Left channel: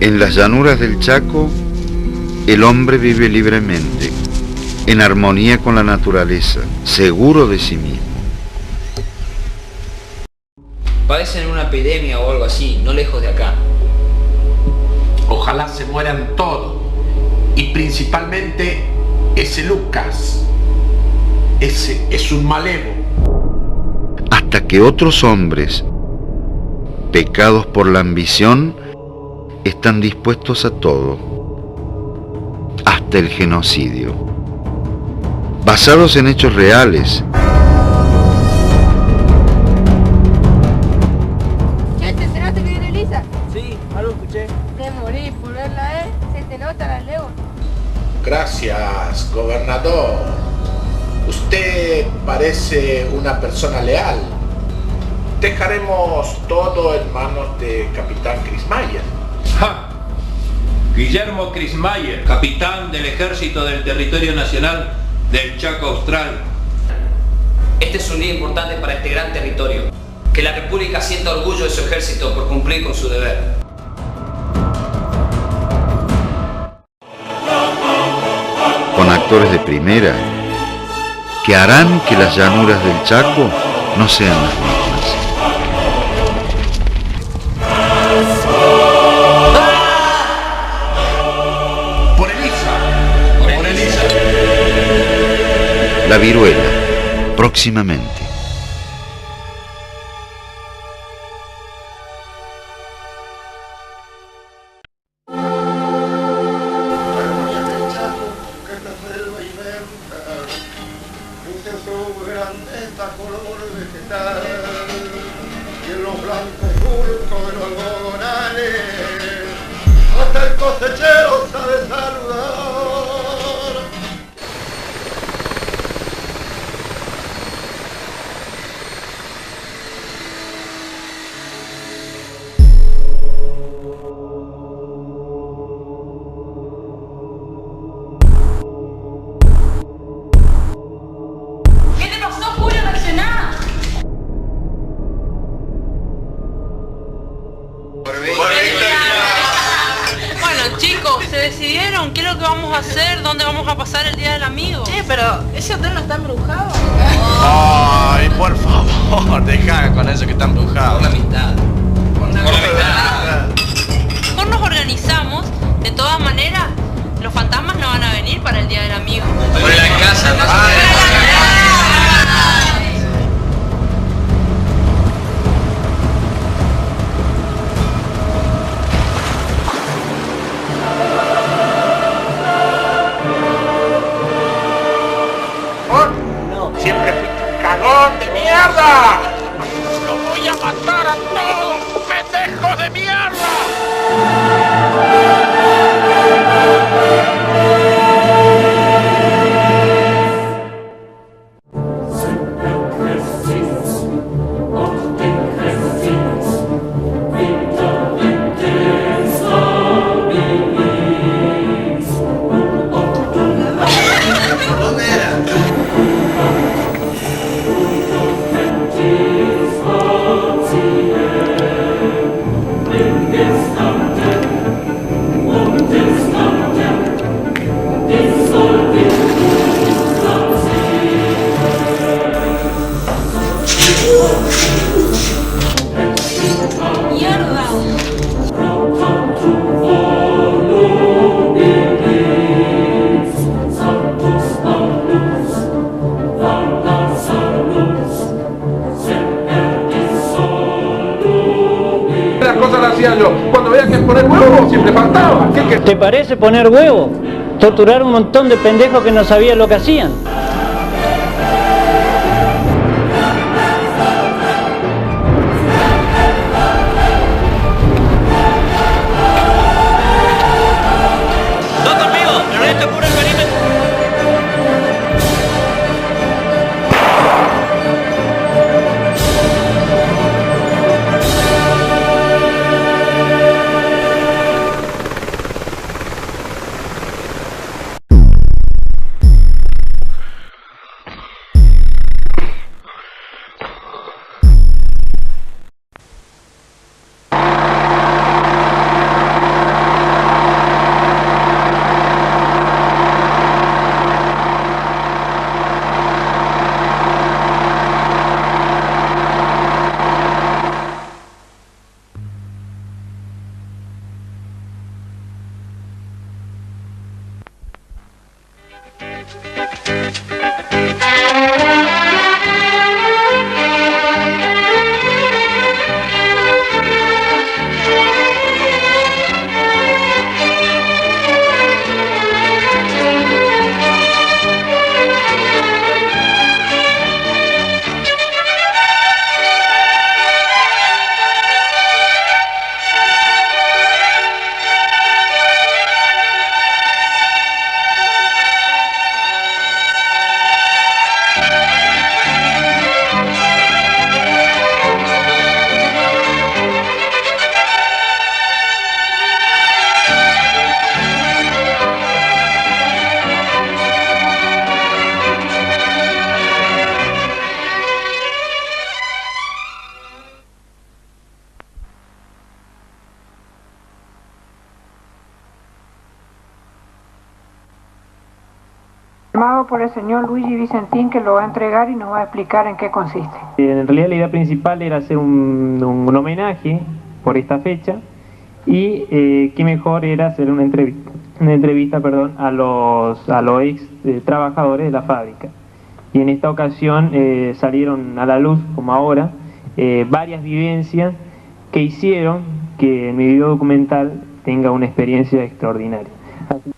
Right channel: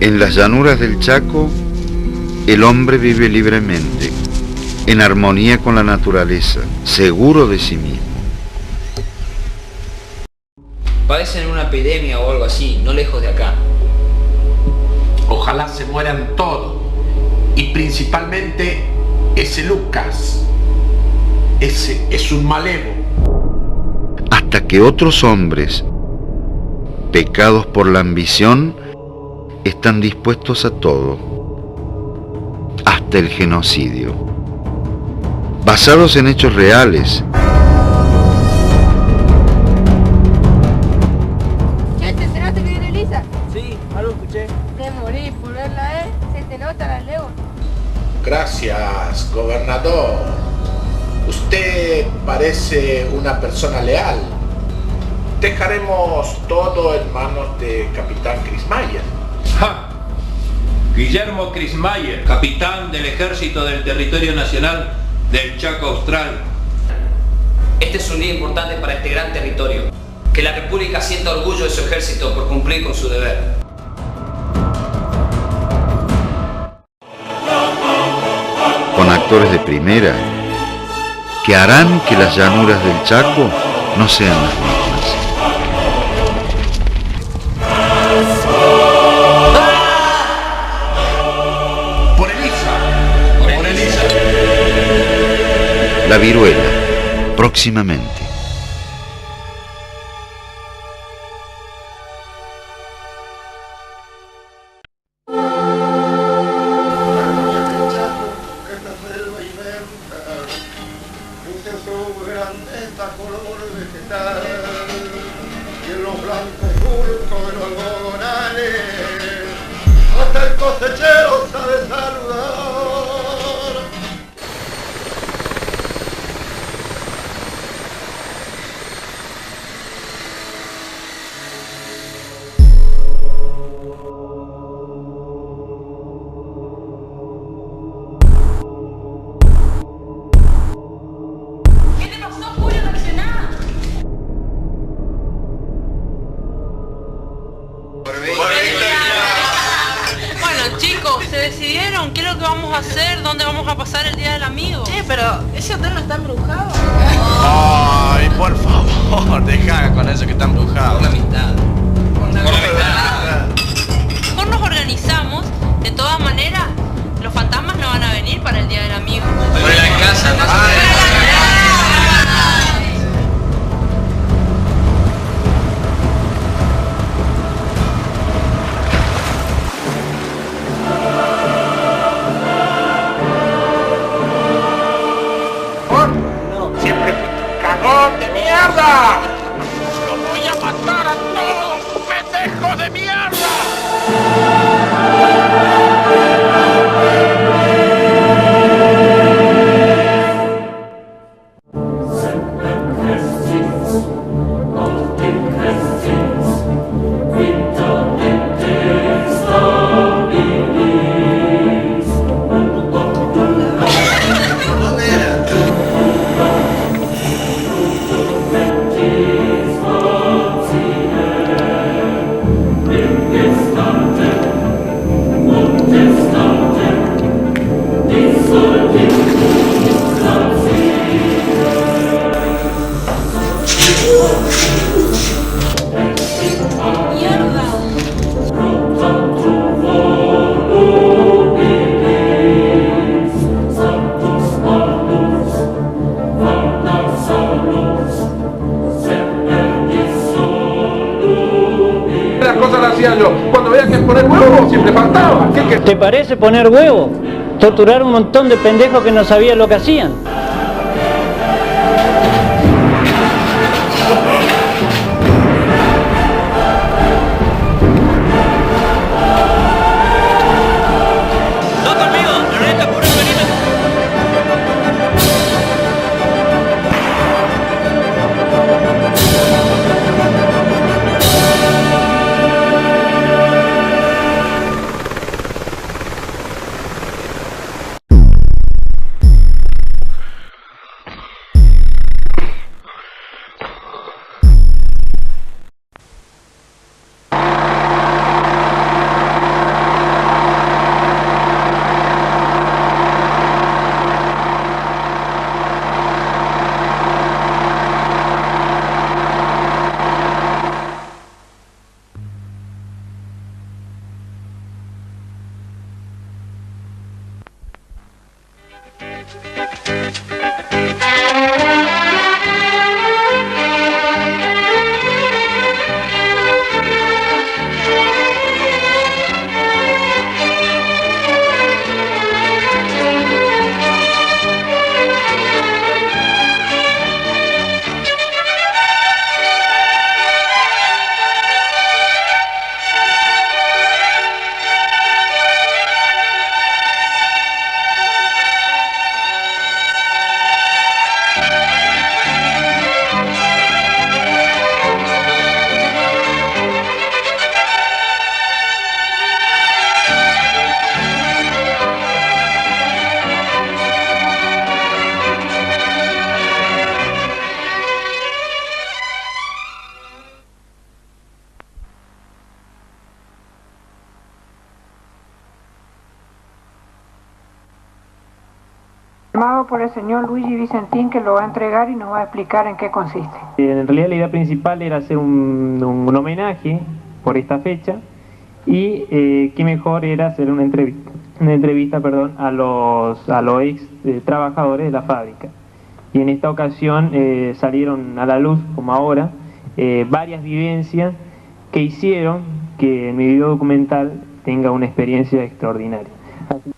En las llanuras del Chaco, el hombre vive libremente, en armonía con la naturaleza, seguro de sí mismo. Padecen una epidemia o algo así, no lejos de acá. Ojalá se mueran todos, y principalmente ese Lucas. Ese es un malevo. Hasta que otros hombres, pecados por la ambición, están dispuestos a todo, hasta el genocidio, basados en hechos reales. ¿Ya te enteraste que viene Elisa? Sí, algo escuché. Te morí por verla, se te nota la lengua. Gracias, gobernador. Usted parece una persona leal. Dejaremos todo en manos de Capitán Krismayer. ¡Ja! Guillermo Krismayer, capitán del Ejército del Territorio Nacional del Chaco Austral. Este es un día importante para este gran territorio. Que la República sienta orgullo de su ejército por cumplir con su deber. Con actores de primera, que harán que las llanuras del Chaco no sean las mismas. La viruela, próximamente. Hasta el cosechero sabe saludar. ¿Qué te pasó, Julio? Reaccioná. Bueno, chicos, ¿se decidieron qué es lo que vamos a hacer? ¿Dónde vamos a pasar el Día del Amigo? Pero ese hotel no está embrujado. Ay, por favor, deja con eso que está embrujado. Por la amistad. Por la amistad. Mejor nos organizamos. De todas maneras, los fantasmas no van a venir para el Día del Amigo. Por la casa, no Siempre fuiste un cagón de mierda. ¡Los voy a matar a todos, pendejos de mierda! Las cosas las hacía yo. Cuando veía que poner huevo siempre faltaba. ¿Qué? ¿Te parece poner huevo? Torturar un montón de pendejos que no sabían lo que hacían. ¡No conmigo! ¡Ernesto, cubre el perímetro! Firmado por el señor Luigi Vicentín, que lo va a entregar y nos va a explicar en qué consiste. En realidad la idea principal era hacer un homenaje por esta fecha y qué mejor era hacer una entrevista a los ex trabajadores de la fábrica. Y en esta ocasión salieron a la luz, como ahora, varias vivencias que hicieron que mi video documental tenga una experiencia extraordinaria. Así.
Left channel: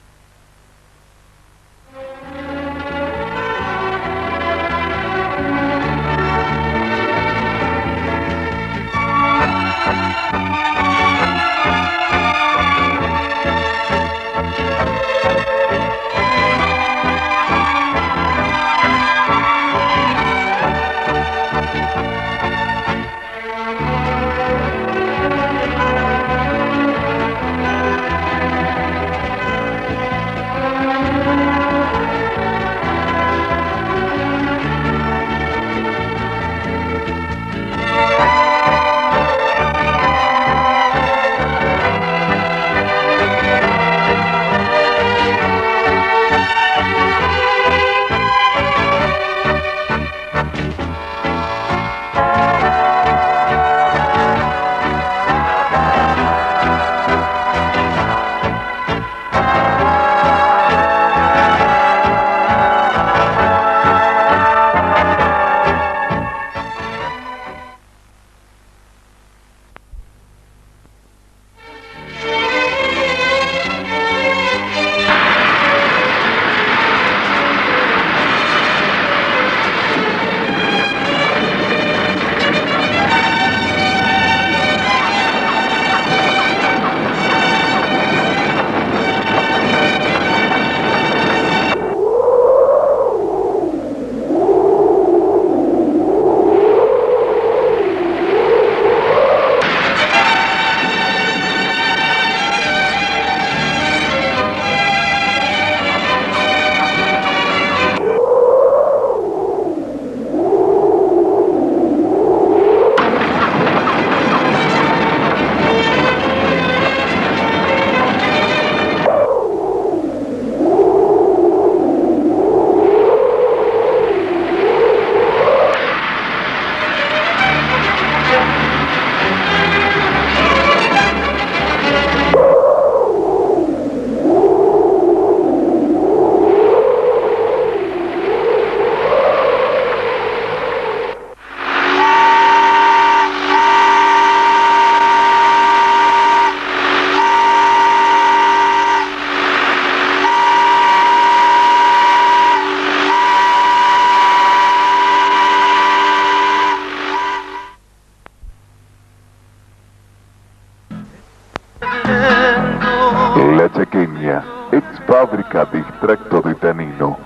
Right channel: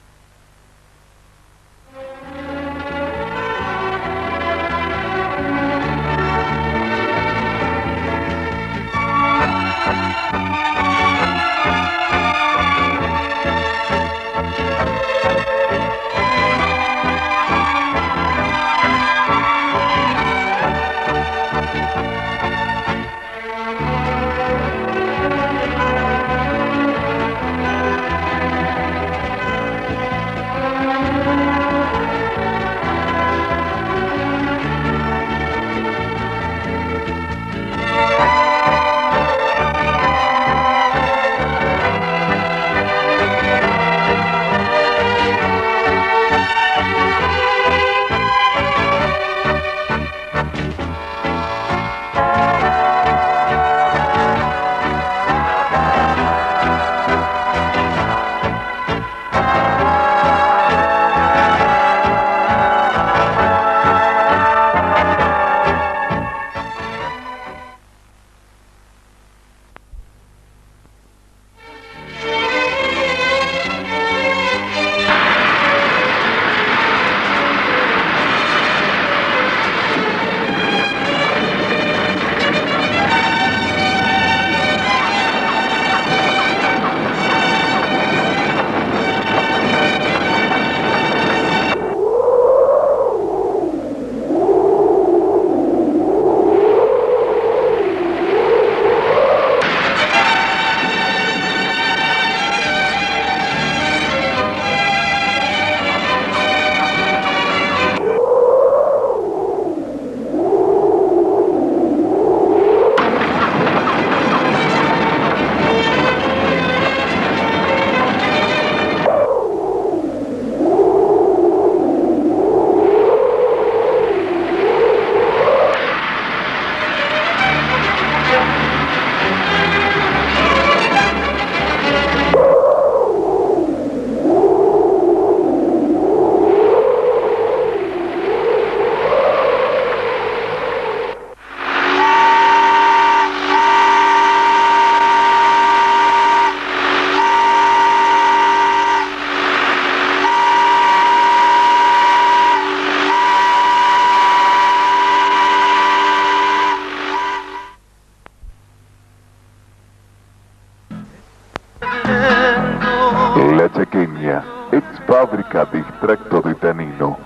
La Chaqueña, ex fábrica de extracto de tanino,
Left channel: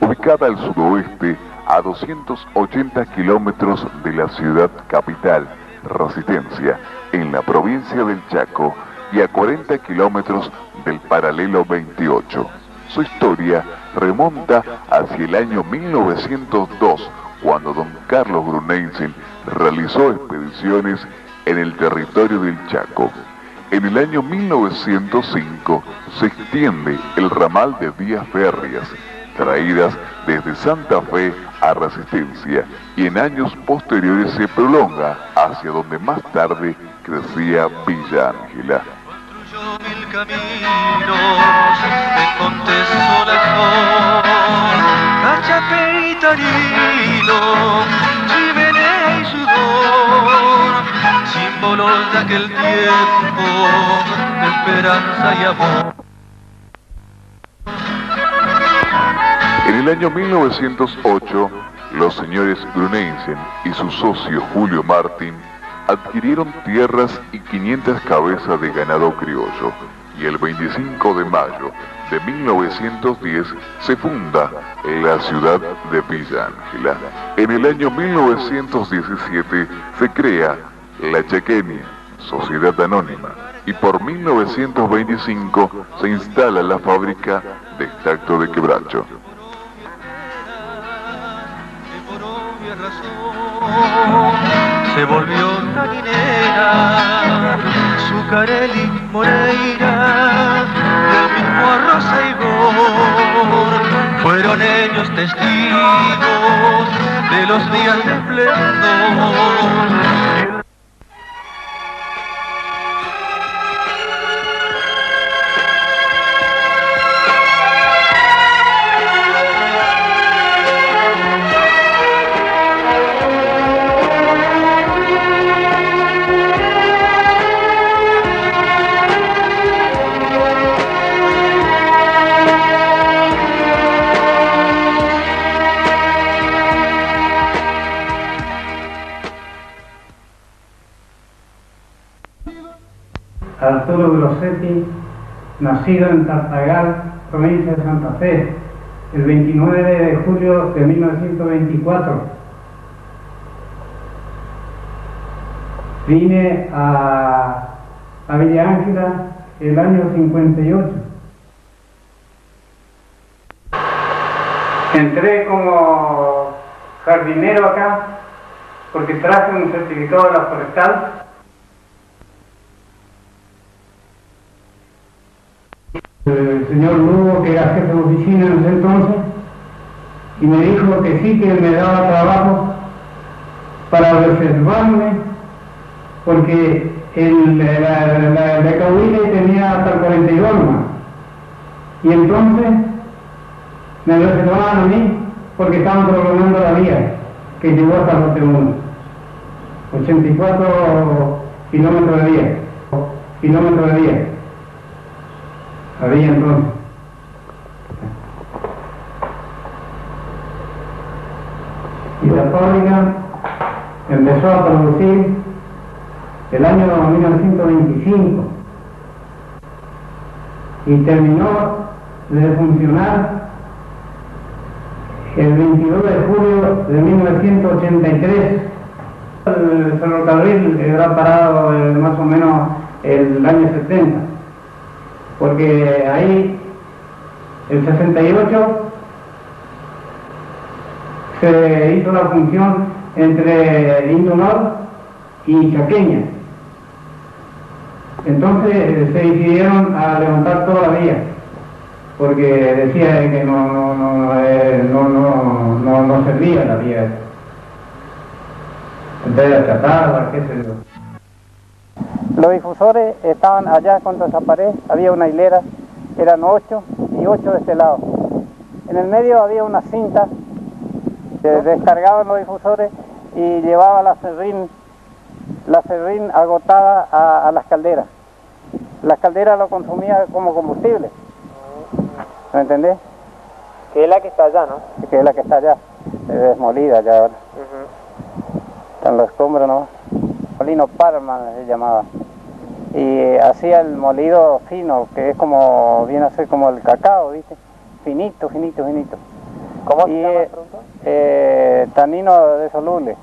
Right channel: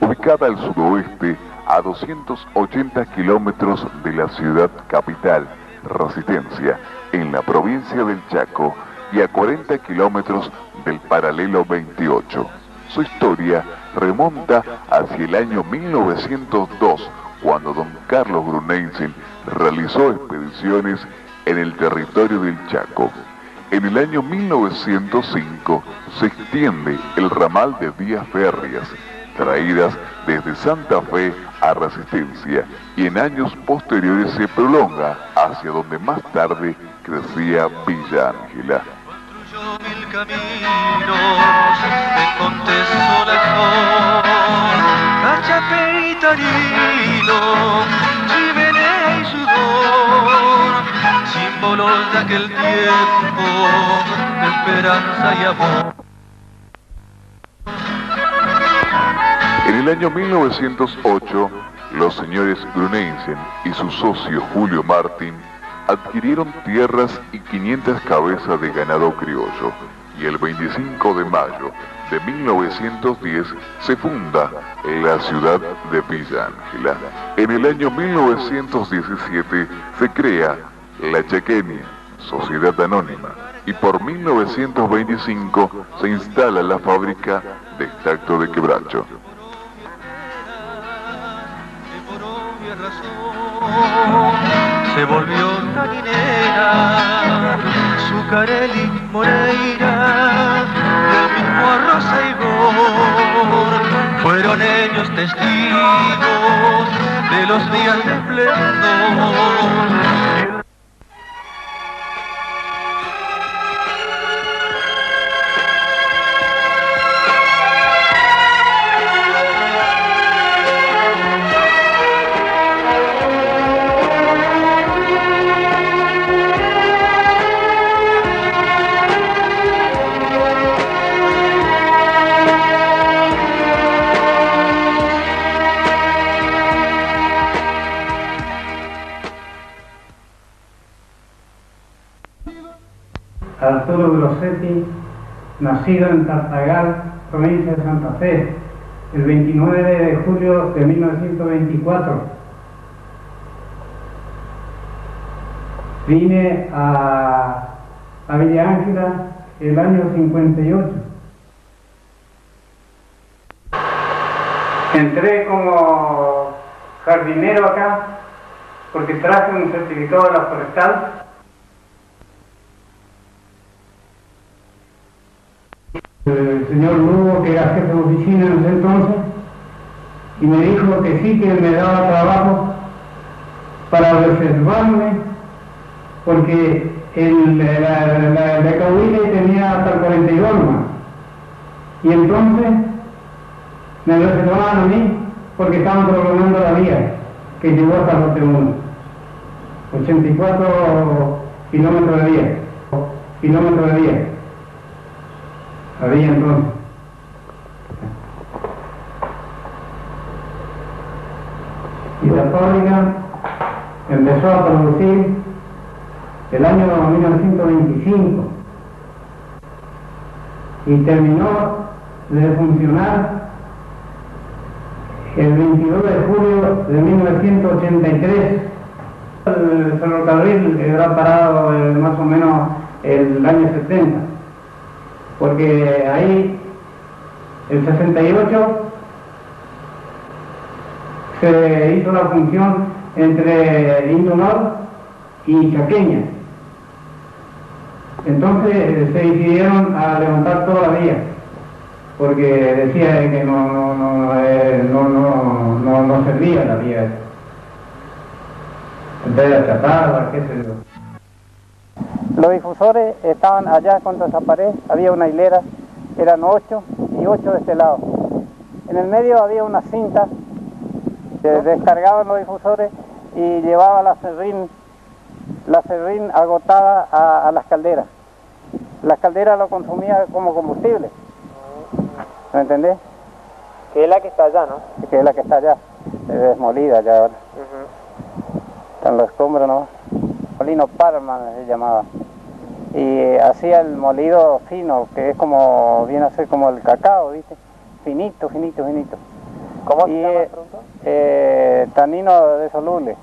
ubicada al sudoeste a 280 kilómetros de la ciudad capital, Resistencia, en la provincia del Chaco, y a 40 kilómetros del paralelo 28. Su historia remonta hacia el año 1902, cuando don Carlos Bruneizen realizó expediciones en el territorio del Chaco. En el año 1905 se extiende el ramal de vías férreas, traídas desde Santa Fe a Resistencia, y en años posteriores se prolonga hacia donde más tarde crecía Villa Ángela. Mil caminos, te contesto la Chape y Tarino, chimenea y sudor, símbolos de aquel tiempo de esperanza y amor. En el año 1908, los señores Grunensen y su socio Julio Martín adquirieron tierras y 500 cabezas de ganado criollo, y el 25 de mayo de 1910 se funda la ciudad de Villa Ángela. En el año 1917 se crea la Chaqueña, Sociedad Anónima, y por 1925 se instala la fábrica de extracto de quebracho. Se volvió taninera, Zucarelli, Moreira, del mismo Rosa y Gor, fueron ellos testigos de los días de esplendor. Arturo Grossetti, nacido en Tartagal, provincia de Santa Fe, el 29 de julio de 1924. Vine a Villa Ángela el año 58. Entré como jardinero acá porque traje un certificado de la forestal. El señor Lugo, que era jefe de oficina en ese entonces, y me dijo que sí, que me daba trabajo para reservarme, porque la Cahuile tenía hasta el 42 más. Y entonces me reservaban a mí porque estaban programando la vía que llegó hasta Lote 1. 84 kilómetros de vía. Había entonces. Y la fábrica empezó a producir el año 1925 y terminó de funcionar el 22 de julio de 1983. El ferrocarril era parado más o menos el año 70. Porque ahí, el 68, se hizo la función entre Indonor y Chaqueña. Entonces se decidieron a levantar toda la vía, porque decía que no servía la vía. En vez de achatarla, qué sé yo. Los difusores estaban allá contra esa pared, había una hilera, eran 8 y 8 de este lado. En el medio había una cinta, se descargaban los difusores y llevaba la serrín agotada a las calderas. Las calderas lo consumían como combustible. ¿Me entendés? Que es la que está allá, ¿no? Que es la que está allá, desmolida ya ahora. Están los escombros, ¿no? Molino Parma se llamaba. Y hacía el molido fino, que es como, viene a ser como el cacao, ¿viste? Finito. ¿Cómo se llama el producto? Tanino de soluble.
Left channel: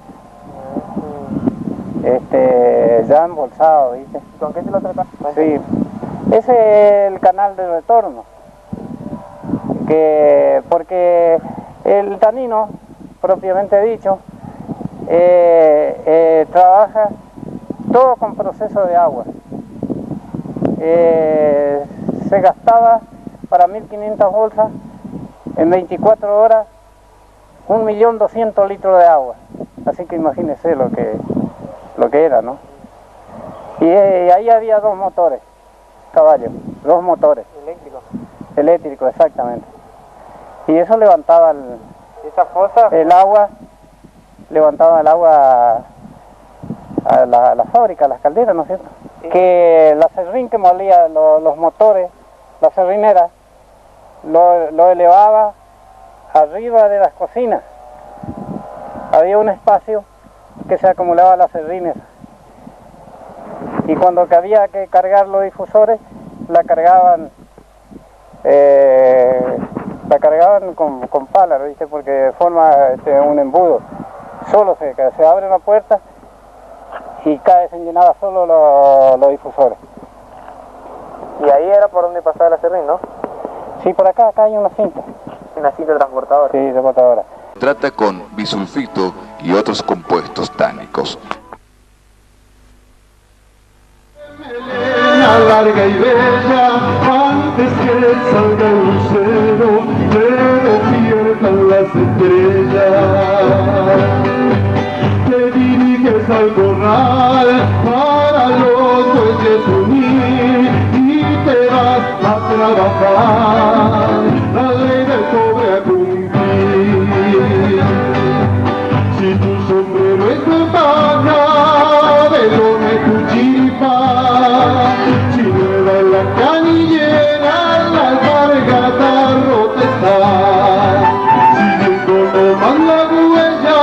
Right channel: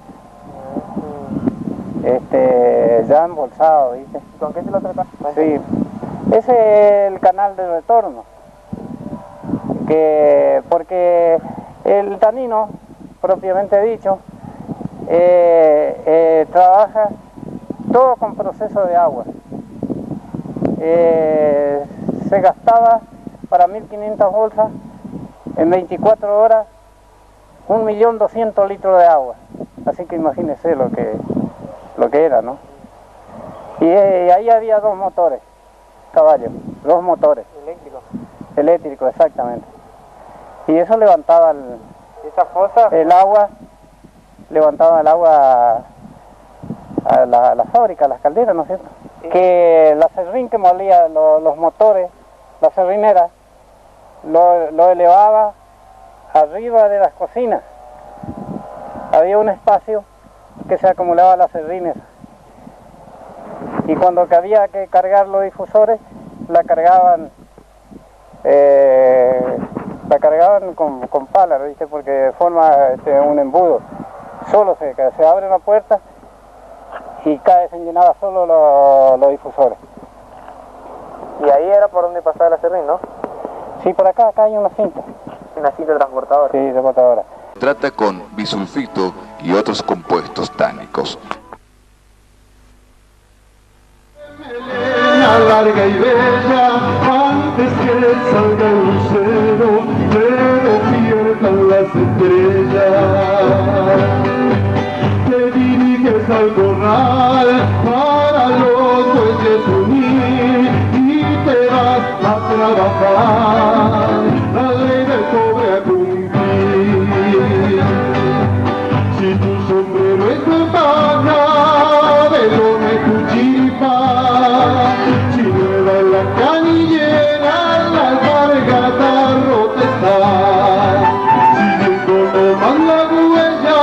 Ya embolsado, ¿viste? ¿Con qué se lo trata? Sí. Ese es el canal de retorno. Porque el tanino, propiamente dicho, trabaja todo con proceso de agua. Se gastaba para 1500 bolsas en 24 horas 1.200.000 litros de agua. Así que imagínese lo que era, ¿no? Y ahí había 2 motores, caballos, 2 motores. ¿Eléctrico? Eléctrico, exactamente. Y eso levantaba Esa fosa, el agua, levantaba el agua a la fábrica, a las calderas, ¿no es cierto? Sí. Que la serrín que molía los motores, la serrinera, lo elevaba arriba de las cocinas. Había un espacio que se acumulaba las serrines. Y cuando había que cargar los difusores, la cargaban con palas, ¿viste? Porque forma un embudo. Solo se abre una puerta y se llenaba solo los difusores. Y ahí era por donde pasaba la serrín, ¿no? Sí, por acá hay una cinta. Una cinta transportadora. Sí, transportadora. Trata con bisulfito y otros compuestos tánicos. Melena larga y bella, antes que salga el lucero, te despiertan las estrellas. Te diriges al corral para los bueyes unir y te vas a trabajar, la ley del cobre a cumplir. Si tu sombrero es de paja, de lona y tu chiripa, si nueva es la canillera, la alpargata rota está, siguiendo nomás la huella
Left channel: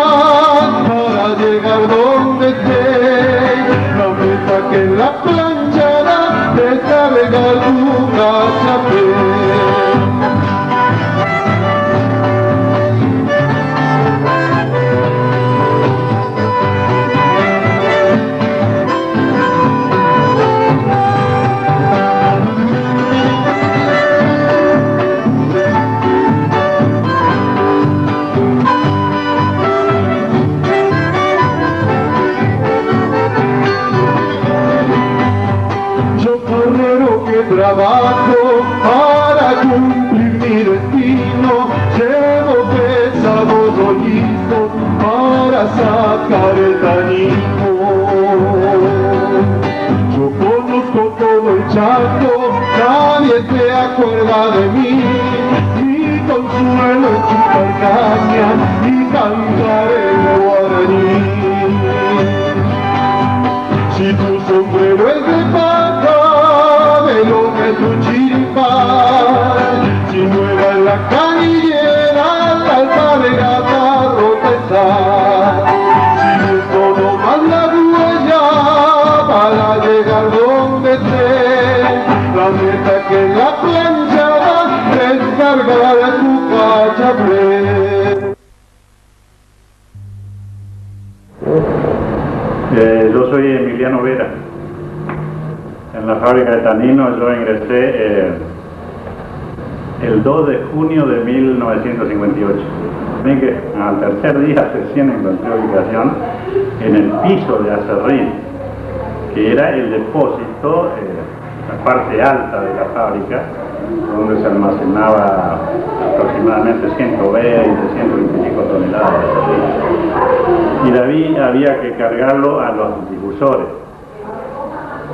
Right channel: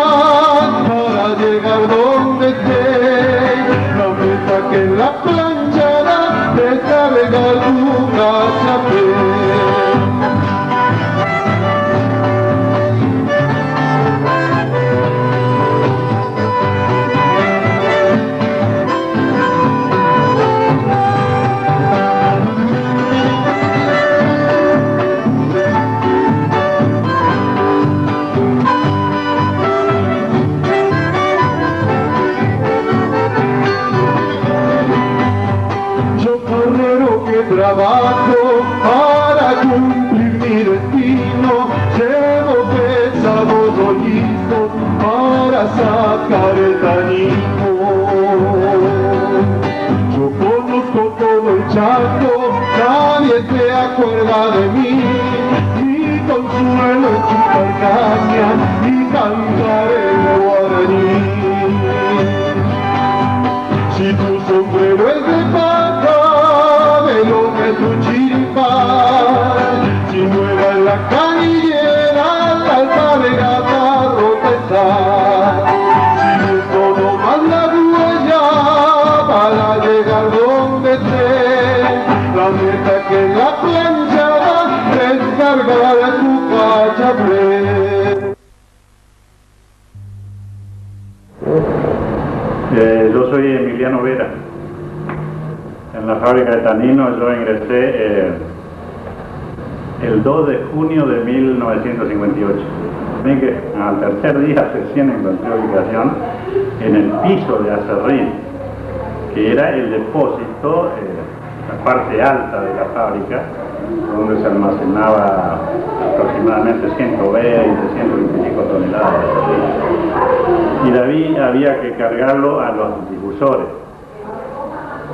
para llegar donde estés, la meta que en la planchada descarga tu cachapé. Trabajo para cumplir mi destino, llevo pesados rollizos para sacar el tanino. Yo conozco todo el Chaco, nadie se acuerda de mí, mi consuelo es chupar caña y cantar el guaraní. Si tu sombrero es de paja, lo que tu chiripa, si nueva en la canillera, la alpargata rota está, siguiendo nomás la huella para llegar donde esté, la meta que en la planchada descargar tu cachapé. Yo soy Emiliano Vera. En la fábrica de tanino yo ingresé el 2 de junio de 1958. Ven que al tercer día recién encontré ubicación en el piso de acerrín, que era el depósito, la parte alta de la fábrica, donde se almacenaba aproximadamente 120, 125 toneladas de acerrín. Y había que cargarlo a los difusores.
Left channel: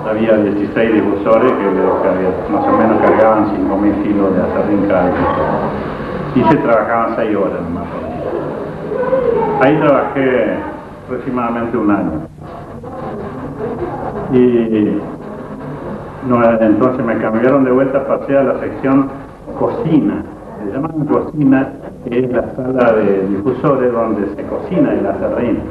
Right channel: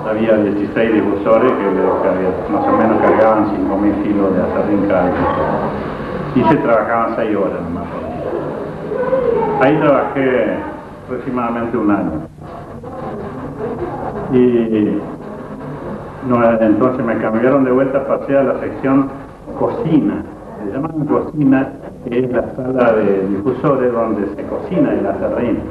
Había 16 difusores que más o menos cargaban 5.000 kilos de acerrín cada difusor. Y se trabajaban 6 horas nomás por día. Ahí trabajé aproximadamente un año. Y entonces me cambiaron de vuelta, pasé a la sección cocina. Se llaman cocina, que es la sala de difusores donde se cocina el acerrín.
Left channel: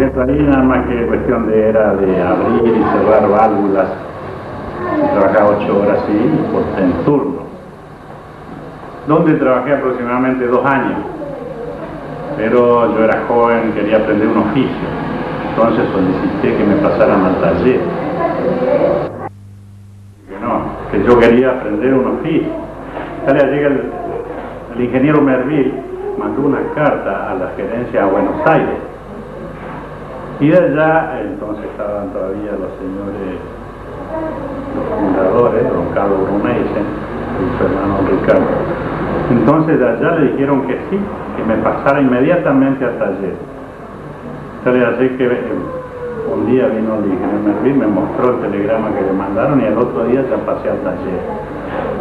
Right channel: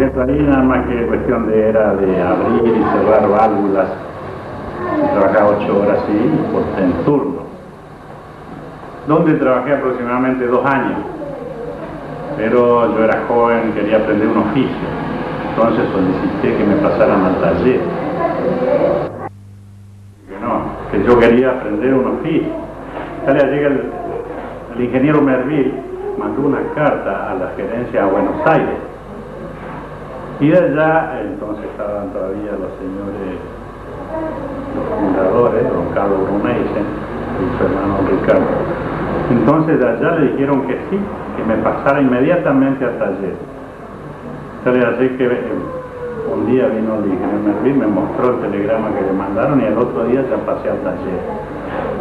Ahí nada más que cuestión era de abrir y cerrar válvulas. Trabajaba 8 horas en turno, donde trabajé aproximadamente 2 años, pero yo era joven, quería aprender un oficio, entonces solicité que me pasaran al taller. Que yo quería aprender un oficio. Llega el ingeniero Merville, mandó una carta a la gerencia a Buenos Aires. Y de allá, entonces estaban todavía los señores, los fundadores, don Carlos Bruneisen y su hermano Ricardo. Entonces de allá le dijeron que sí, que me pasara inmediatamente al taller. Así que un día vino el ingeniero Merville, me mostró el telegrama que le mandaron y el otro día ya pasé al taller.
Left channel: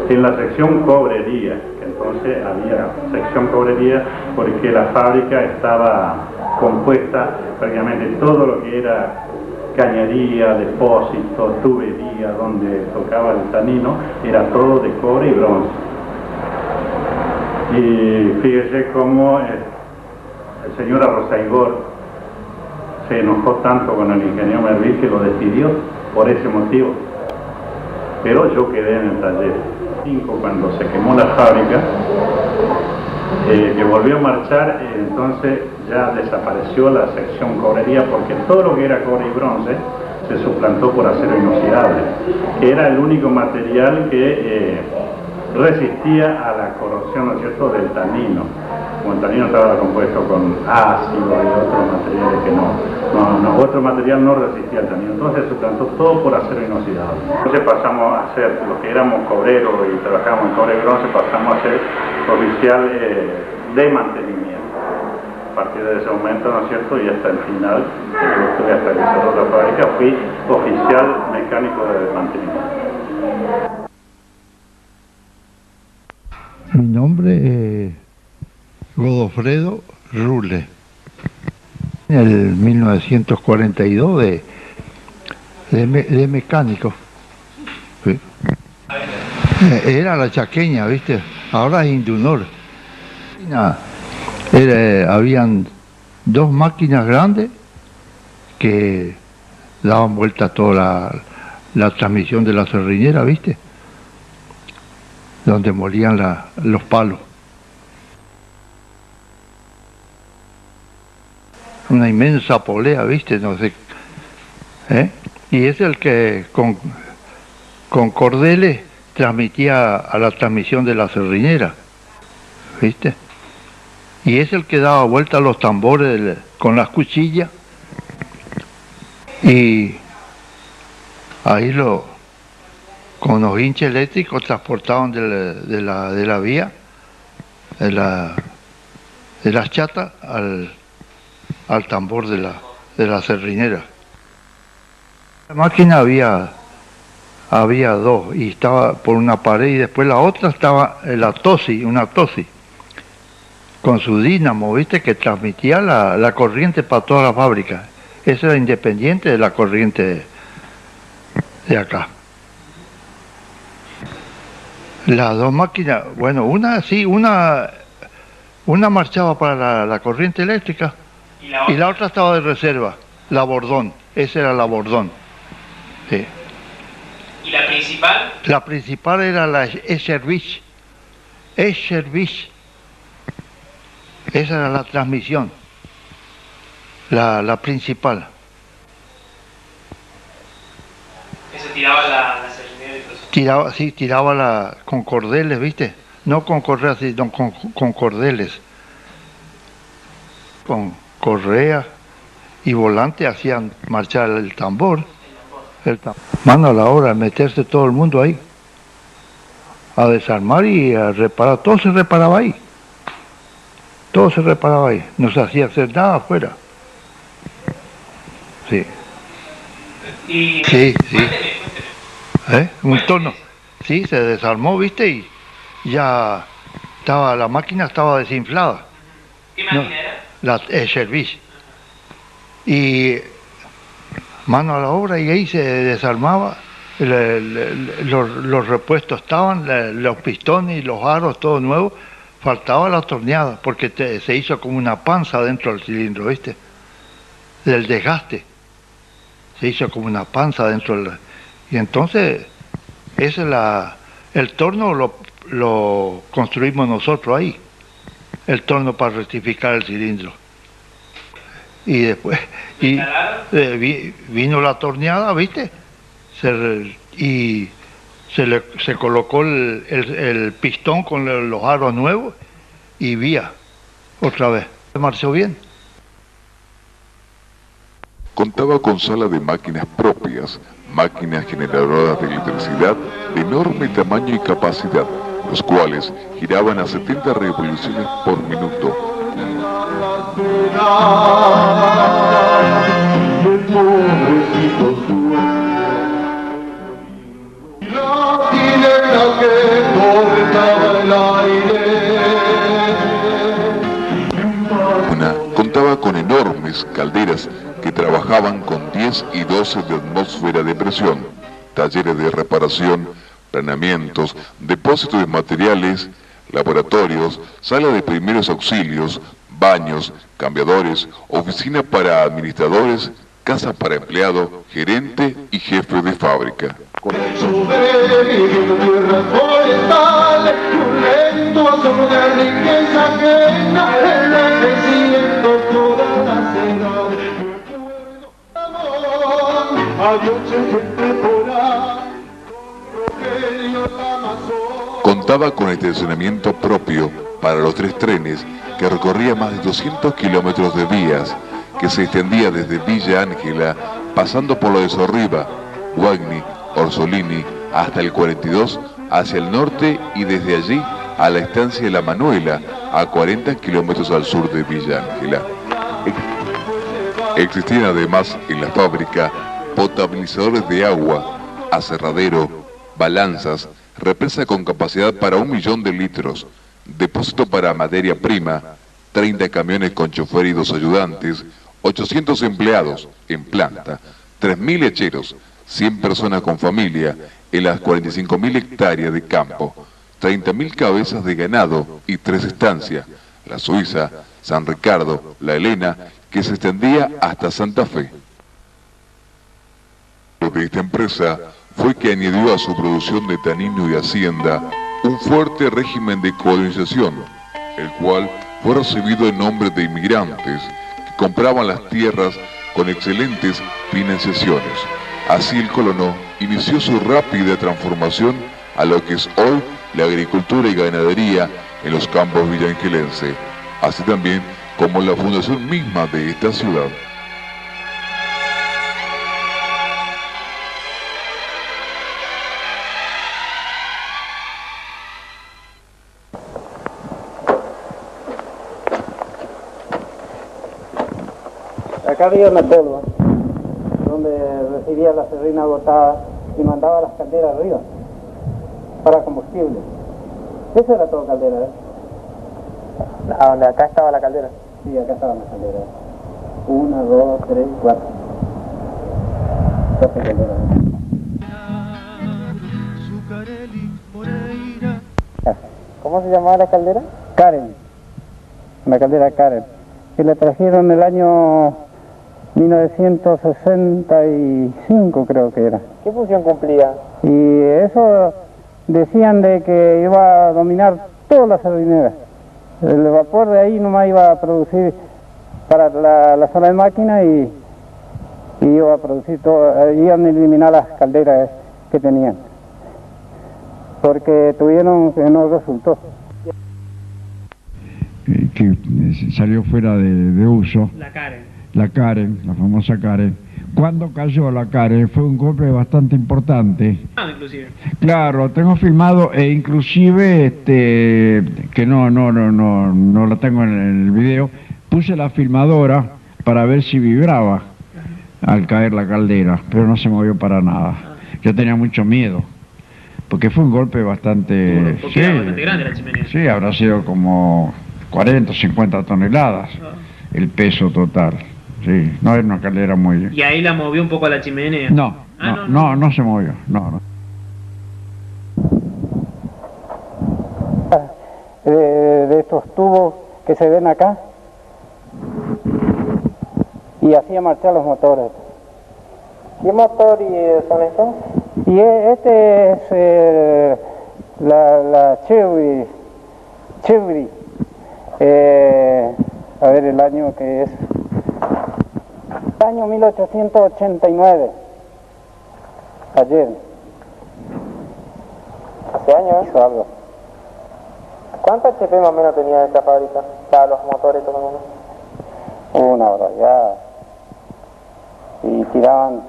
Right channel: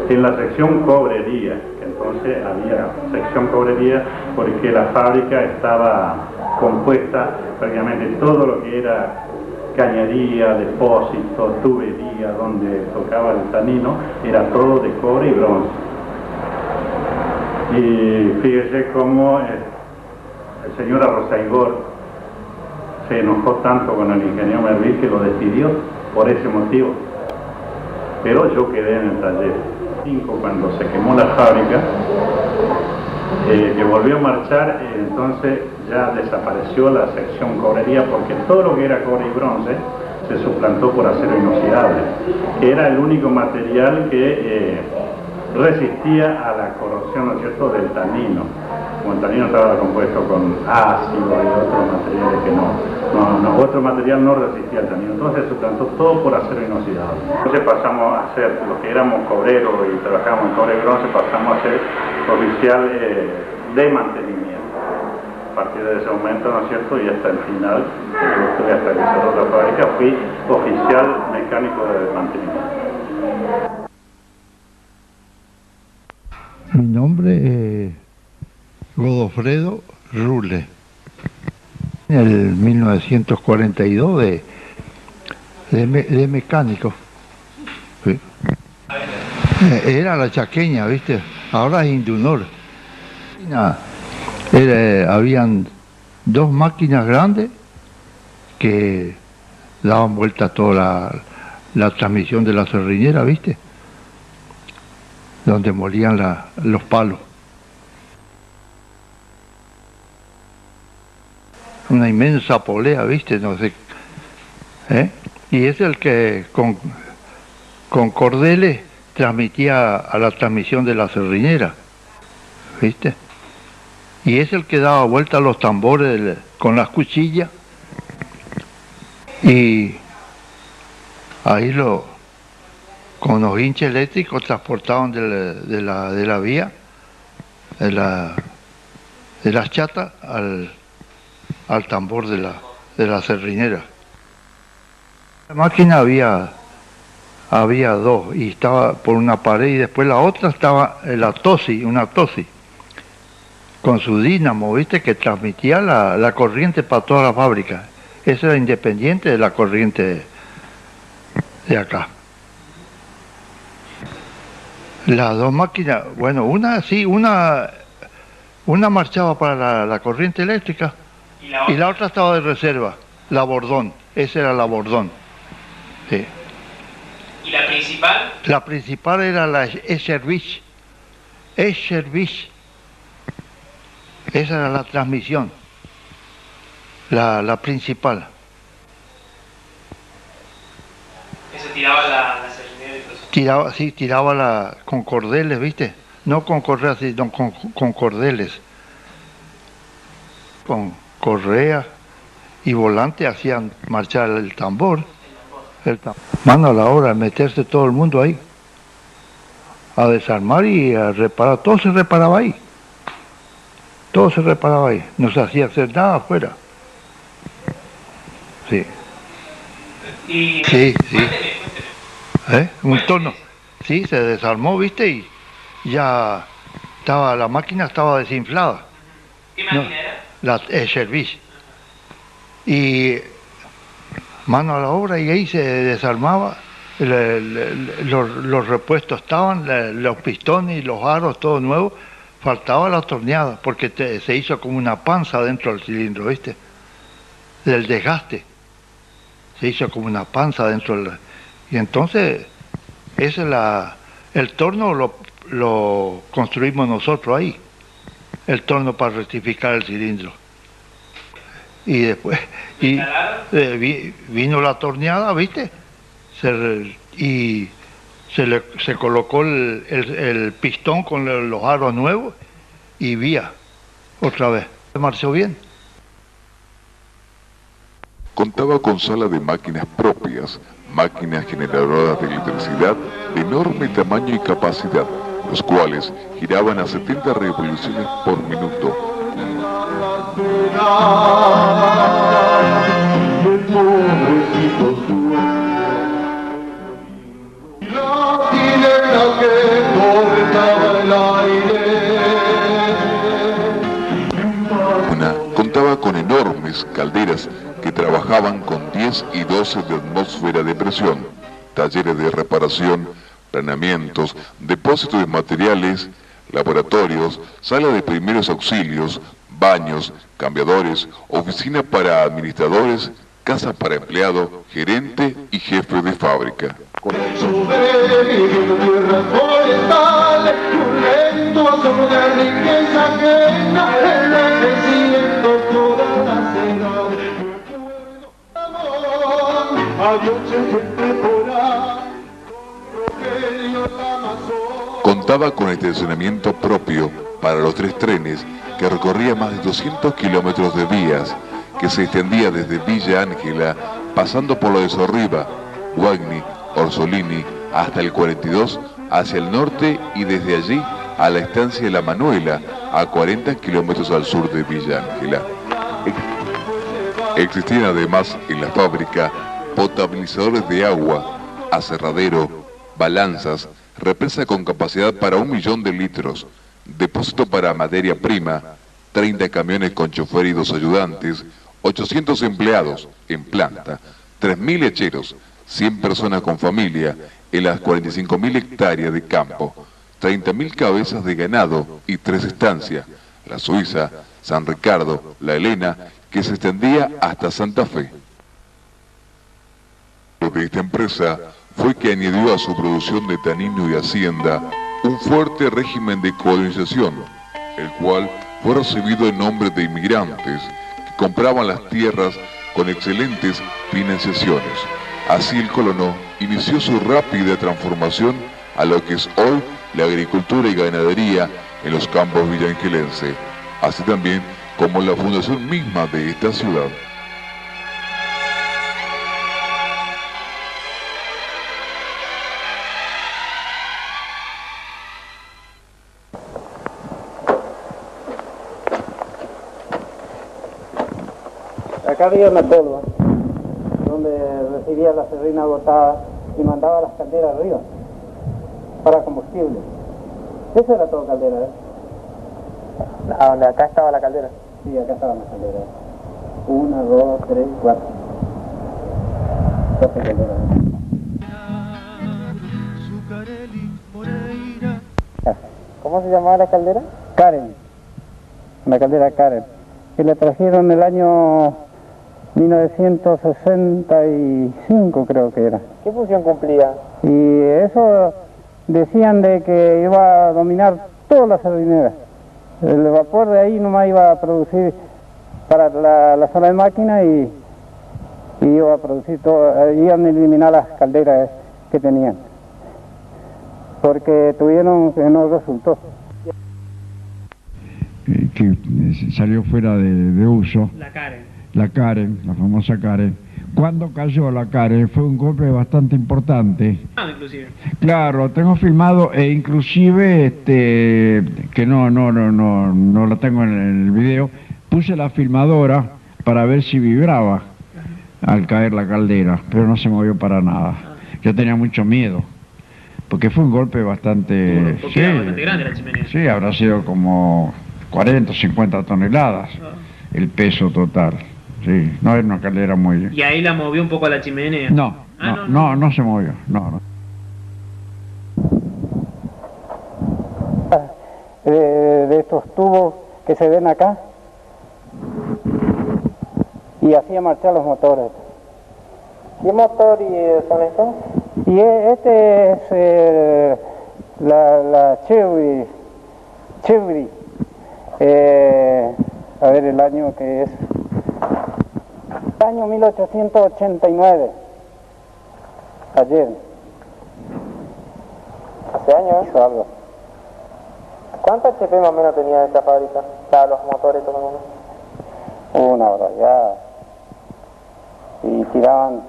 En la sección cobrería, que entonces había sección cobrería porque la fábrica estaba compuesta prácticamente todo lo que era cañería, depósito, tubería, donde tocaba el tanino, era todo de cobre y bronce. Y fíjese cómo el señor Arrozaigor se enojó tanto con el ingeniero Mervil que lo despidió por ese motivo. Pero yo quedé en el taller. Cuando se quemó la fábrica, que volvió a marchar, entonces ya desapareció la sección cobrería porque todo lo que era cobre y bronce se suplantó por acero inoxidable, que era el único material que resistía a la corrosión, ¿no es cierto?, del tanino. Como el tanino estaba compuesto con ácido y otros materiales que otro material no resistía al tanino, entonces se suplantó todo por acero inoxidable. Entonces pasamos a ser, los que éramos cobreros y trabajábamos en cobre y bronce, pasamos a ser oficial de mantenimiento. A partir de ese momento, ¿no es cierto?, y hasta el final, yo estuve hasta que cerró la fábrica, fui oficial mecánico de mantenimiento. Mi nombre es Godofredo Rule. En el 1942 de mecánico. Sí. Era la chaqueña, ¿viste? Ahora es Indunor. Habían dos máquinas grandes que daban vuelta a toda la transmisión de la serriñera, ¿viste? Donde molían los palos. Una inmensa polea, ¿viste? No sé. Y es el que con cordeles transmitía a la transmisión de la serriñera, ¿viste? Y es el que daba vuelta a los tambores con las cuchillas. Y ahí con los hinches eléctricos transportaban de la vía, de las chatas al tambor de la serrinera. La máquina había dos, y estaba por una pared y después la otra estaba una tosi, con su dínamo, ¿viste?, que transmitía la corriente para toda la fábrica. Esa era independiente de la corriente de acá. Las dos máquinas, bueno, una marchaba para la corriente eléctrica y la otra estaba de reserva, la Bordón, esa era la Bordón. Sí. ¿Y la principal? La principal era la Eschervich. Esa era la transmisión, la principal. ¿Eso tiraba la serrinera y todo? Tiraba con cordeles, ¿viste? No con correas, sino con cordeles. Con correa y volante hacían marchar el tambor. Mano, a la hora de meterse todo el mundo ahí a desarmar y a reparar, todo se reparaba ahí, no se hacía hacer nada afuera. Sí. Sí. Un torno, sí, se desarmó, ¿viste? Y ya la máquina estaba desinflada. ¿Qué máquina era? La Service. Y mano a la obra, y ahí se desarmaba, los repuestos estaban, los pistones y los aros, todo nuevo, faltaba la torneada, porque se hizo como una panza dentro del cilindro, ¿viste? Del desgaste, se hizo como una panza dentro y entonces, el torno lo construimos nosotros ahí, el torno para rectificar el cilindro. Y después vino la torneada, ¿viste? Se colocó el pistón con los aros nuevos y vía otra vez. Marchó bien. Contaba con sala de máquinas propias, máquinas generadoras de electricidad de enorme tamaño y capacidad, los cuales giraban a 70 revoluciones por minuto. La hilera que cortaba el aire 10 y 12 de atmósfera de presión, talleres de reparación, planeamientos, depósitos de materiales, laboratorios, sala de primeros auxilios, baños, cambiadores, oficina para administradores, casa para empleado, gerente y jefe de fábrica. Contaba con estacionamiento propio para los 3 trenes que recorría más de 200 kilómetros de vías que se extendía desde Villa Ángela, pasando por lo de Sorriba, Guagni, Orsolini, hasta el 42 hacia el norte y desde allí a la estancia de La Manuela, a 40 kilómetros al sur de Villa Ángela. Existían además en la fábrica potabilizadores de agua, aserradero, balanzas, represa con capacidad para 1 millón de litros, depósito para materia prima, 30 camiones con chofer y 2 ayudantes, 800 empleados en planta, 3.000 lecheros, 100 personas con familia en las 45.000 hectáreas de campo, 30.000 cabezas de ganado y 3 estancias, la Suiza, San Ricardo, la Elena, que se extendía hasta Santa Fe. Lo de esta empresa fue que añadió a su producción de tanino y hacienda un fuerte régimen de colonización, el cual fue recibido en nombre de inmigrantes que compraban las tierras con excelentes financiaciones. Así el colono inició su rápida transformación a lo que es hoy la agricultura y ganadería en los campos villangelenses, así también como la fundación misma de esta ciudad. Acá había una tolva donde recibía la serrina agotada y mandaba las calderas arriba para combustible. Eso era todo caldera, ¿eh? ¿A donde acá estaba la caldera? Sí, acá estaban las calderas. 1, 2, 3, 4. 12 calderas. ¿Cómo se llamaba la caldera? Karen. La caldera Karen. Que la trajeron el año 1965, creo que era. ¿Qué función cumplía? Y eso decían de que iba a dominar todas las sardineras. El vapor de ahí nomás iba a producir para la sala de máquina y iba a producir todo, iban a eliminar las calderas que tenían. Porque tuvieron que no resultó. Que salió fuera de uso. La Karen, la famosa Karen. Cuando cayó la Karen fue un golpe bastante importante. Inclusive. Claro, tengo filmado e inclusive que no la tengo en el video, puse la filmadora para ver si vibraba al caer la caldera, pero no se movió para nada. Yo tenía mucho miedo, porque fue un golpe bastante... Porque era bastante grande la chimenea. Sí, habrá sido como 40 o 50 toneladas el peso total. Sí, no era una caldera muy... ¿Y ahí la movió un poco a la chimenea? No se movió, no. De estos tubos que se ven acá, y hacía marchar los motores. ¿Qué motor son estos? Y este es la Chevry. A ver el año que es. Año 1889. Ayer. ¿Hace años? Hizo algo. ¿Cuántos HP más o menos tenía esta fábrica? Los motores todo el mundo. Una barbaridad. Y tiraban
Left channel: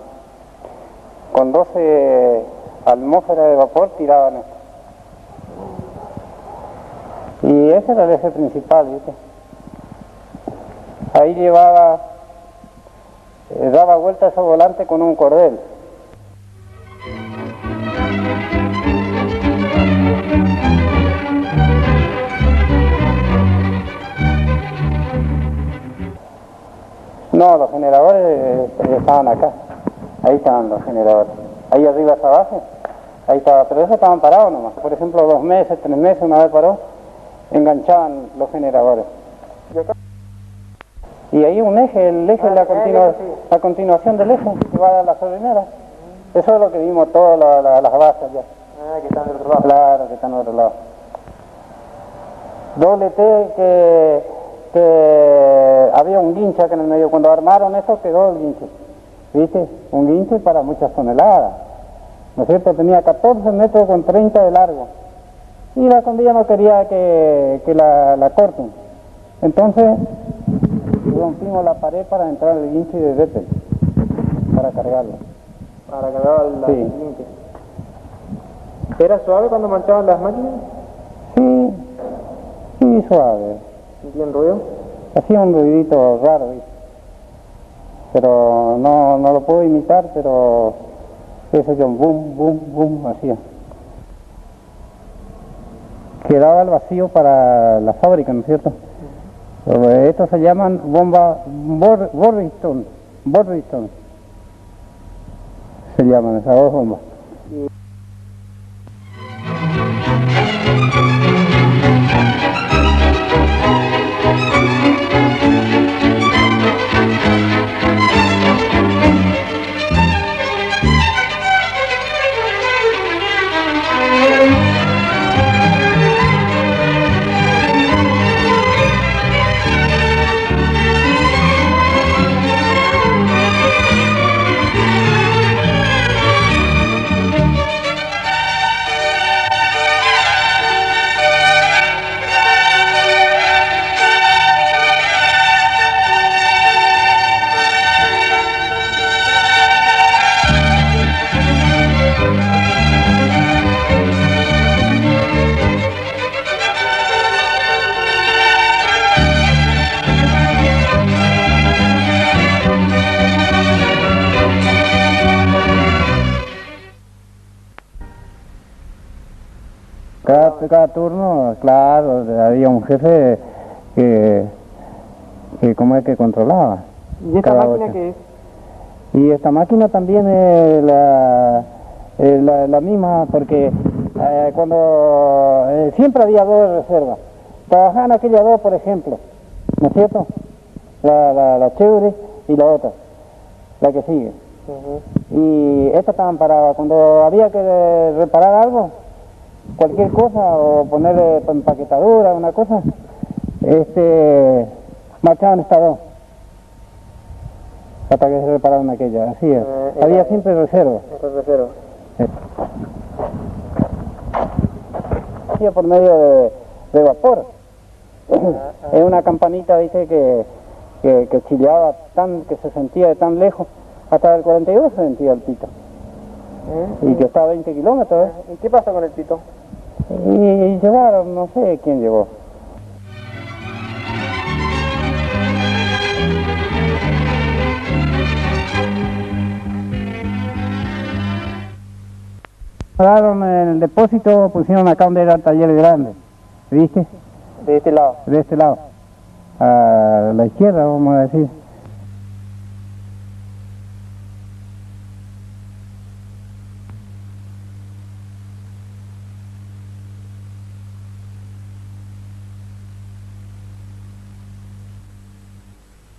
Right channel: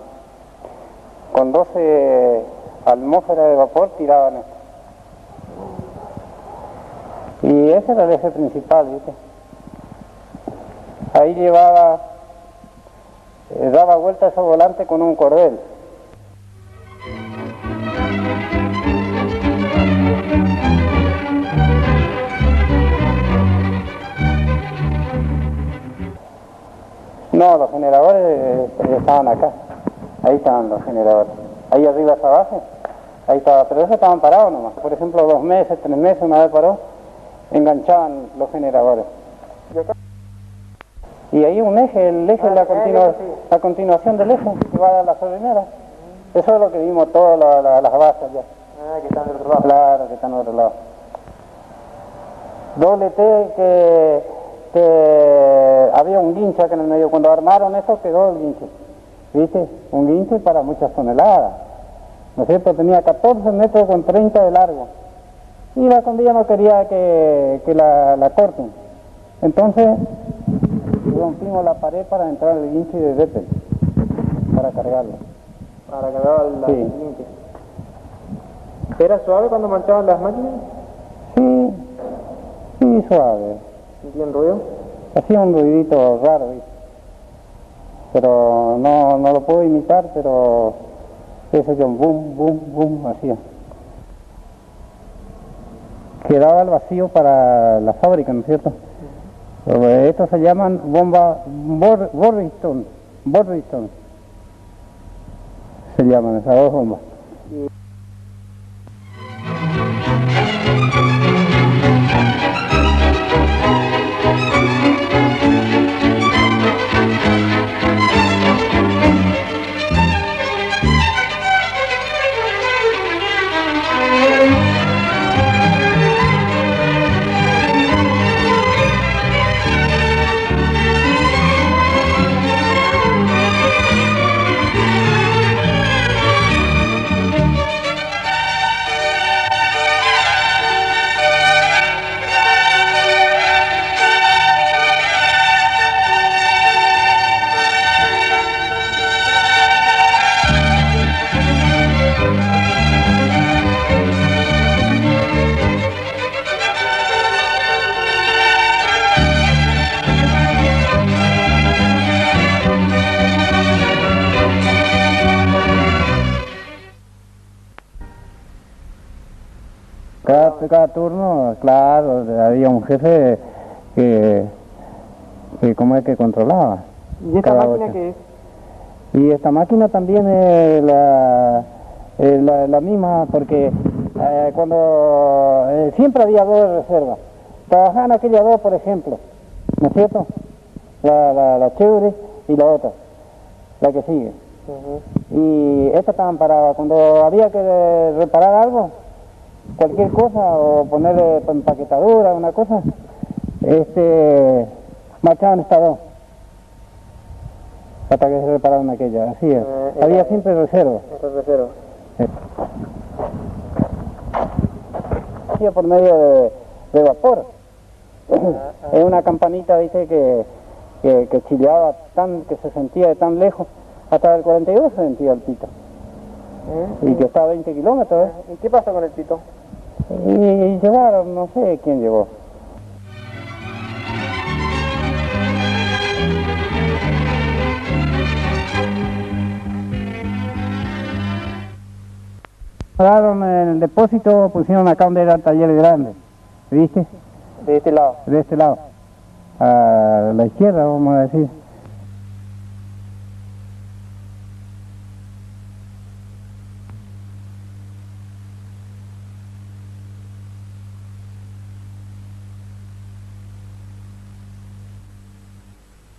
con 12 atmósferas de vapor, tiraban esto. Y ese era el eje principal, ¿viste? Ahí llevaba, daba vuelta ese volante con un cordel. No, los generadores estaban acá. Ahí estaban los generadores. Ahí arriba esa base, ahí estaba, pero esos estaban parados nomás. Por ejemplo, 2 meses, 3 meses, una vez paró, enganchaban los generadores. Y ahí un eje, el eje es la continuación del eje que va a la solinera. Eso es lo que vimos todas las bases allá. Que están del otro lado. Claro, que están del otro lado. Doble T que había un guinche acá en el medio. Cuando armaron eso quedó el guinche. ¿Viste? Un guinche para muchas toneladas. ¿No es cierto? Tenía 14 metros con 30 de largo. Y la condilla no quería que la corten. Entonces rompimos la pared para entrar el guinche de Vettel, para cargarlo. Para cargar el guinche. ¿Era suave cuando marchaban las máquinas? Sí, suave. ¿Sentían ruido? Hacía un ruidito raro, ¿viste? Pero no lo puedo imitar, pero ese yo, boom, boom, boom, hacía. Quedaba el vacío para la fábrica, ¿no es cierto? Estos se llaman bomba Borriston. Se llaman esas 2 bombas. Cada turno, claro, había un jefe que como es que controlaba. ¿Y esta máquina qué es? Y esta máquina también es la misma, porque cuando siempre había 2 de reserva. Trabajaban aquellas 2, por ejemplo, ¿no es cierto? La chévere y la otra, la que sigue. Y estas estaban paradas. Cuando había que reparar algo, cualquier cosa, o ponerle empaquetadura, una cosa, marchaban estas 2 hasta que se repararon aquella, así es. Había siempre reserva. Hacía por medio de vapor. Es una campanita, dice, que chilleaba que se sentía de tan lejos, hasta el 42 se sentía el pito. Y que está a 20 kilómetros. ¿Y qué pasa con el pito? Y llevaron, no sé quién llevó. Daron el depósito, pusieron acá donde era el taller grande, ¿viste? De este lado. De este lado, a la izquierda, vamos a decir.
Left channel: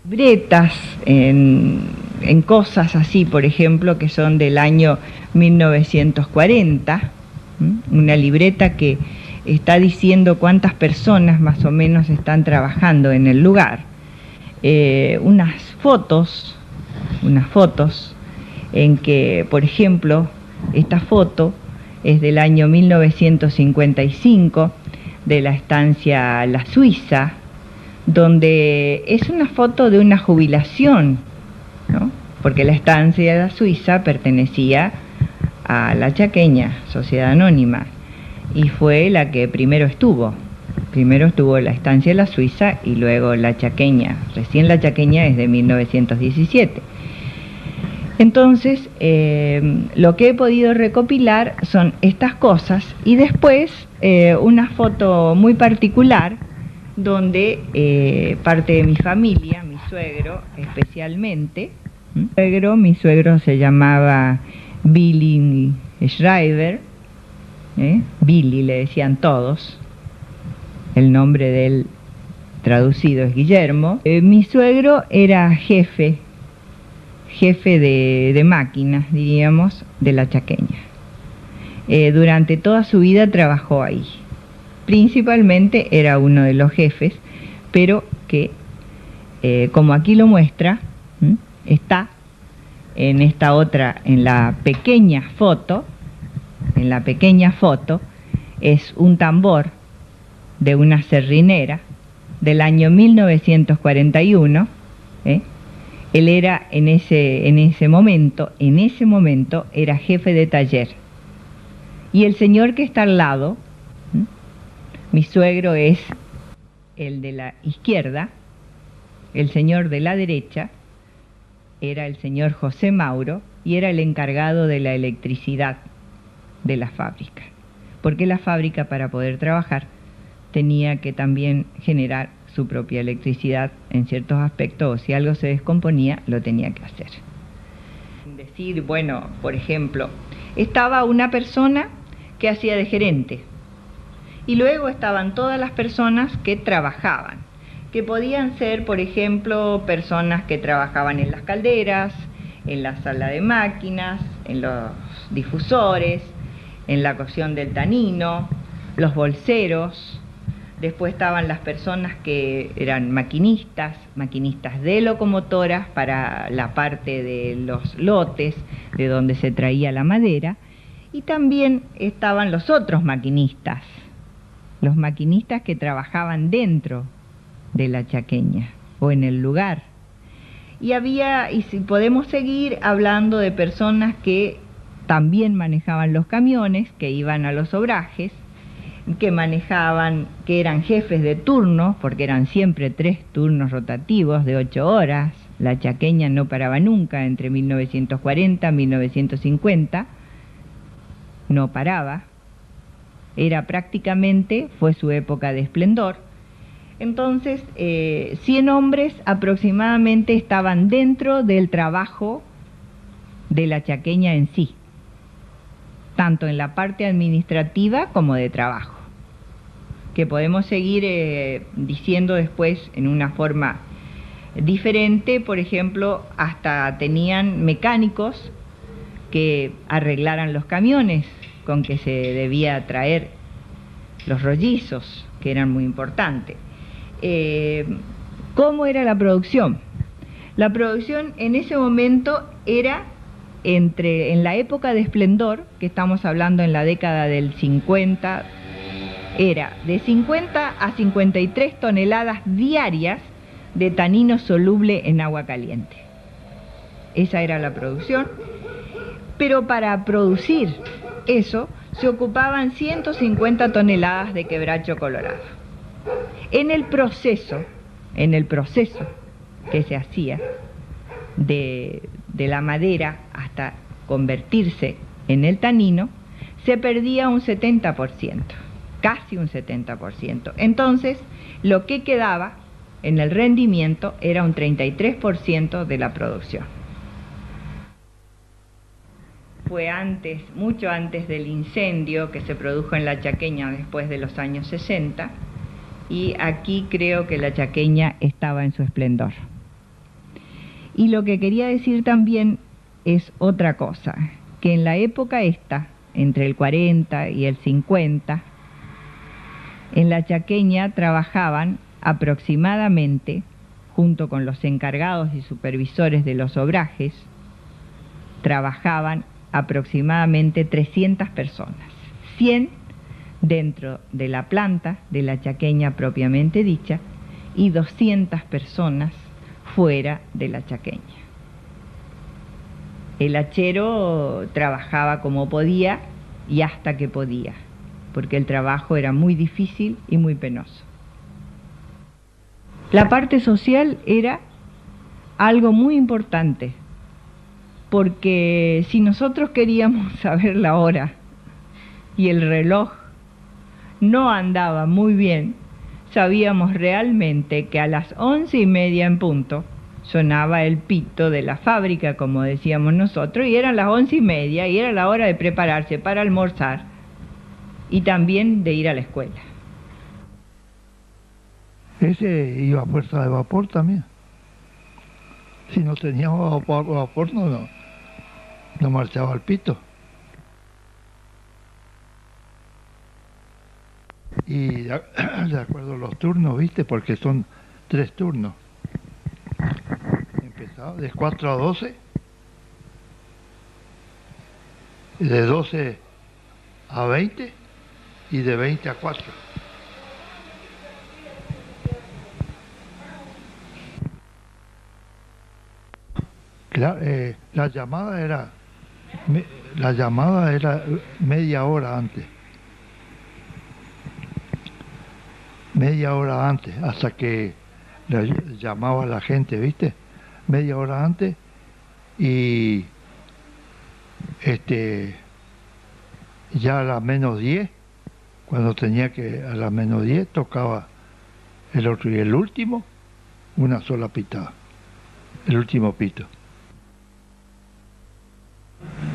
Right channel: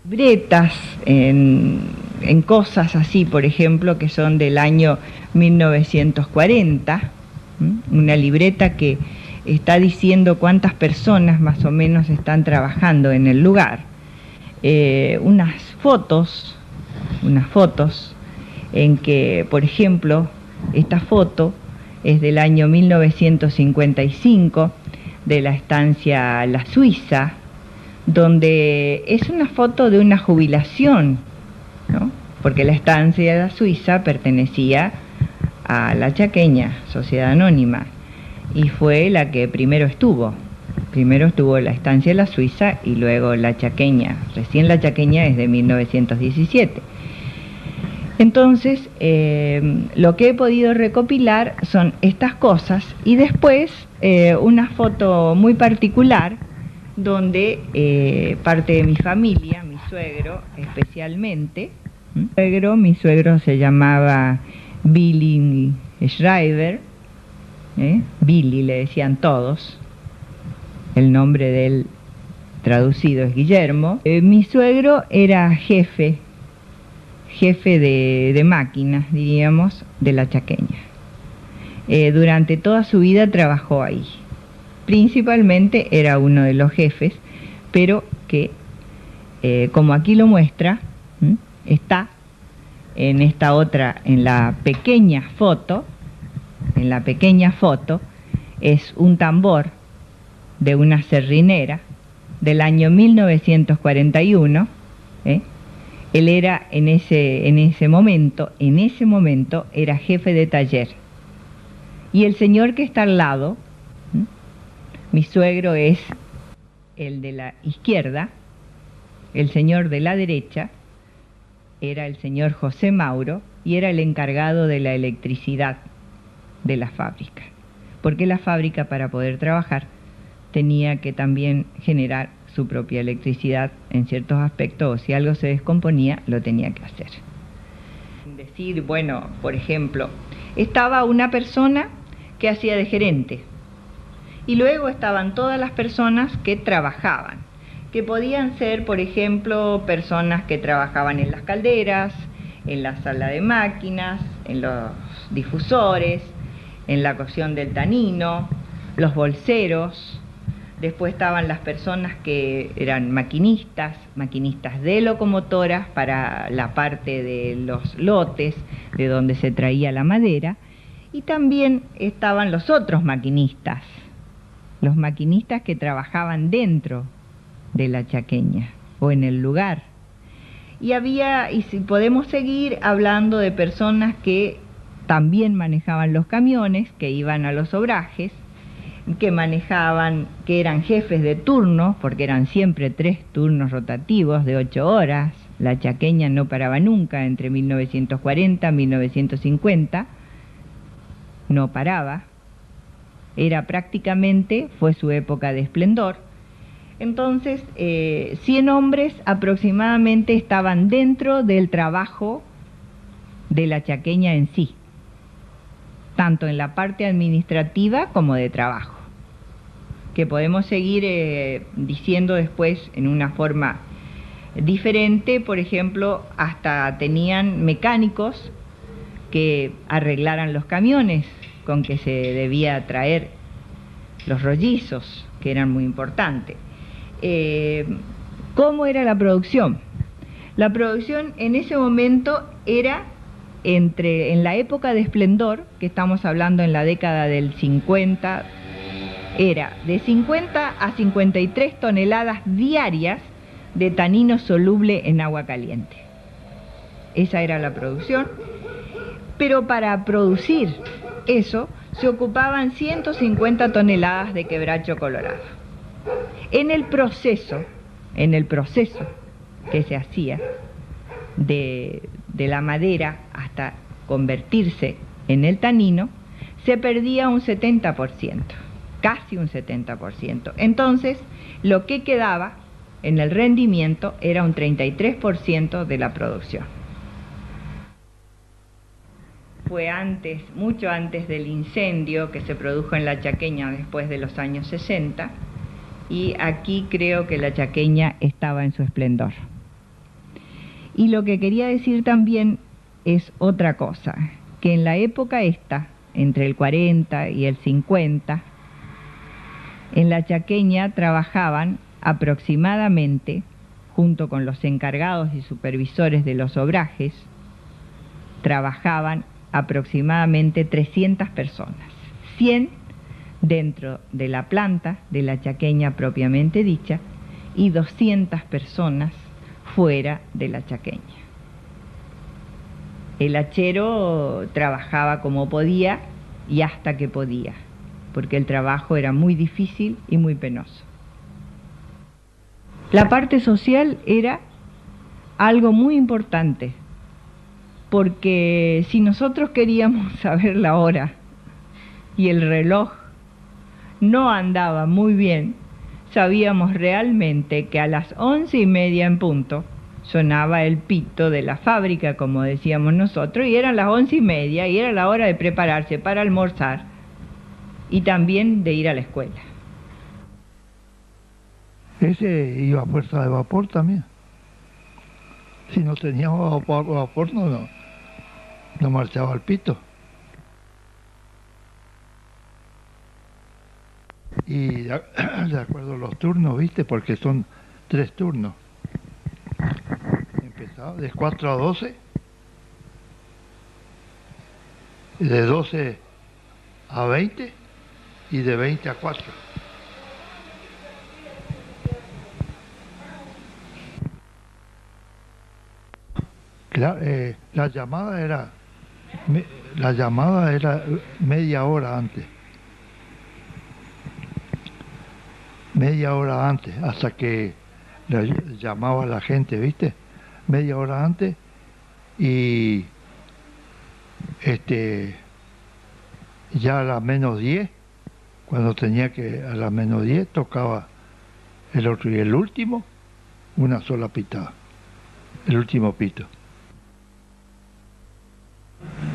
Libretas en cosas así, por ejemplo, que son del año 1940, una libreta que está diciendo cuántas personas más o menos están trabajando en el lugar, unas fotos en que, por ejemplo, esta foto es del año 1955 de la estancia La Suiza, donde es una foto de una jubilación, ¿no? Porque la estancia de La Suiza pertenecía a La Chaqueña, Sociedad Anónima, y fue la que primero estuvo la estancia de La Suiza y luego La Chaqueña. Recién La Chaqueña es de 1917. Entonces, lo que he podido recopilar son estas cosas, y después una foto muy particular donde parte de mi familia, mi suegro especialmente, Mi suegro se llamaba Billy Schreiber, Billy le decían todos, el nombre de él traducido es Guillermo. Mi suegro era jefe de máquinas, diríamos, de la Chaqueña. Durante toda su vida trabajó ahí. Principalmente era uno de los jefes, pero que, como aquí lo muestra, está en esta otra, en la pequeña foto, es un tambor de una serrinera del año 1941. Él era en ese momento era jefe de taller. Y el señor que está al lado, mi suegro es el de la izquierda, el señor de la derecha era el señor José Mauro y era el encargado de la electricidad de la fábrica. Porque la fábrica, para poder trabajar, tenía que también generar su propia electricidad en ciertos aspectos, o si algo se descomponía, lo tenía que hacer. Decir, bueno, por ejemplo, estaba una persona que hacía de gerente, y luego estaban todas las personas que trabajaban, que podían ser, por ejemplo, personas que trabajaban en las calderas, en la sala de máquinas, en los difusores, en la cocción del tanino, los bolseros. Después estaban las personas que eran maquinistas de locomotoras para la parte de los lotes, de donde se traía la madera, y también estaban los otros maquinistas, los maquinistas que trabajaban dentro de la Chaqueña o en el lugar. Y si podemos seguir hablando de personas que también manejaban los camiones, que iban a los obrajes, que eran jefes de turno, porque eran siempre 3 turnos rotativos de 8 horas. La Chaqueña no paraba nunca entre 1940 y 1950, no paraba. Fue su época de esplendor. Entonces, 100 hombres aproximadamente estaban dentro del trabajo de la Chaqueña en sí, tanto en la parte administrativa como de trabajo, que podemos seguir diciendo después en una forma diferente. Por ejemplo, hasta tenían mecánicos que arreglaran los camiones con que se debía traer los rollizos, que eran muy importantes. ¿Cómo era la producción? La producción en ese momento era en la época de esplendor, que estamos hablando en la década del 50, era de 50 a 53 toneladas diarias de tanino soluble en agua caliente. Esa era la producción, pero para producir eso se ocupaban 150 toneladas de quebracho colorado. En el proceso que se hacía de la madera hasta convertirse en el tanino, se perdía un 70%, casi un 70%. Entonces, lo que quedaba en el rendimiento era un 33% de la producción. Fue mucho antes del incendio que se produjo en la Chaqueña después de los años 60, y aquí creo que la Chaqueña estaba en su esplendor. Y lo que quería decir también es otra cosa, que en la época esta, entre el 40 y el 50, en la Chaqueña trabajaban aproximadamente, junto con los encargados y supervisores de los obrajes, trabajaban aproximadamente 300 personas, 100 dentro de la planta de la Chaqueña propiamente dicha y 200 personas fuera de la Chaqueña. El hachero trabajaba como podía y hasta que podía, porque el trabajo era muy difícil y muy penoso. La parte social era algo muy importante, porque si nosotros queríamos saber la hora y el reloj no andaba muy bien, sabíamos realmente que a las 11:30 en punto sonaba el pito de la fábrica, como decíamos nosotros, y eran las 11:30 y era la hora de prepararse para almorzar y también de ir a la escuela. Ese iba a fuerza de vapor también. Si no teníamos vapor no marchaba el pito. Y de acuerdo a los turnos, ¿viste? Porque son 3 turnos. Empezaba de 4 a 12, de 12 a 20 y de 20 a 4. Claro, la llamada era media hora antes. Media hora antes, hasta que le llamaba a la gente, ¿viste? Media hora antes, y ya a las -10, cuando tenía que, a las -10 tocaba el otro, y el último, una sola pitada, el último pito.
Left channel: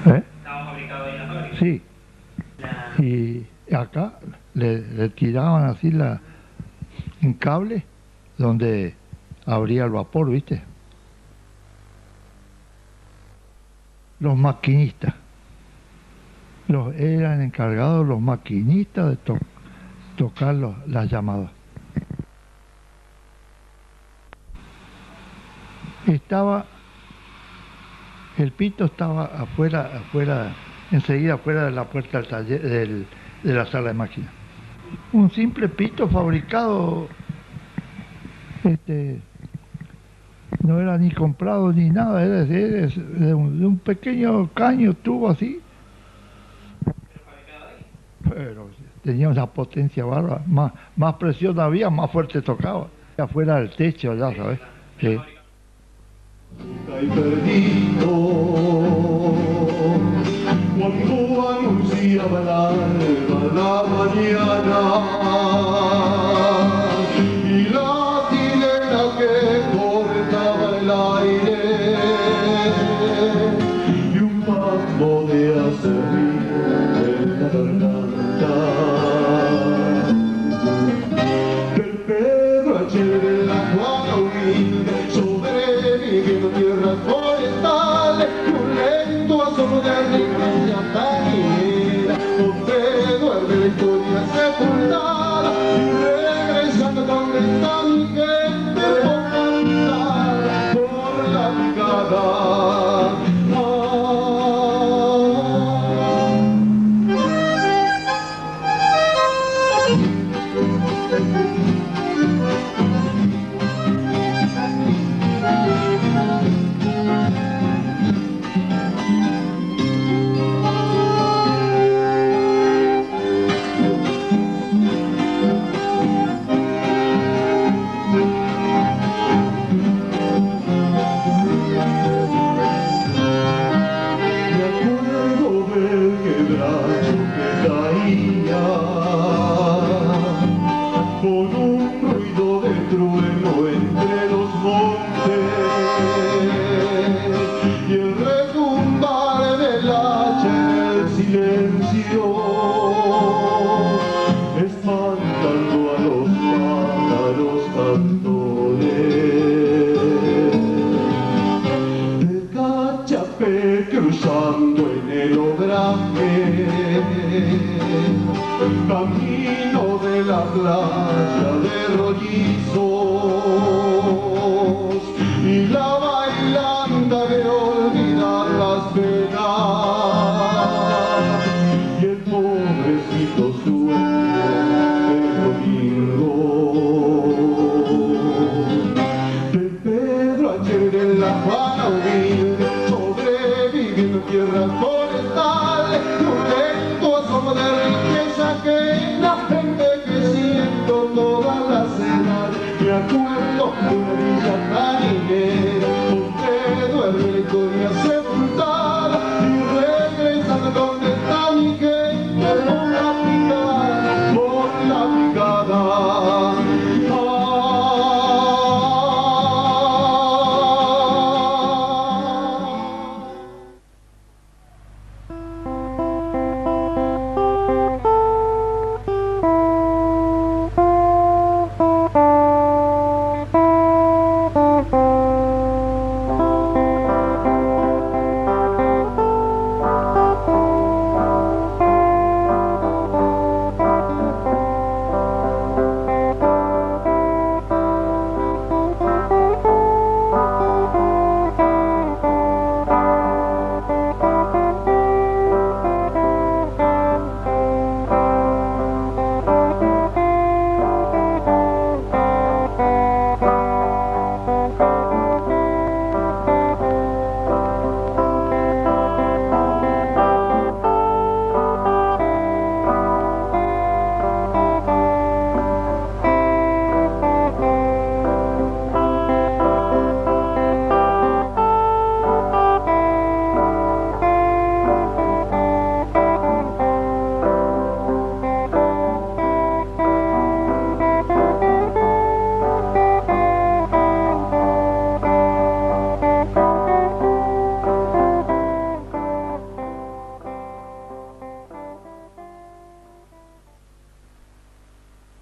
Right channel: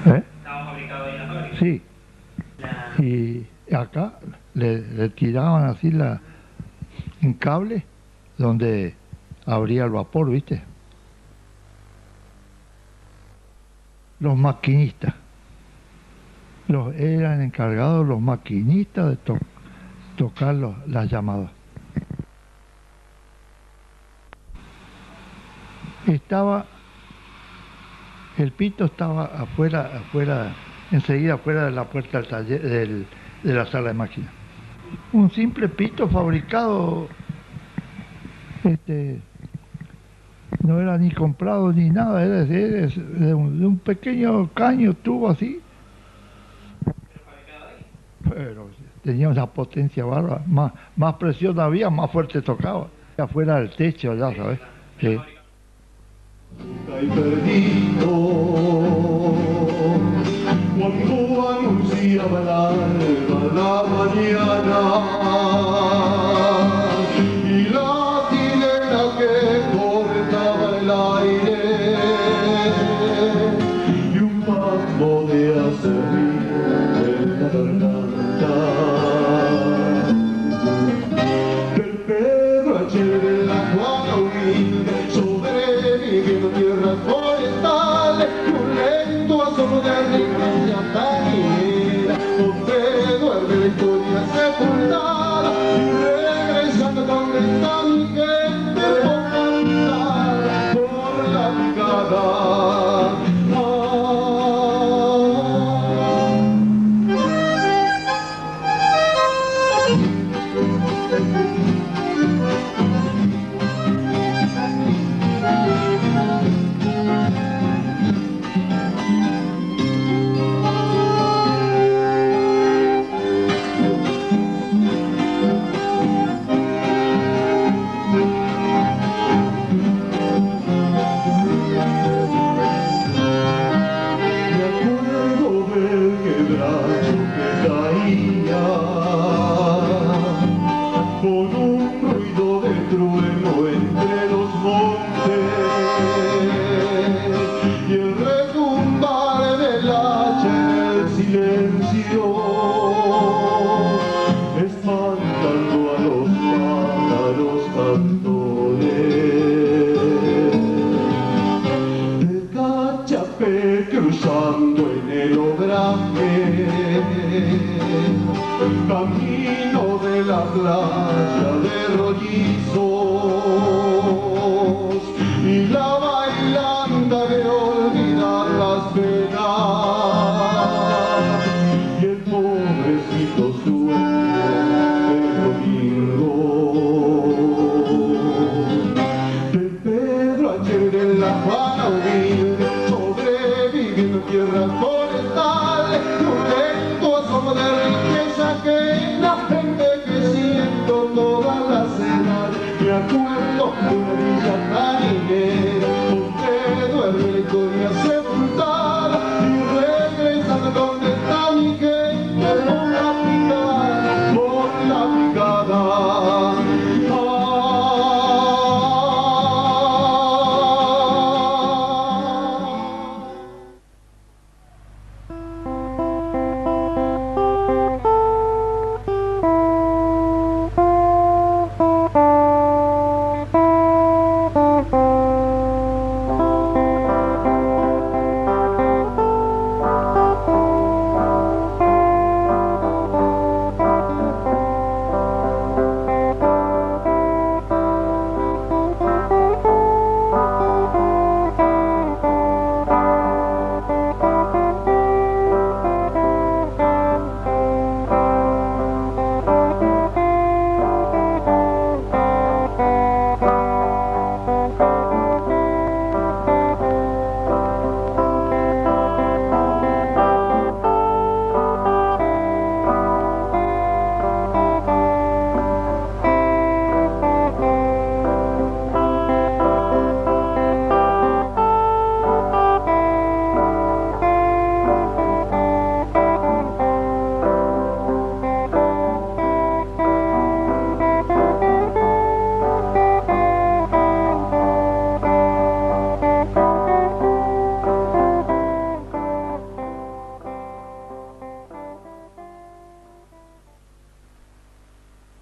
¿Estaba fabricado ahí en la fábrica? Sí. Y acá le tiraban así un cable donde abría el vapor, ¿viste? Los maquinistas. Eran encargados los maquinistas de tocar las llamadas. El pito estaba afuera, enseguida afuera de la puerta del taller, de la sala de máquinas. Un simple pito fabricado, no era ni comprado ni nada, era de un pequeño caño, tubo así. Pero tenía una potencia bárbara, más presión había, más fuerte tocaba. Afuera del techo, ya sabes. Sí. Y perdido cuando anunciaba el alba la mañana y la sirena que cortaba el aire y un pasmo de acerrín en la garganta del Pedro H. de la Juana humilde sobreviviendo tierras forestales y un lento asomo de alegría tañera donde duerme la historia sepultada y regresando donde está mi gente por la picada. Cruzando en el obraje, camino de la playa de rollizos y la bailanda de olvidar las penas y el pobrecito sueño del domingo de Pedro H. de la Juana humilde sobreviviendo en tierras forestales y un lento asomo de riqueza que nace envejeciendo todas las edades. Me acuerdo de una villa tarinera donde duerme la historia sepultada y regresando donde está mi gente por la picada, por la picada.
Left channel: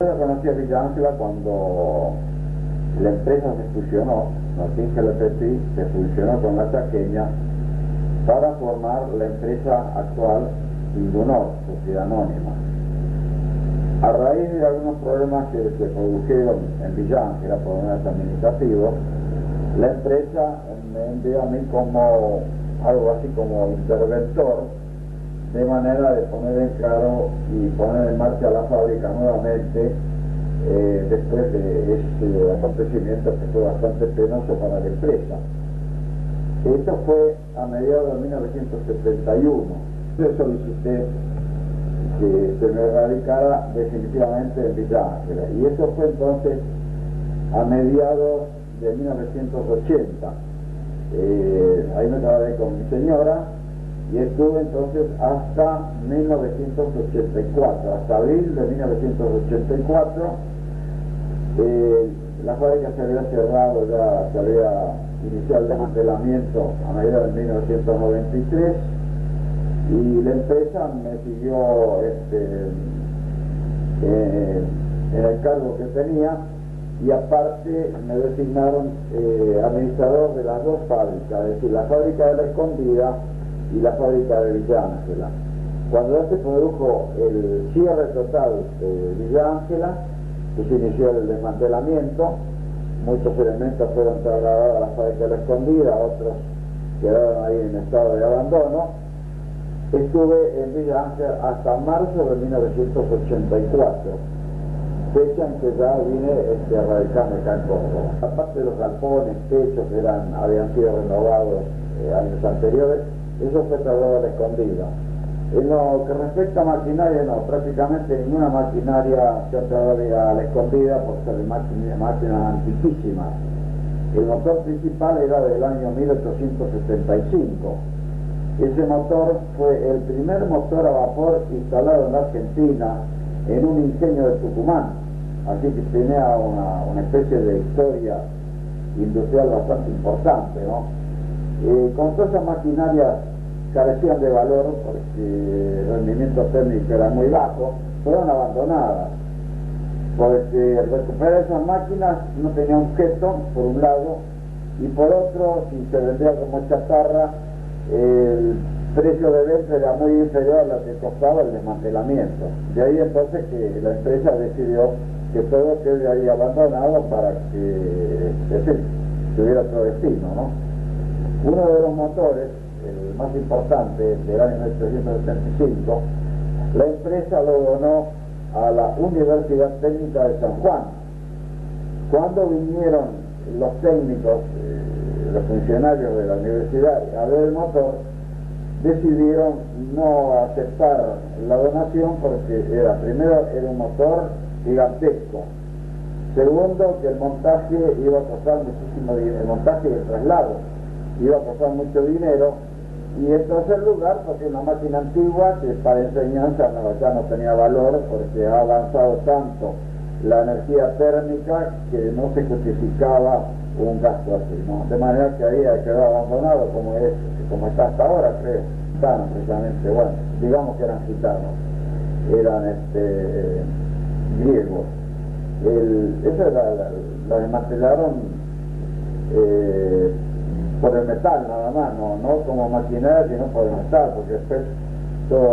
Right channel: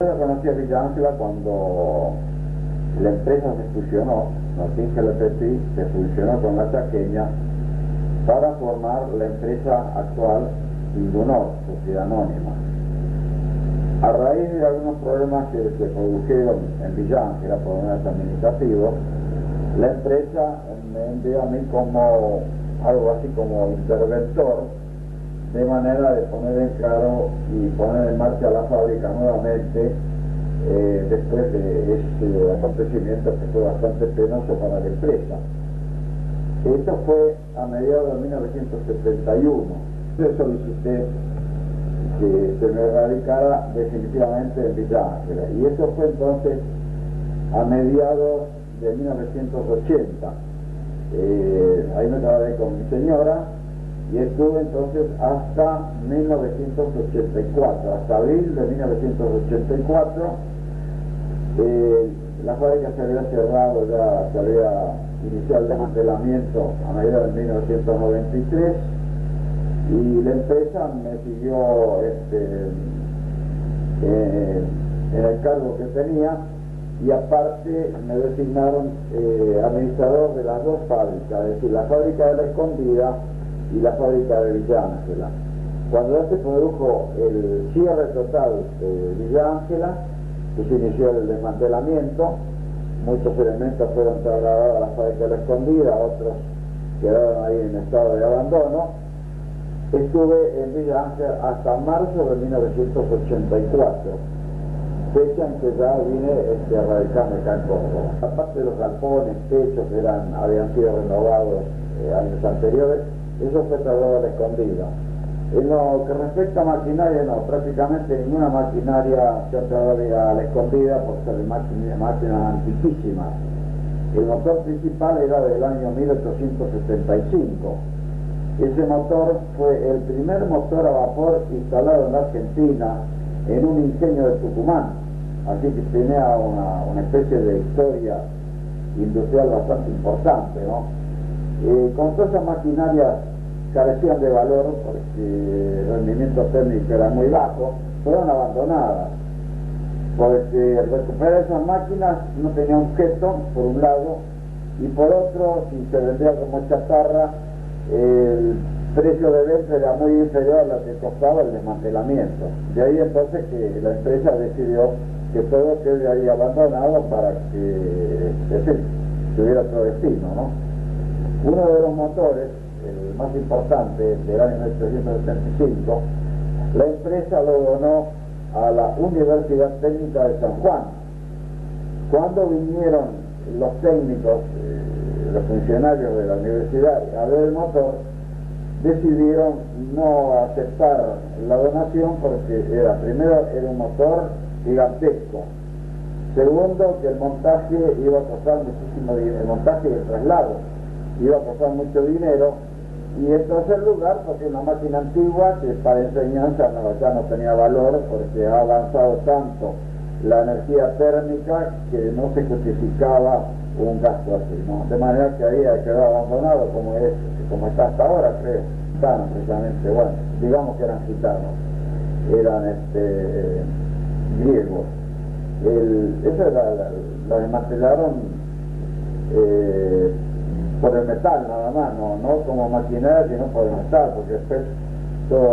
Yo conocí a Villa Ángela cuando la empresa se fusionó, Notinge Lepetí se fusionó con la Chaqueña para formar la empresa actual Indunor, Sociedad Anónima. A raíz de algunos problemas que se produjeron en Villa Ángela, problemas administrativos, la empresa me envió a mí como algo así como interventor, de manera de poner en claro y poner en marcha la fábrica nuevamente después de ese acontecimiento que fue bastante penoso para la empresa. Esto fue a mediados de 1971. Yo solicité que se me radicara definitivamente en Villa Ángela, y eso fue entonces a mediados de 1980. Ahí me trabajé con mi señora y estuve entonces hasta 1984, hasta abril de 1984. La fábrica se había cerrado, ya se había iniciado el desmantelamiento a mediados de 1993, y la empresa me siguió en el cargo que tenía, y aparte me designaron administrador de las dos fábricas, es decir, la fábrica de La Escondida y la fábrica de Villa Ángela. Cuando ya se produjo el cierre total de Villa Ángela, que se inició el desmantelamiento, muchos elementos fueron trasladados a la fábrica de La Escondida, otros quedaron ahí en estado de abandono. Estuve en Villa Ángela hasta marzo de 1984, fecha en que ya vine a radicarme acá en Córdoba. Aparte de los galpones, techos que habían sido renovados años anteriores, eso fue trasladado a La Escondida. En lo que respecta a maquinaria, no, prácticamente ninguna maquinaria se ha trasladado a La Escondida, por ser máquinas antiquísimas. El motor principal era del año 1875. Ese motor fue el primer motor a vapor instalado en la Argentina en un ingenio de Tucumán, así que tenía una especie de historia industrial bastante importante, ¿no? Con todas esas maquinarias carecían de valor porque el rendimiento técnico era muy bajo, fueron abandonadas, porque recuperar esas máquinas no tenía objeto, por un lado, y por otro, si se vendía como chatarra, el precio de venta era muy inferior a lo que costaba el desmantelamiento. De ahí entonces que la empresa decidió que todo quede ahí abandonado para que tuviera otro destino, ¿no? Uno de los motores, el más importante del año 1975, la empresa lo donó a la Universidad Técnica de San Juan. Cuando vinieron los técnicos, los funcionarios de la universidad a ver el motor, decidieron no aceptar la donación porque primero era un motor gigantesco, segundo que el montaje iba a costar muchísimo dinero, el montaje y el traslado iba a costar mucho dinero, y en tercer lugar porque una máquina antigua que para enseñanza ya no tenía valor porque ha avanzado tanto la energía térmica que no se justificaba un gasto así, ¿no? De manera que ahí ha quedado abandonado como está hasta ahora, creo. Gitanos, precisamente, bueno, digamos que eran gitanos, eran griegos. Eso la desmantelaron por el metal nada más, no como maquinaria, sino por el metal, porque después todo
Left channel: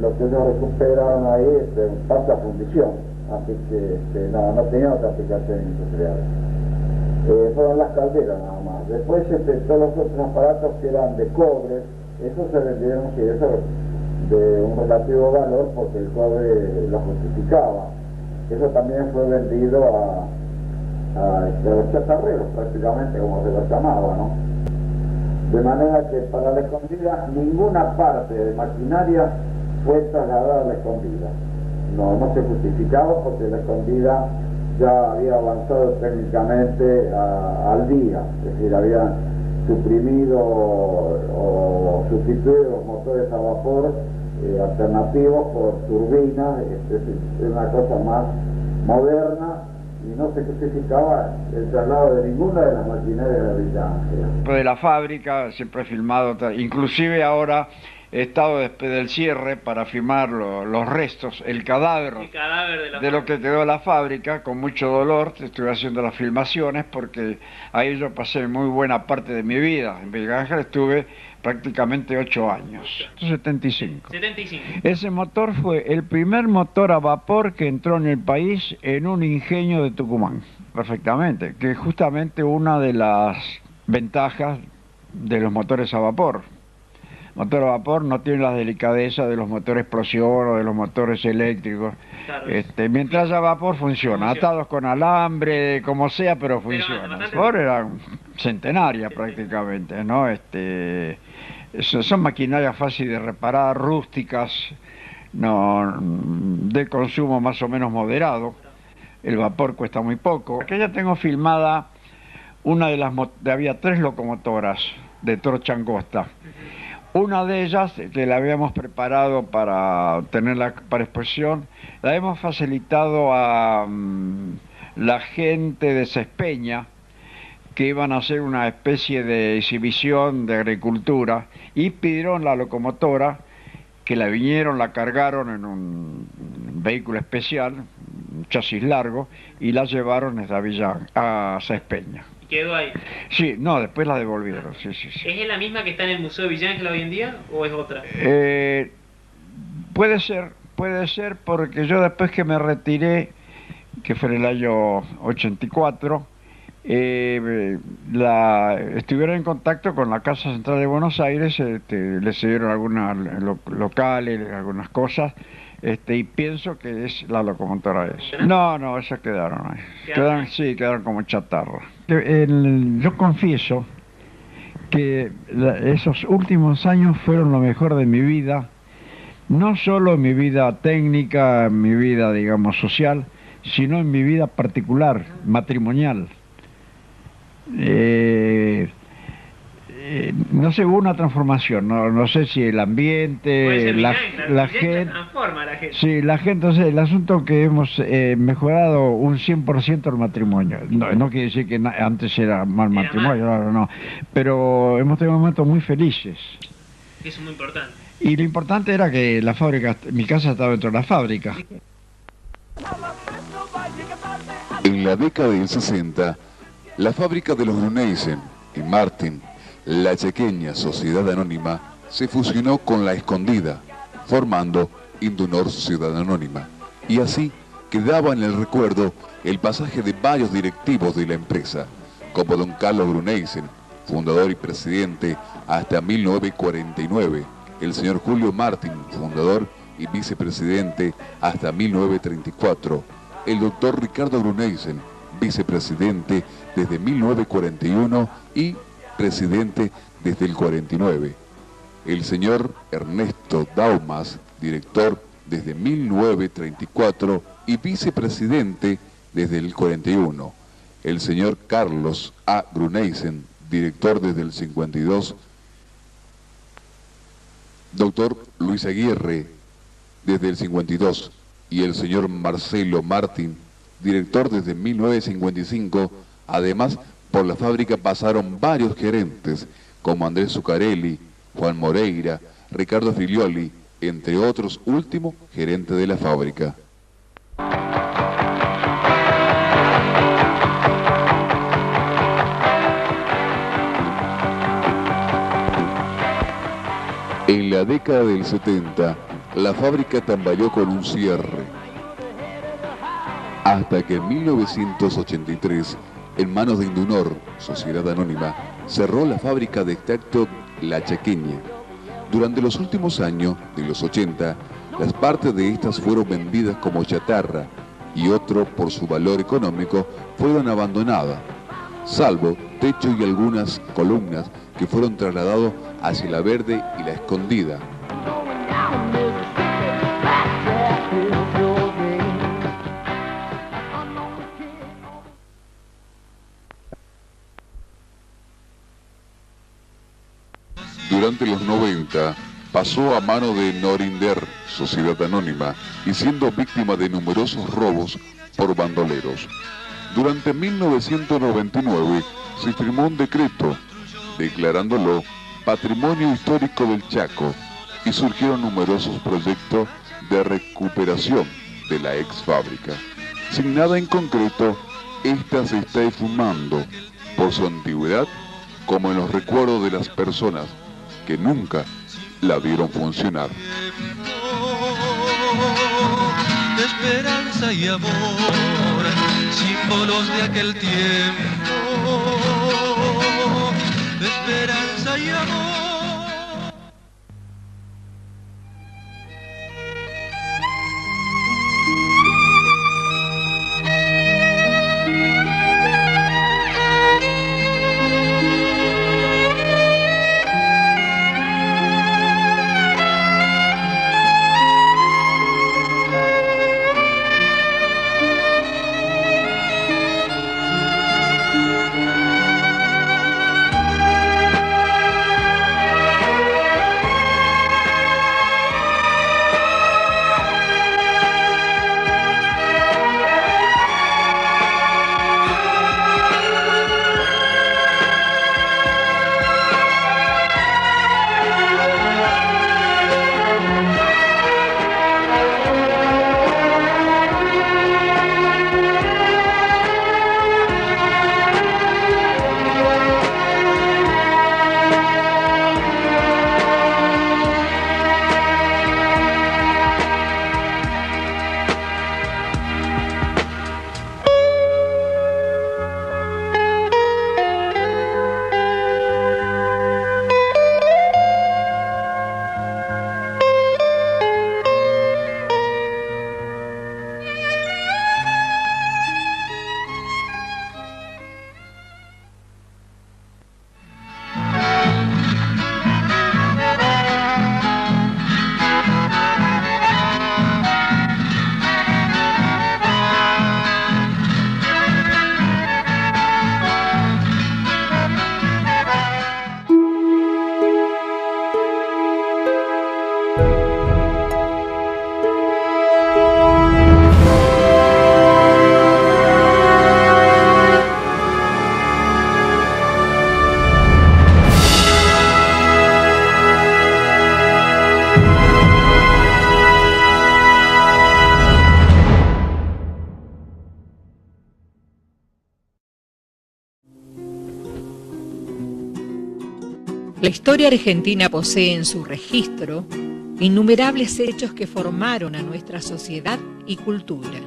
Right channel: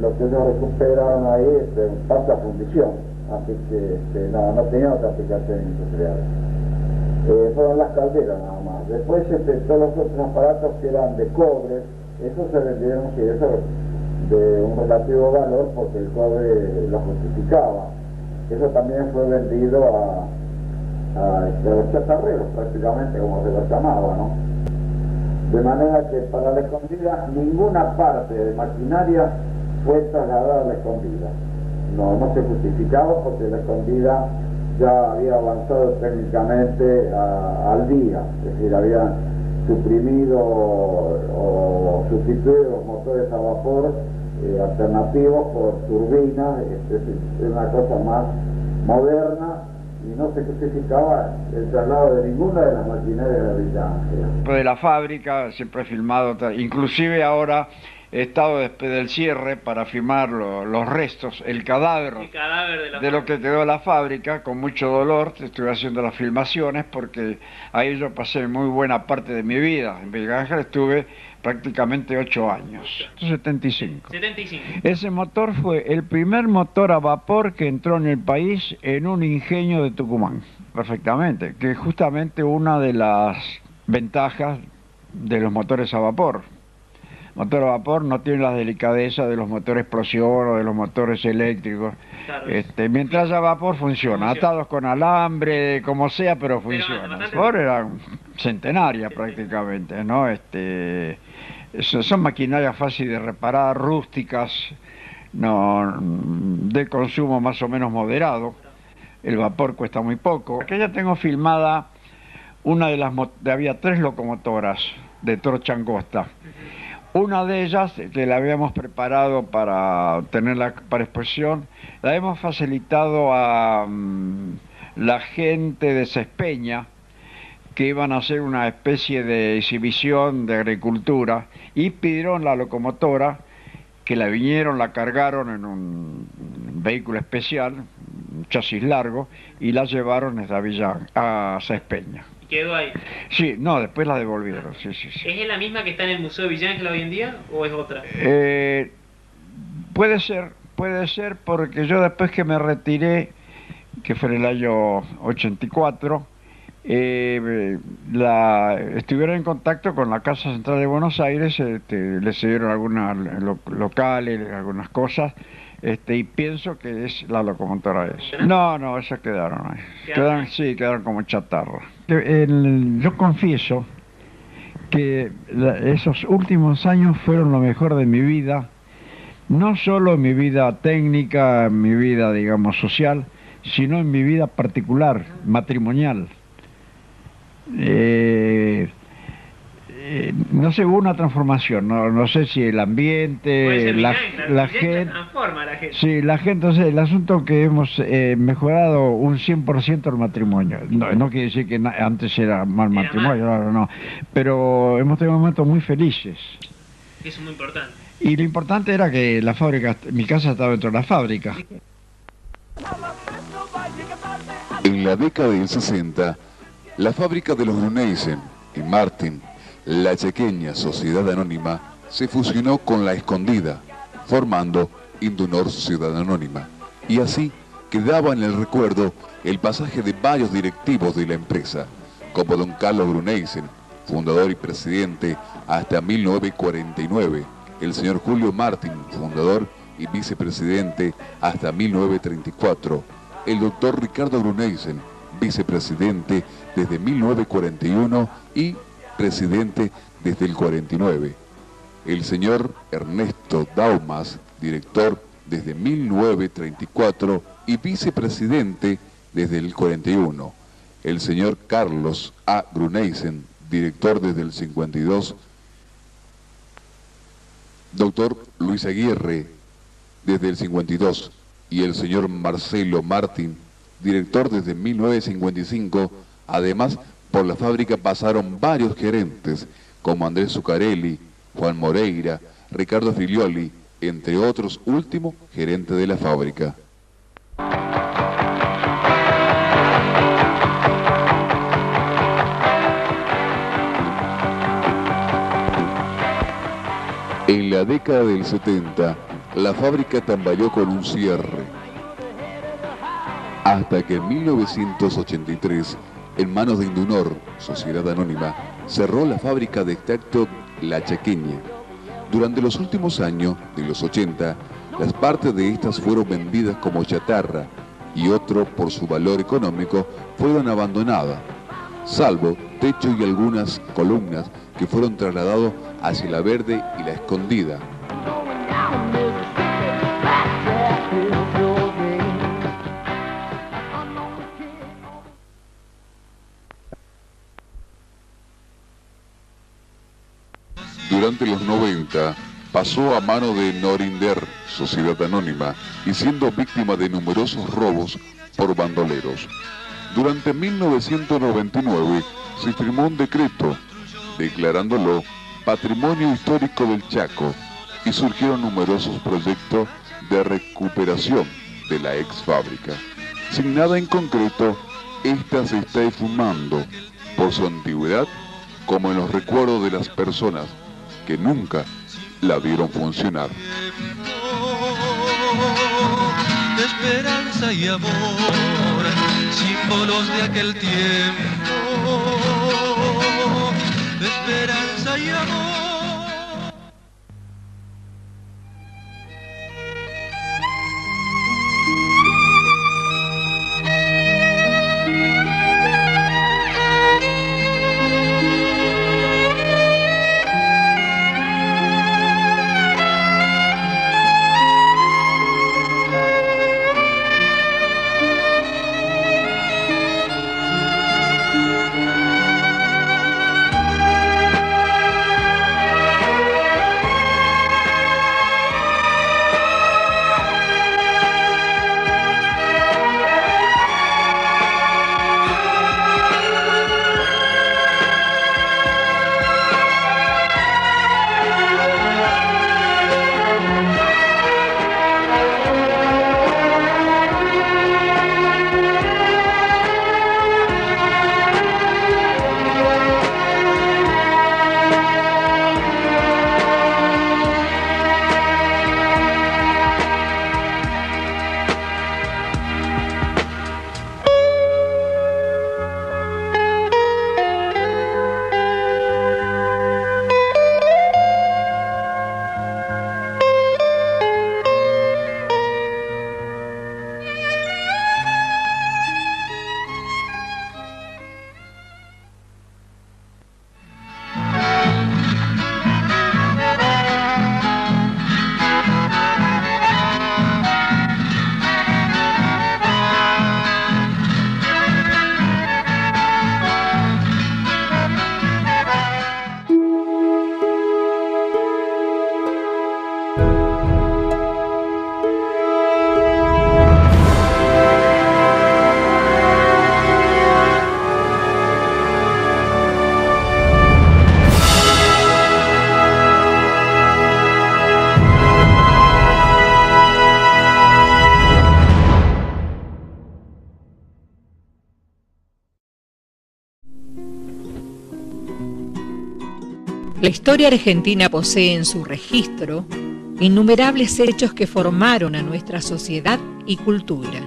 lo que ellos recuperaron ahí pasa a fundición, así que no tenía otra aplicación industrial. Fueron las calderas nada más. Después todos los otros aparatos que eran de cobre, esos se vendieron, sí, eso de un relativo valor porque el cobre lo justificaba. Eso también fue vendido a los chatarreros prácticamente, como se los llamaba, ¿no? De manera que para La Escondida ninguna parte de maquinaria fue trasladada a La Escondida. No se justificaba porque La Escondida ya había avanzado técnicamente al día, es decir, habían suprimido o sustituido los motores a vapor alternativos por turbinas, es una cosa más moderna, y no se justificaba el traslado de ninguna de las maquinarias de Villa Ángela. De la fábrica, siempre he filmado, inclusive ahora estado después del cierre para filmar los restos, el cadáver de lo que quedó de la fábrica, con mucho dolor. Estuve haciendo las filmaciones porque ahí yo pasé muy buena parte de mi vida. En Miguel Ángel estuve prácticamente 8 años, 75. Ese motor fue el primer motor a vapor que entró en el país en un ingenio de Tucumán, perfectamente, que es justamente una de las ventajas de los motores a vapor. Motor a vapor no tiene la delicadeza de los motores explosión o de los motores eléctricos. Claro. Mientras haya vapor funciona, atados con alambre, como sea, pero funciona. El vapor era centenaria prácticamente, ¿no? Son maquinarias fáciles de reparar, rústicas, no, de consumo más o menos moderado. El vapor cuesta muy poco. Aquí ya tengo filmada una de las... había 3 locomotoras de Torcha Angosta. Una de ellas, que la habíamos preparado para tenerla para exposición, la hemos facilitado a la gente de Cespeña, que iban a hacer una especie de exhibición de agricultura, y pidieron la locomotora, que la vinieron, la cargaron en un vehículo especial, un chasis largo, y la llevaron desde Avillán a Cespeña. ¿Quedó ahí? Sí, no, después la devolvieron, sí. ¿Es la misma que está en el Museo de Villa Ángel hoy en día o es otra? Puede ser, porque yo después que me retiré, que fue en el año 84, estuvieron en contacto con la Casa Central de Buenos Aires, le cedieron algunas locales, algunas cosas, y pienso que es la locomotora esa. No, esas quedaron ahí. Quedaron como chatarra. Yo confieso que esos últimos años fueron lo mejor de mi vida, no solo en mi vida técnica, en mi vida, digamos, social, sino en mi vida particular, matrimonial. No sé, hubo una transformación, no sé si el ambiente, la gente, transforma a la gente. Sí, la gente, o sea, el asunto que hemos mejorado un 100% el matrimonio. No quiere decir que antes era mal matrimonio, no, pero hemos tenido momentos muy felices. Eso es muy importante. Y lo importante era que la fábrica, mi casa estaba dentro de la fábrica. En la década del 60, la fábrica de los Gruneisen y Martin, la Chaqueña Sociedad Anónima, se fusionó con La Escondida, formando Indunor Sociedad Anónima, y así quedaba en el recuerdo el pasaje de varios directivos de la empresa, como don Carlos Gruneisen, fundador y presidente hasta 1949, el señor Julio Martin, fundador y vicepresidente hasta 1934, el doctor Ricardo Gruneisen, vicepresidente desde 1941 y presidente desde el 49. El señor Ernesto Daumas, director desde 1934 y vicepresidente desde el 41. El señor Carlos A. Gruneisen, director desde el 52. Doctor Luis Aguirre, desde el 52. Y el señor Marcelo Martín, director desde 1955. Además, por la fábrica pasaron varios gerentes, como Andrés Zuccarelli, Juan Moreira, Ricardo Filioli, entre otros, último gerente de la fábrica. En la década del 70, la fábrica tambaleó con un cierre, hasta que en 1983, en manos de Indunor, Sociedad Anónima, cerró la fábrica de extracto La Chaqueña. Durante los últimos años de los 80, las partes de estas fueron vendidas como chatarra y otro, por su valor económico, fueron abandonadas, salvo techo y algunas columnas que fueron trasladados hacia La Verde y La Escondida. Durante los 90 pasó a mano de Norinder, Sociedad Anónima, y siendo víctima de numerosos robos por bandoleros. Durante 1999 se firmó un decreto declarándolo Patrimonio Histórico del Chaco y surgieron numerosos proyectos de recuperación de la ex fábrica. Sin nada en concreto, esta se está esfumando por su antigüedad, como en los recuerdos de las personas que nunca la vieron funcionar. De esperanza y amor, símbolos de aquel tiempo, de esperanza y amor. La historia argentina posee en su registro innumerables hechos que formaron a nuestra sociedad y cultura.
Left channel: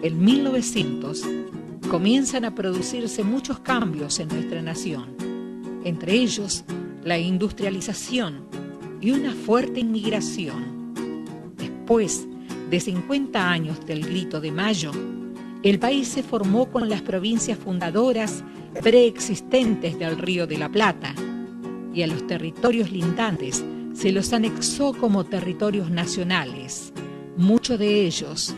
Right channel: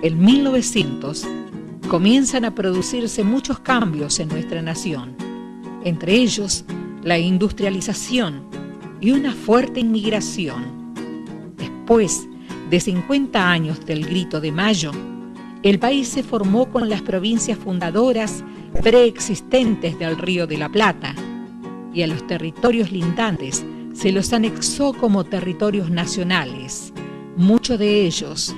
En 1900 comienzan a producirse muchos cambios en nuestra nación, entre ellos la industrialización y una fuerte inmigración. Después de 50 años del Grito de Mayo, el país se formó con las provincias fundadoras preexistentes del Río de la Plata, y a los territorios lindantes se los anexó como territorios nacionales, muchos de ellos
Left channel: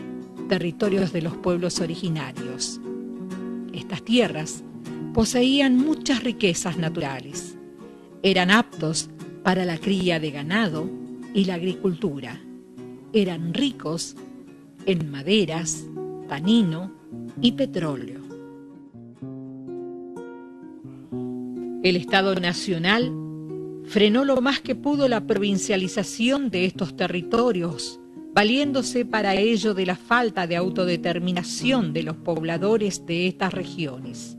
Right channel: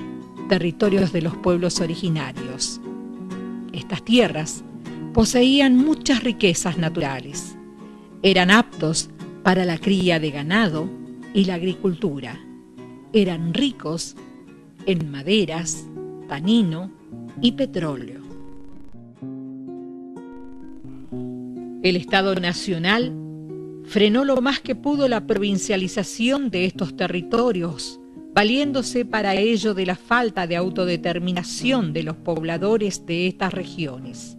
territorios de los pueblos originarios. Estas tierras poseían muchas riquezas naturales, eran aptos para la cría de ganado y la agricultura, eran ricos en maderas, tanino y petróleo. El Estado Nacional frenó lo más que pudo la provincialización de estos territorios, valiéndose para ello de la falta de autodeterminación de los pobladores de estas regiones.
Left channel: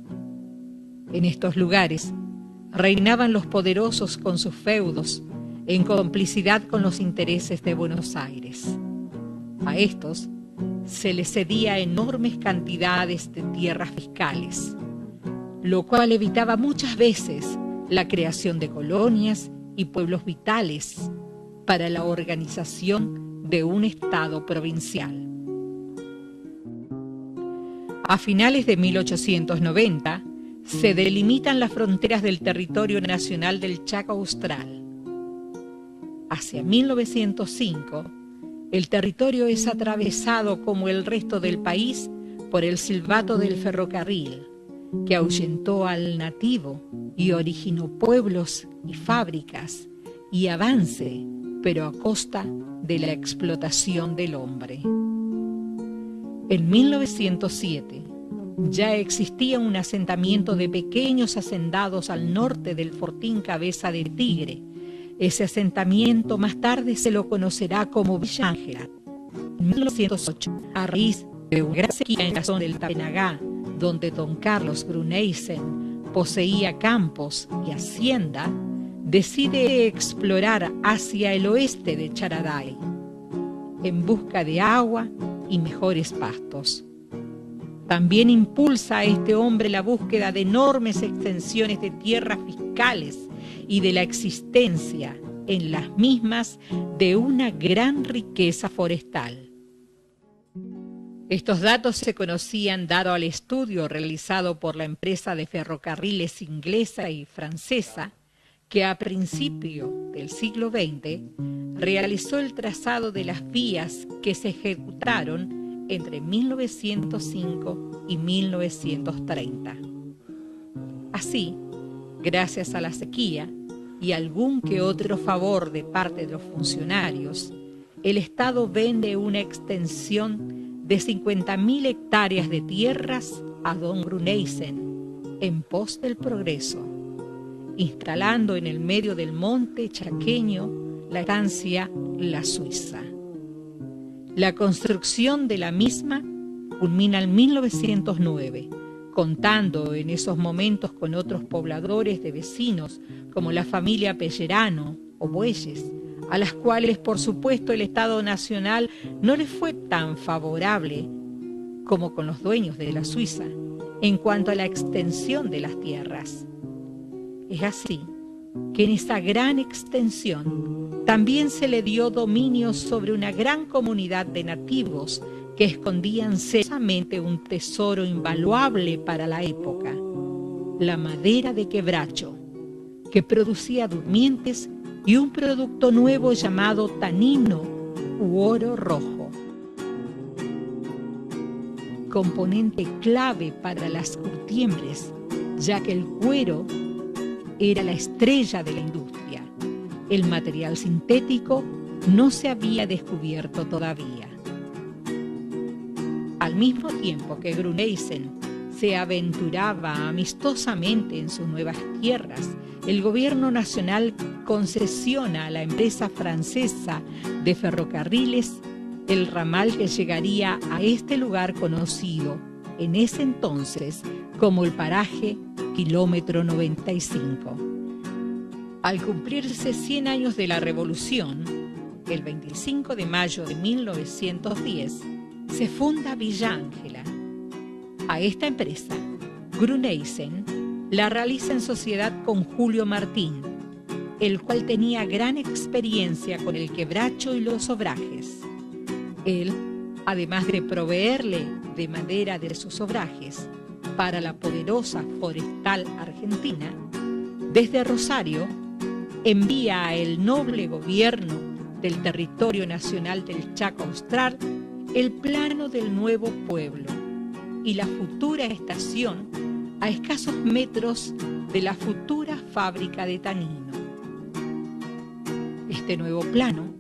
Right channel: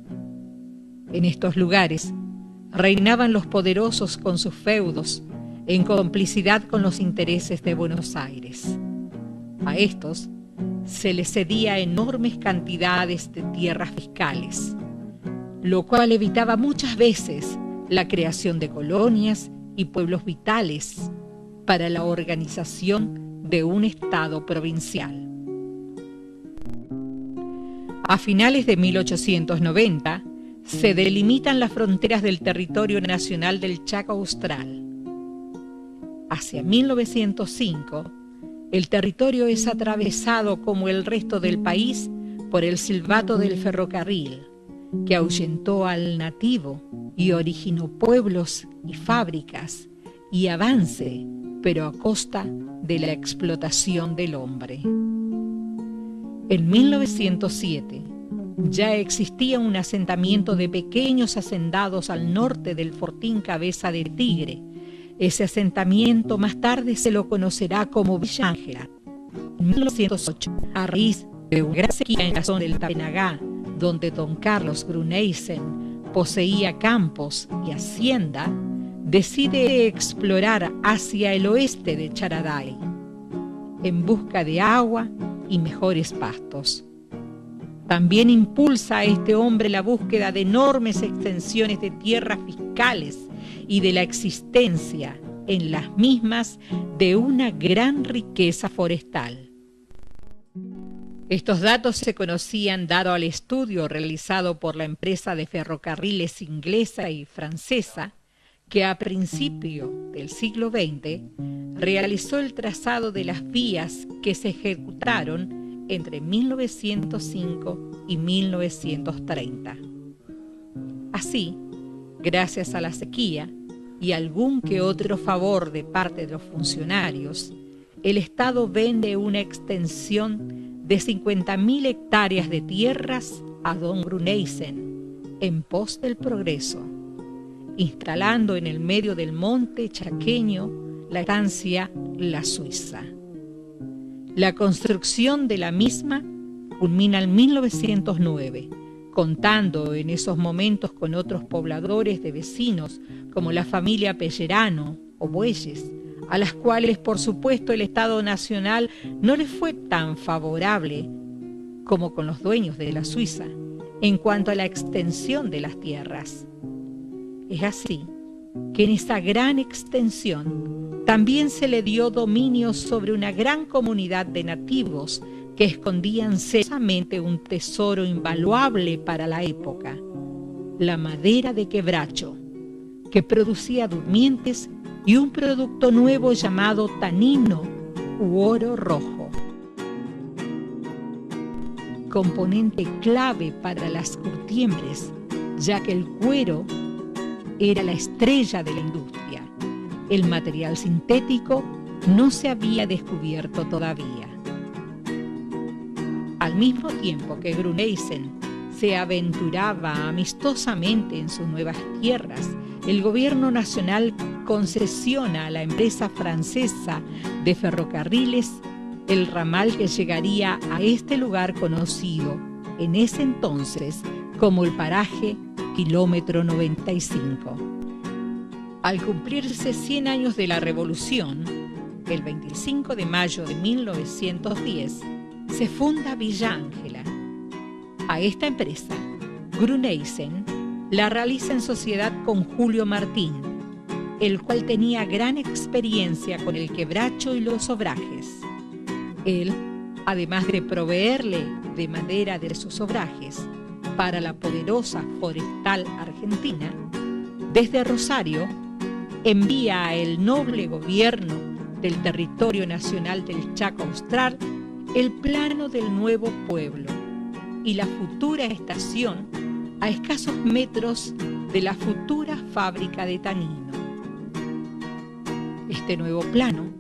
En estos lugares reinaban los poderosos con sus feudos, en complicidad con los intereses de Buenos Aires. A estos se les cedía enormes cantidades de tierras fiscales, lo cual evitaba muchas veces la creación de colonias y pueblos vitales para la organización de un Estado provincial. A finales de 1890 se delimitan las fronteras del territorio nacional del Chaco Austral. Hacia 1905, el territorio es atravesado como el resto del país por el silbato del ferrocarril, que ahuyentó al nativo y originó pueblos y fábricas y avance, pero a costa de la explotación del hombre. En 1907 ya existía un asentamiento de pequeños hacendados al norte del fortín Cabeza de Tigre, Ese asentamiento más tarde se lo conocerá como Villa Ángela. En 1908, a raíz de una gran sequía en la zona del Tapenagá, donde don Carlos Gruneysen poseía campos y hacienda, decide explorar hacia el oeste de Charaday, en busca de agua y mejores pastos. También impulsa a este hombre la búsqueda de enormes extensiones de tierras fiscales y de la existencia en las mismas de una gran riqueza forestal. Estos datos se conocían dado al estudio realizado por la empresa de ferrocarriles inglesa y francesa, que a principio del siglo XX realizó el trazado de las vías que se ejecutaron entre 1905 y 1930. Así, gracias a la sequía y algún que otro favor de parte de los funcionarios, el Estado vende una extensión de 50.000 hectáreas de tierras a don Gruneysen en pos del progreso, instalando en el medio del monte chaqueño la estancia La Suiza. La construcción de la misma culmina en 1909, contando en esos momentos con otros pobladores de vecinos como la familia Pellerano o Bueyes, a las cuales por supuesto el Estado Nacional no les fue tan favorable como con los dueños de la Suiza en cuanto a la extensión de las tierras. Es así que en esa gran extensión también se le dio dominio sobre una gran comunidad de nativos que escondían celosamente un tesoro invaluable para la época, la madera de quebracho, que producía durmientes y un producto nuevo llamado tanino u oro rojo, componente clave para las curtiembres, ya que el cuero era la estrella de la industria. El material sintético no se había descubierto todavía. Al mismo tiempo que Gruneysen se aventuraba amistosamente en sus nuevas tierras, el gobierno nacional concesiona a la empresa francesa de ferrocarriles el ramal que llegaría a este lugar conocido en ese entonces como el paraje Kilómetro 95. Al cumplirse 100 años de la Revolución, el 25 de mayo de 1910, se funda Villa Ángela. A esta empresa, Gruneysen la realiza en sociedad con Julio Martín, el cual tenía gran experiencia con el quebracho y los obrajes. Él, además de proveerle de madera de sus obrajes para la poderosa forestal argentina, desde Rosario envía a el noble gobierno del territorio nacional del Chaco Austral el plano del nuevo pueblo y la futura estación a escasos metros de la futura fábrica de tanino. Este nuevo plano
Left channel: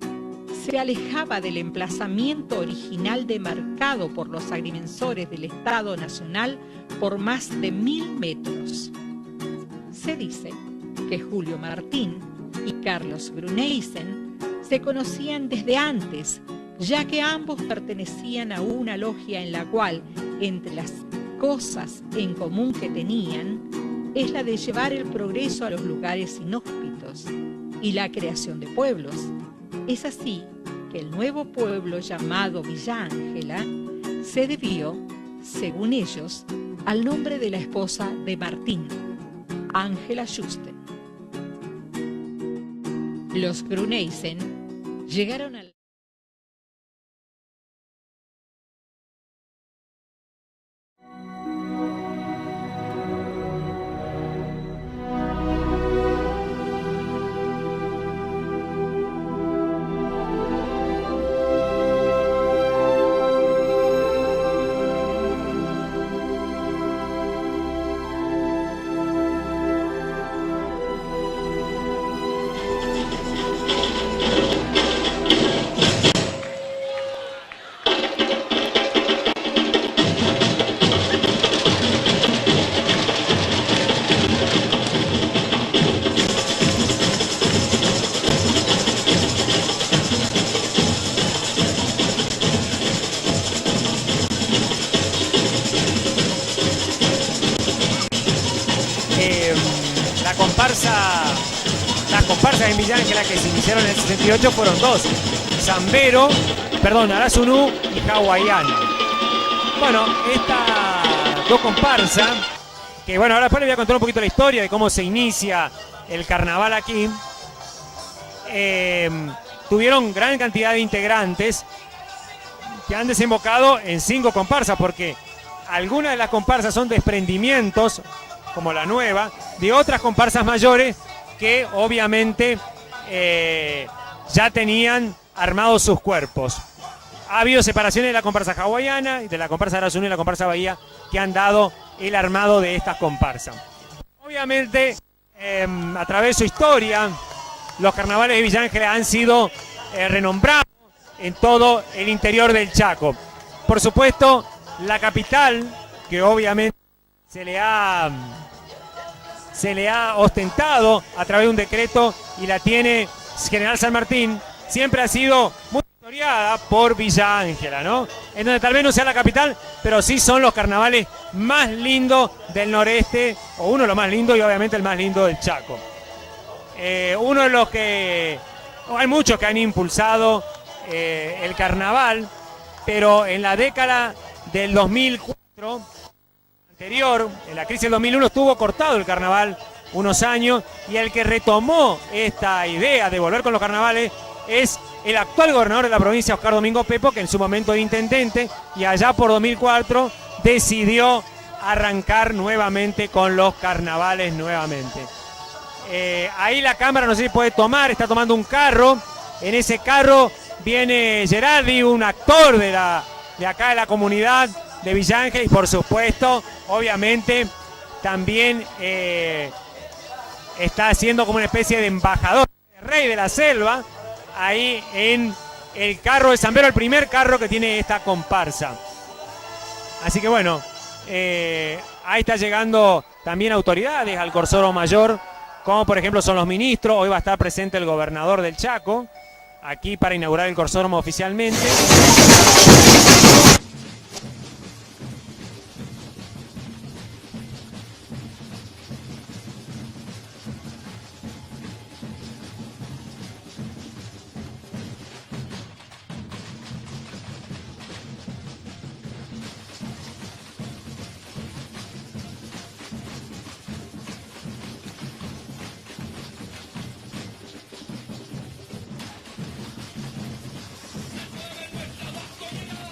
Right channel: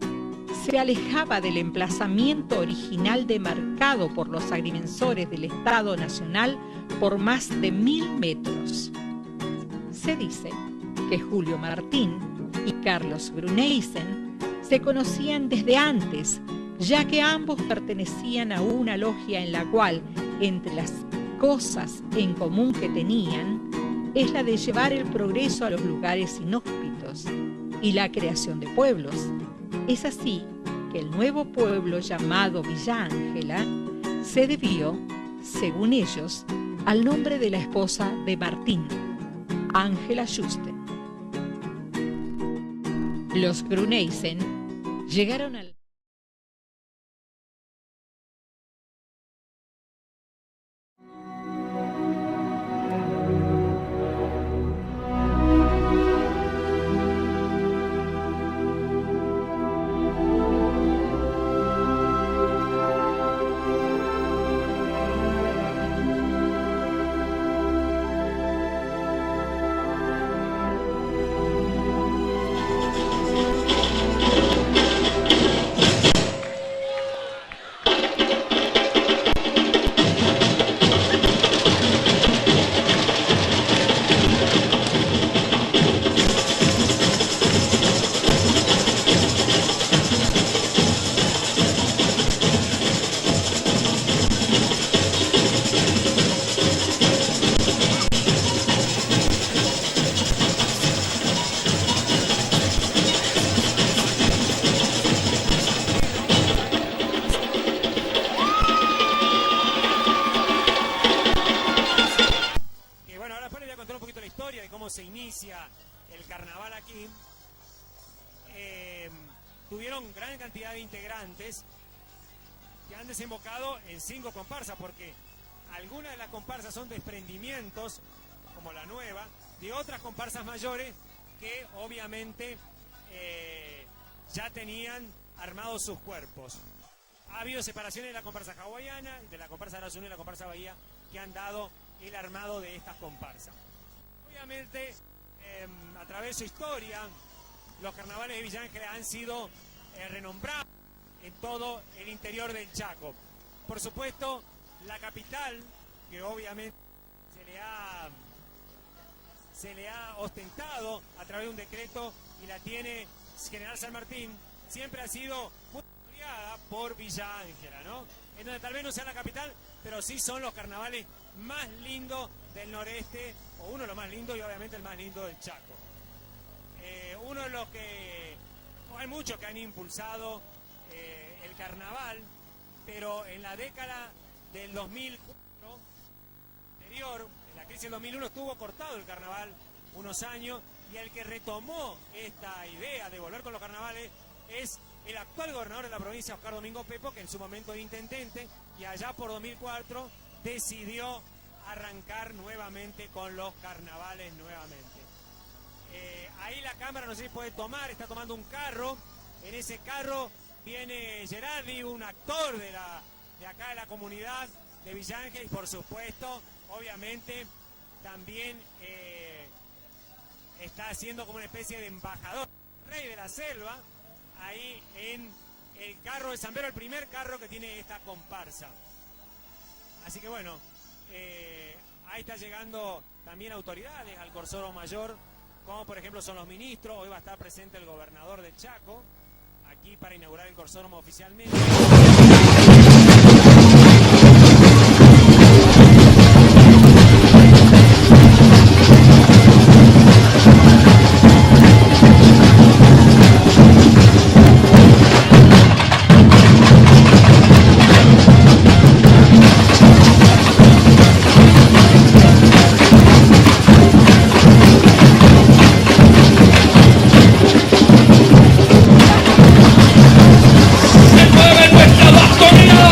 se alejaba del emplazamiento original demarcado por los agrimensores del Estado Nacional por más de 1000 metros. Se dice que Julio Martín y Carlos Gruneysen se conocían desde antes, ya que ambos pertenecían a una logia en la cual, entre las cosas en común que tenían, es la de llevar el progreso a los lugares inhóspitos y la creación de pueblos. Es así que el nuevo pueblo llamado Villa Ángela se debió, según ellos, al nombre de la esposa de Martín, Ángela Juste. Los Gruneysen llegaron al hecho fueron dos, Zambero, perdón, Arasunu y Hawaiano. Bueno, esta dos comparsas, que bueno, ahora después les voy a contar un poquito la historia de cómo se inicia el carnaval aquí. Tuvieron gran cantidad de integrantes que han desembocado en 5 comparsas, porque algunas de las comparsas son desprendimientos, como la nueva, de otras comparsas mayores que obviamente ya tenían armados sus cuerpos. Ha habido separaciones de la comparsa hawaiana, de la comparsa Arasunu y la comparsa Bahía, que han dado el armado de estas comparsas. Obviamente, a través de su historia, los carnavales de Villa Ángela han sido renombrados en todo el interior del Chaco. Por supuesto, la capital, que obviamente se le ha ostentado a través de un decreto y la tiene General San Martín, siempre ha sido muy historiada por Villa Ángela, ¿no? En donde tal vez no sea la capital, pero sí son los carnavales más lindos del noreste, o uno de los más lindos y obviamente el más lindo del Chaco. Uno de los que... hay muchos que han impulsado el carnaval, pero en la década del 2004, anterior, en la crisis del 2001, estuvo cortado el carnaval unos años, y el que retomó esta idea de volver con los carnavales es el actual gobernador de la provincia, Oscar Domingo Pepo, que en su momento era intendente, y allá por 2004 decidió arrancar nuevamente con los carnavales nuevamente. Ahí la cámara, no sé si puede tomar, está tomando un carro. En ese carro viene Gerardi, un actor de acá de la comunidad de Villa Ángela, y por supuesto, obviamente, también está haciendo como una especie de embajador, de rey de la selva, ahí en el carro de Zambero, el primer carro que tiene esta comparsa. Así que bueno, ahí está llegando también autoridades al Corsoro Mayor, como por ejemplo son los ministros. Hoy va a estar presente el gobernador del Chaco, aquí para inaugurar el Corsódromo oficialmente. ¡Mueve nuestra bastonera!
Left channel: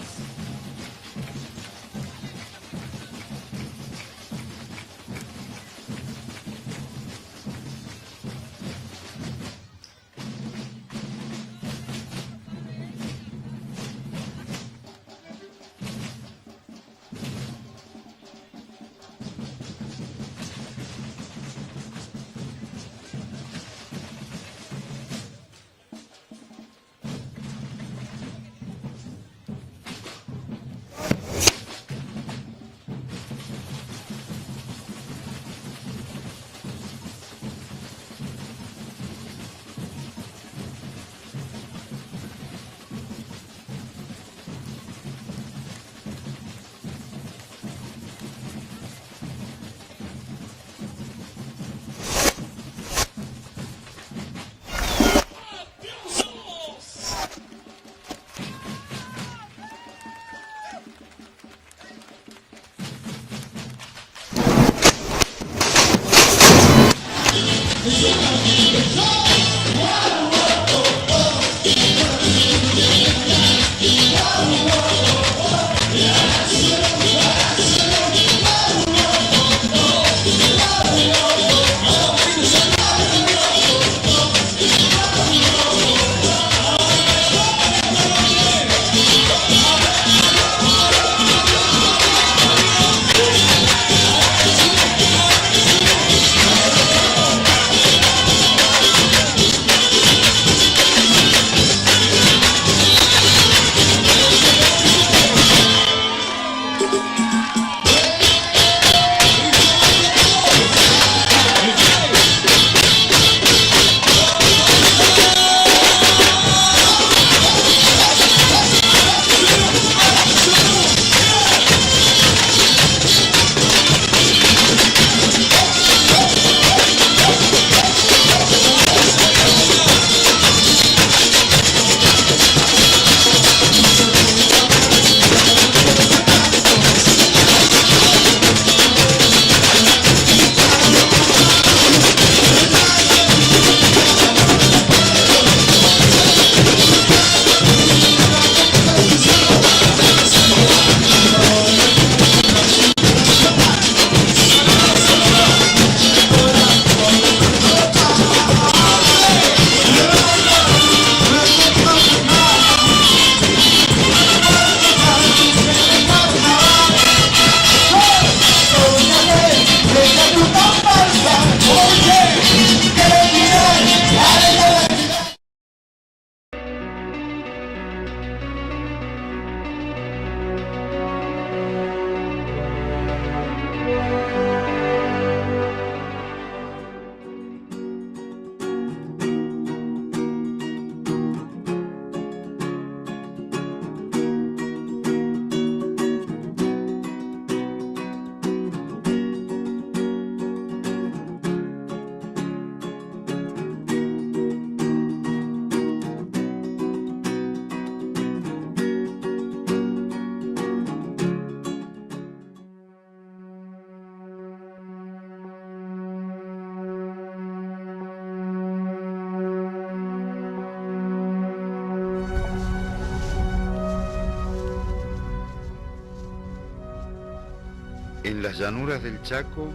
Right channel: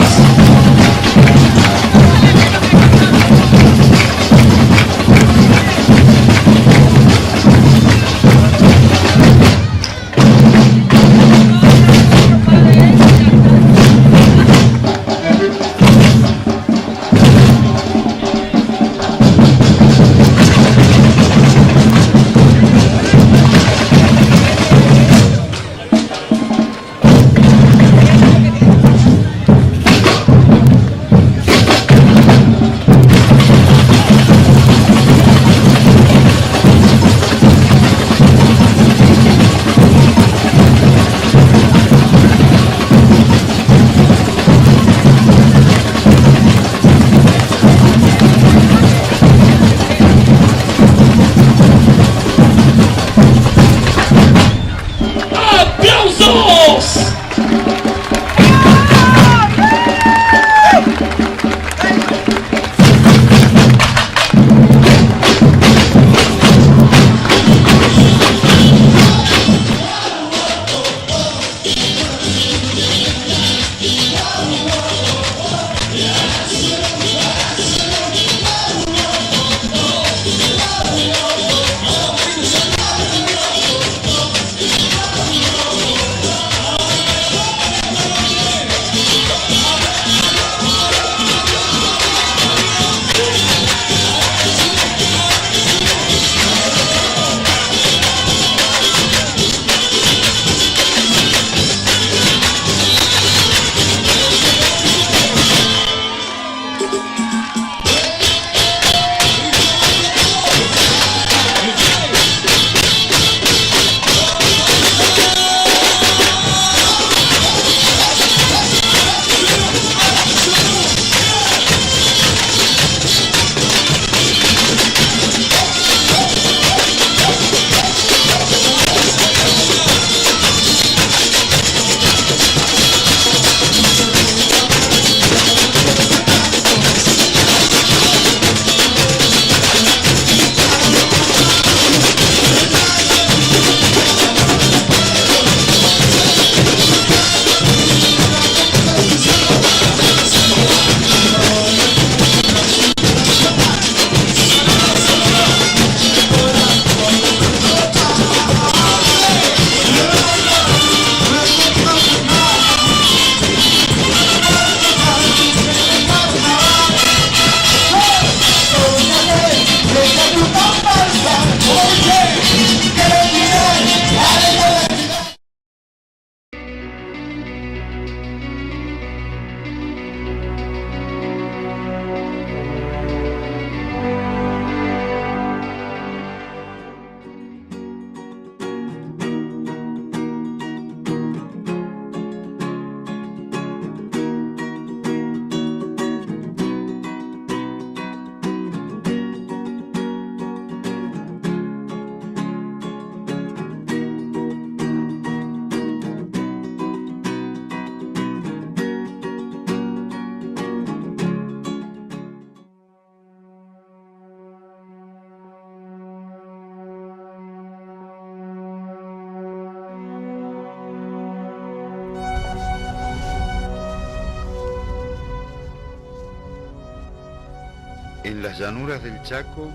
En las llanuras del Chaco,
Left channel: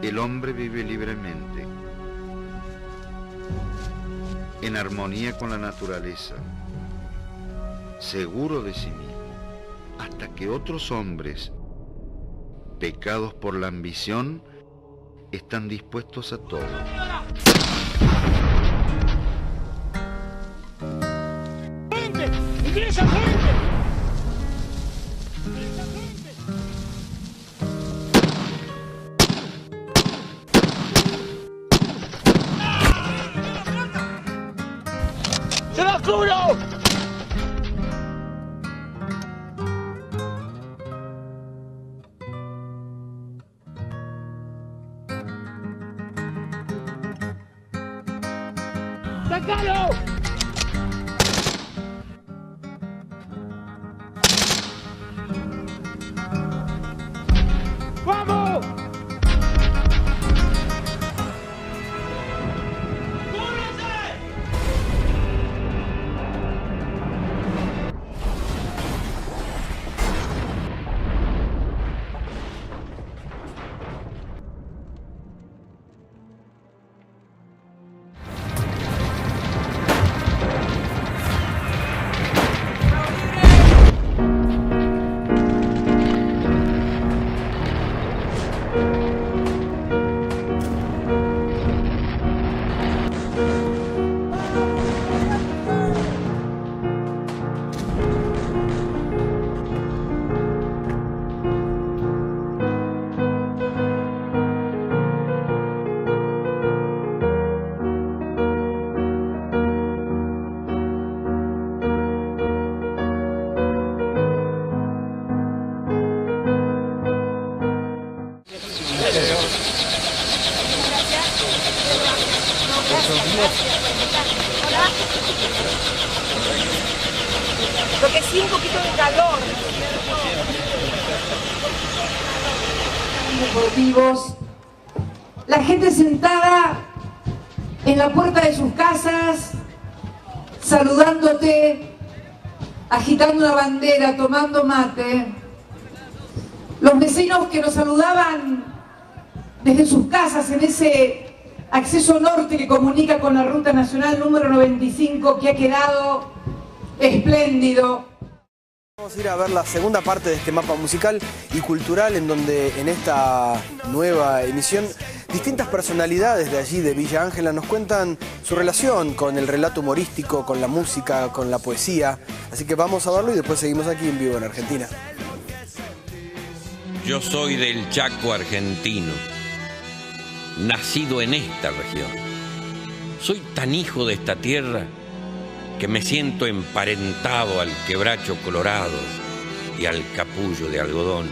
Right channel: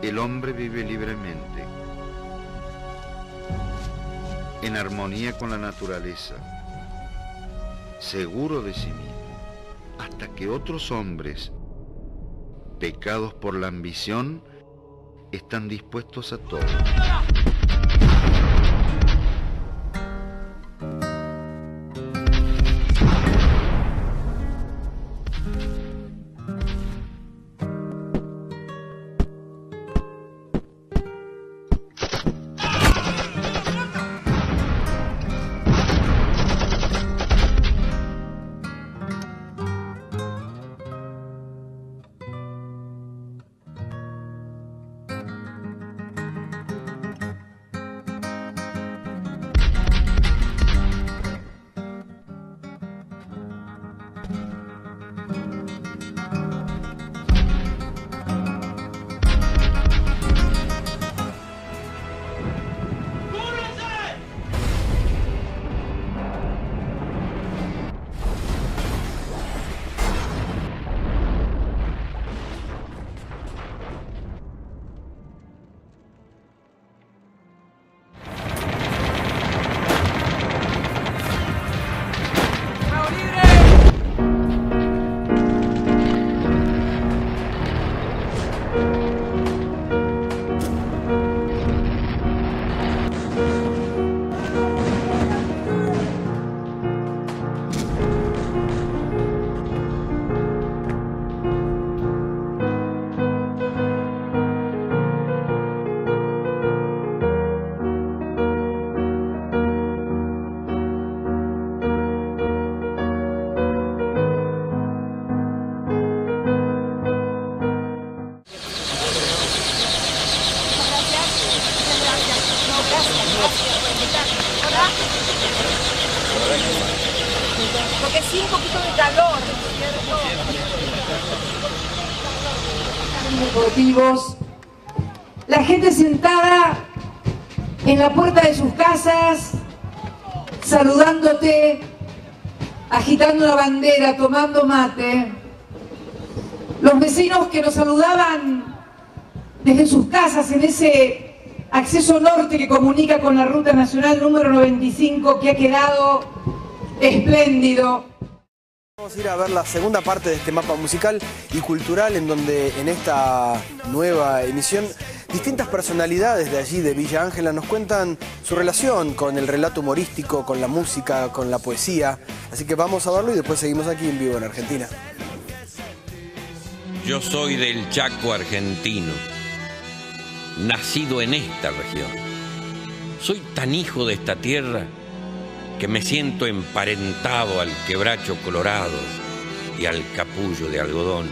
el hombre vive libremente, en armonía con la naturaleza, seguro de sí mismo, hasta que otros hombres, pecados por la ambición, están dispuestos a todo. Lo que sí, un poquito de calor. Deportivos, la gente sentada en la puerta de sus casas, saludándote, agitando una bandera, tomando mate. Los vecinos que nos saludaban desde sus casas en ese acceso norte que comunica con la Ruta Nacional número 95, que ha quedado espléndido. Vamos a ir a ver la segunda parte de este mapa musical y cultural, en donde en esta nueva emisión distintas personalidades de allí, de Villa Ángela, nos cuentan su relación con el relato humorístico, con la música, con la poesía. Así que vamos a verlo y después seguimos aquí en vivo en Argentina. Yo soy del Chaco argentino, nacido en esta región. Soy tan hijo de esta tierra que me siento emparentado al quebracho colorado y al capullo de algodón.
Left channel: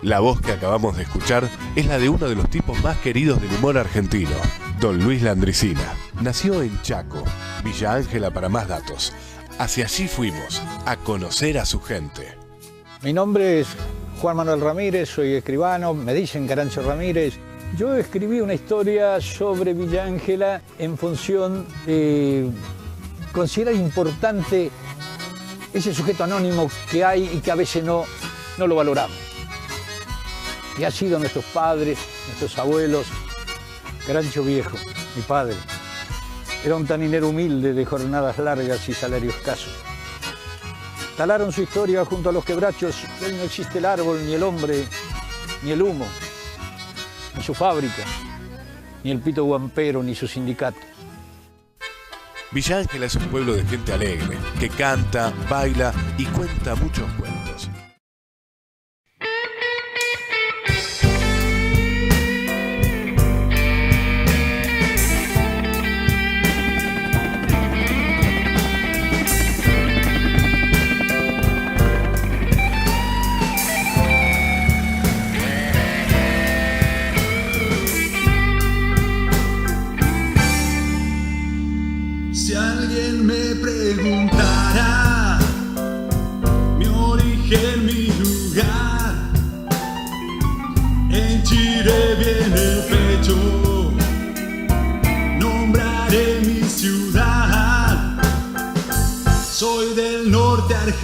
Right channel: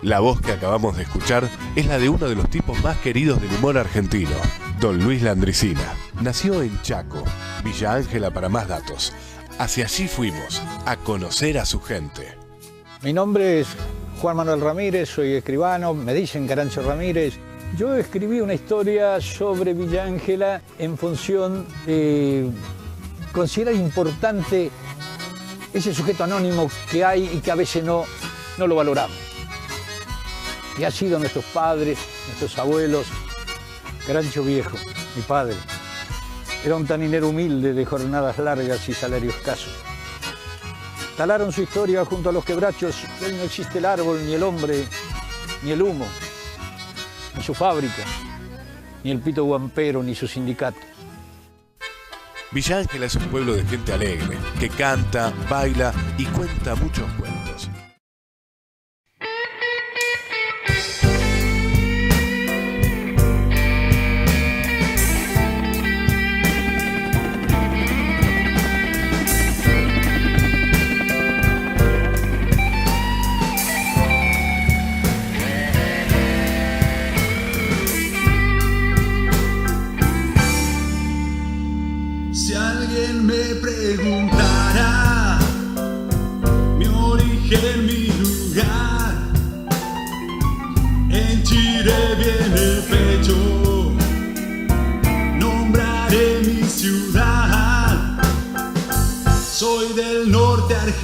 La voz que acabamos de escuchar es la de uno de los tipos más queridos del humor argentino, don Luis Landricina. Nació en Chaco, Villa Ángela para más datos. Hacia allí fuimos, a conocer a su gente. Mi nombre es Juan Manuel Ramírez, soy escribano, me dicen Carancho Ramírez. Yo escribí una historia sobre Villa Ángela en función de considerar importante ese sujeto anónimo que hay y que a veces no lo valoramos. Y ha sido nuestros padres, nuestros abuelos. Carancho Viejo, mi padre, era un taninero humilde de jornadas largas y salario escaso. Talaron su historia junto a los quebrachos. Hoy no existe el árbol, ni el hombre, ni el humo, ni su fábrica, ni el pito guampero, ni su sindicato. Villa Ángela es un pueblo de gente alegre, que canta, baila y cuenta muchos cuentos. Si alguien me preguntara mi origen,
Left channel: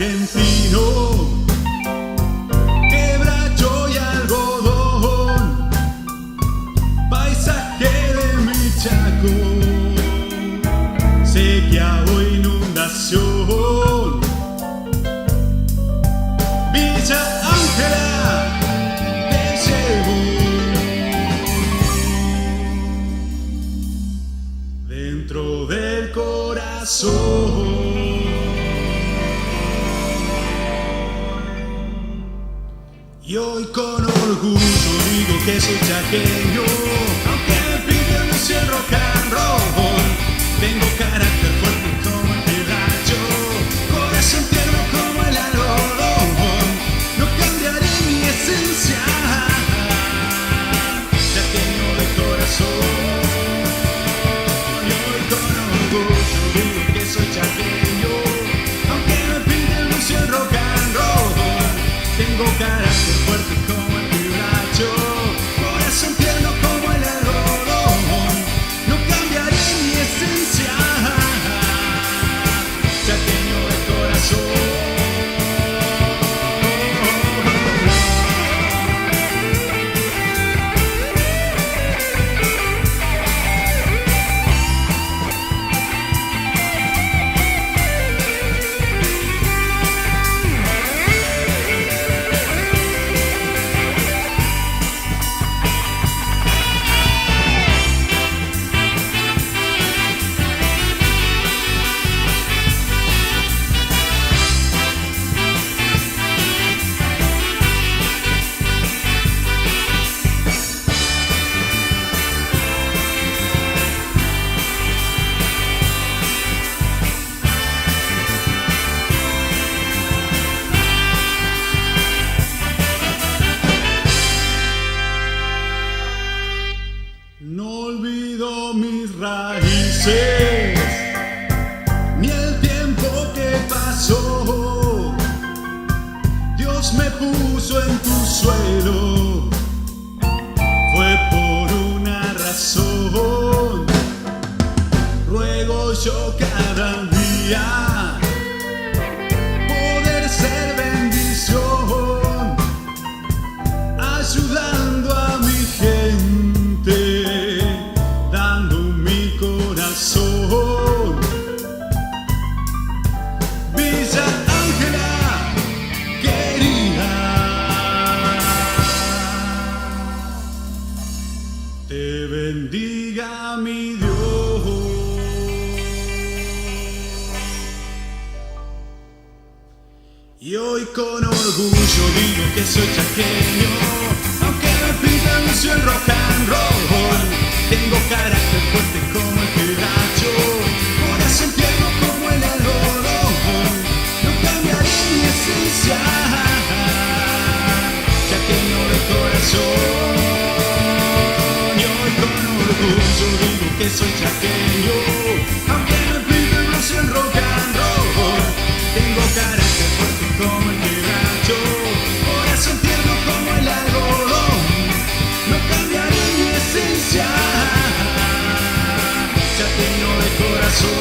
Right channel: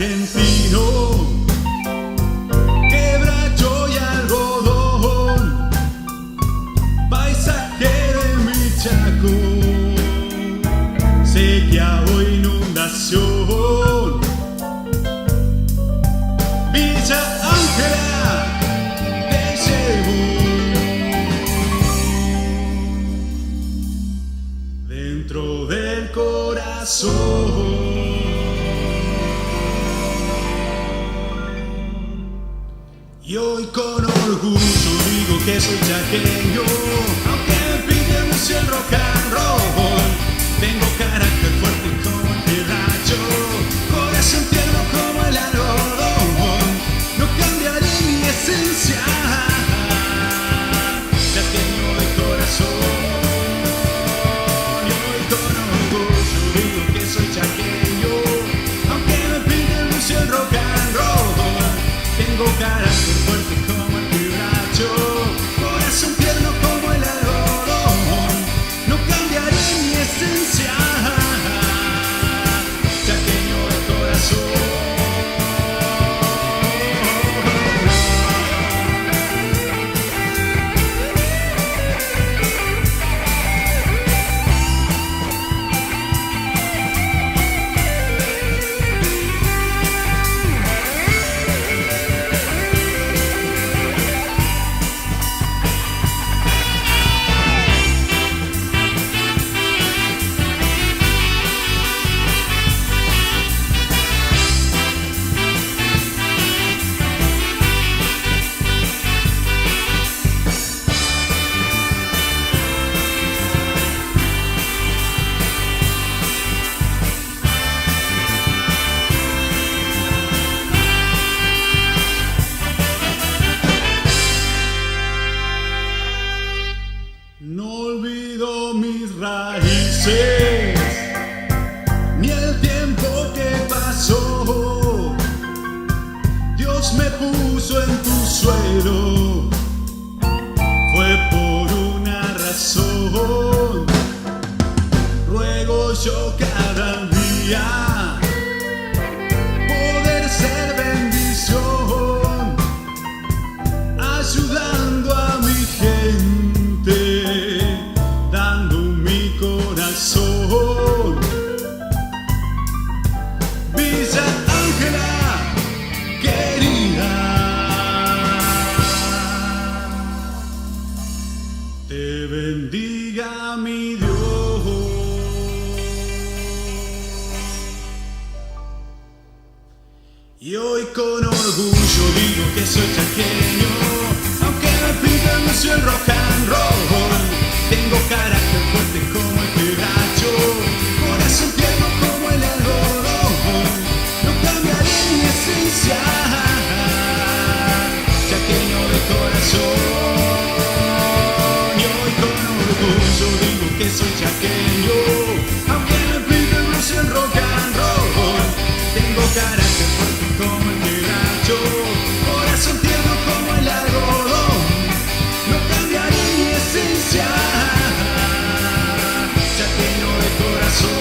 argentino, quebracho y algodón, paisaje de mi Chaco, sequía o inundación. Villa Ángela, te llevo dentro del corazón. Y hoy con orgullo digo que soy chaqueño, aunque me piden mucho el rock and roll. Tengo carácter fuerte como el quebracho, corazón tierno como el algodón. No cambiaré mi esencia, chaqueño de corazón. Y hoy con orgullo digo que soy chaqueño, aunque me piden mucho el rock and roll. Tengo carácter fuerte como el quebracho, corazón tierno como el algodón. No cambiaré mi esencia, chaqueño de corazón. No olvido mis raíces, ni el tiempo que pasó. Dios me puso en tu suelo, fue por una razón. Ruego yo cada día poder ser bendición, ayudando a mi gente, dando mi corazón. Villa Ángela, querida, te bendiga mi Dios. Y hoy con orgullo digo que soy chaqueño, aunque me pintan mucho el rock and roll. Tengo carácter fuerte como el quebracho, corazón tierno como el algodón. No cambiaré mi esencia, chaqueño de corazón. Y hoy con orgullo digo que soy chaqueño, aunque me pintan mucho el rock and roll. Tengo carácter fuerte como el quebracho, corazón tierno como el algodón. No cambiaré mi esencia, chaqueño de corazón.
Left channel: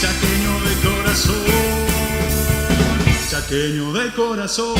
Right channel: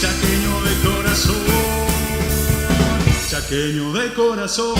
chaqueño de corazón, chaqueño de corazón.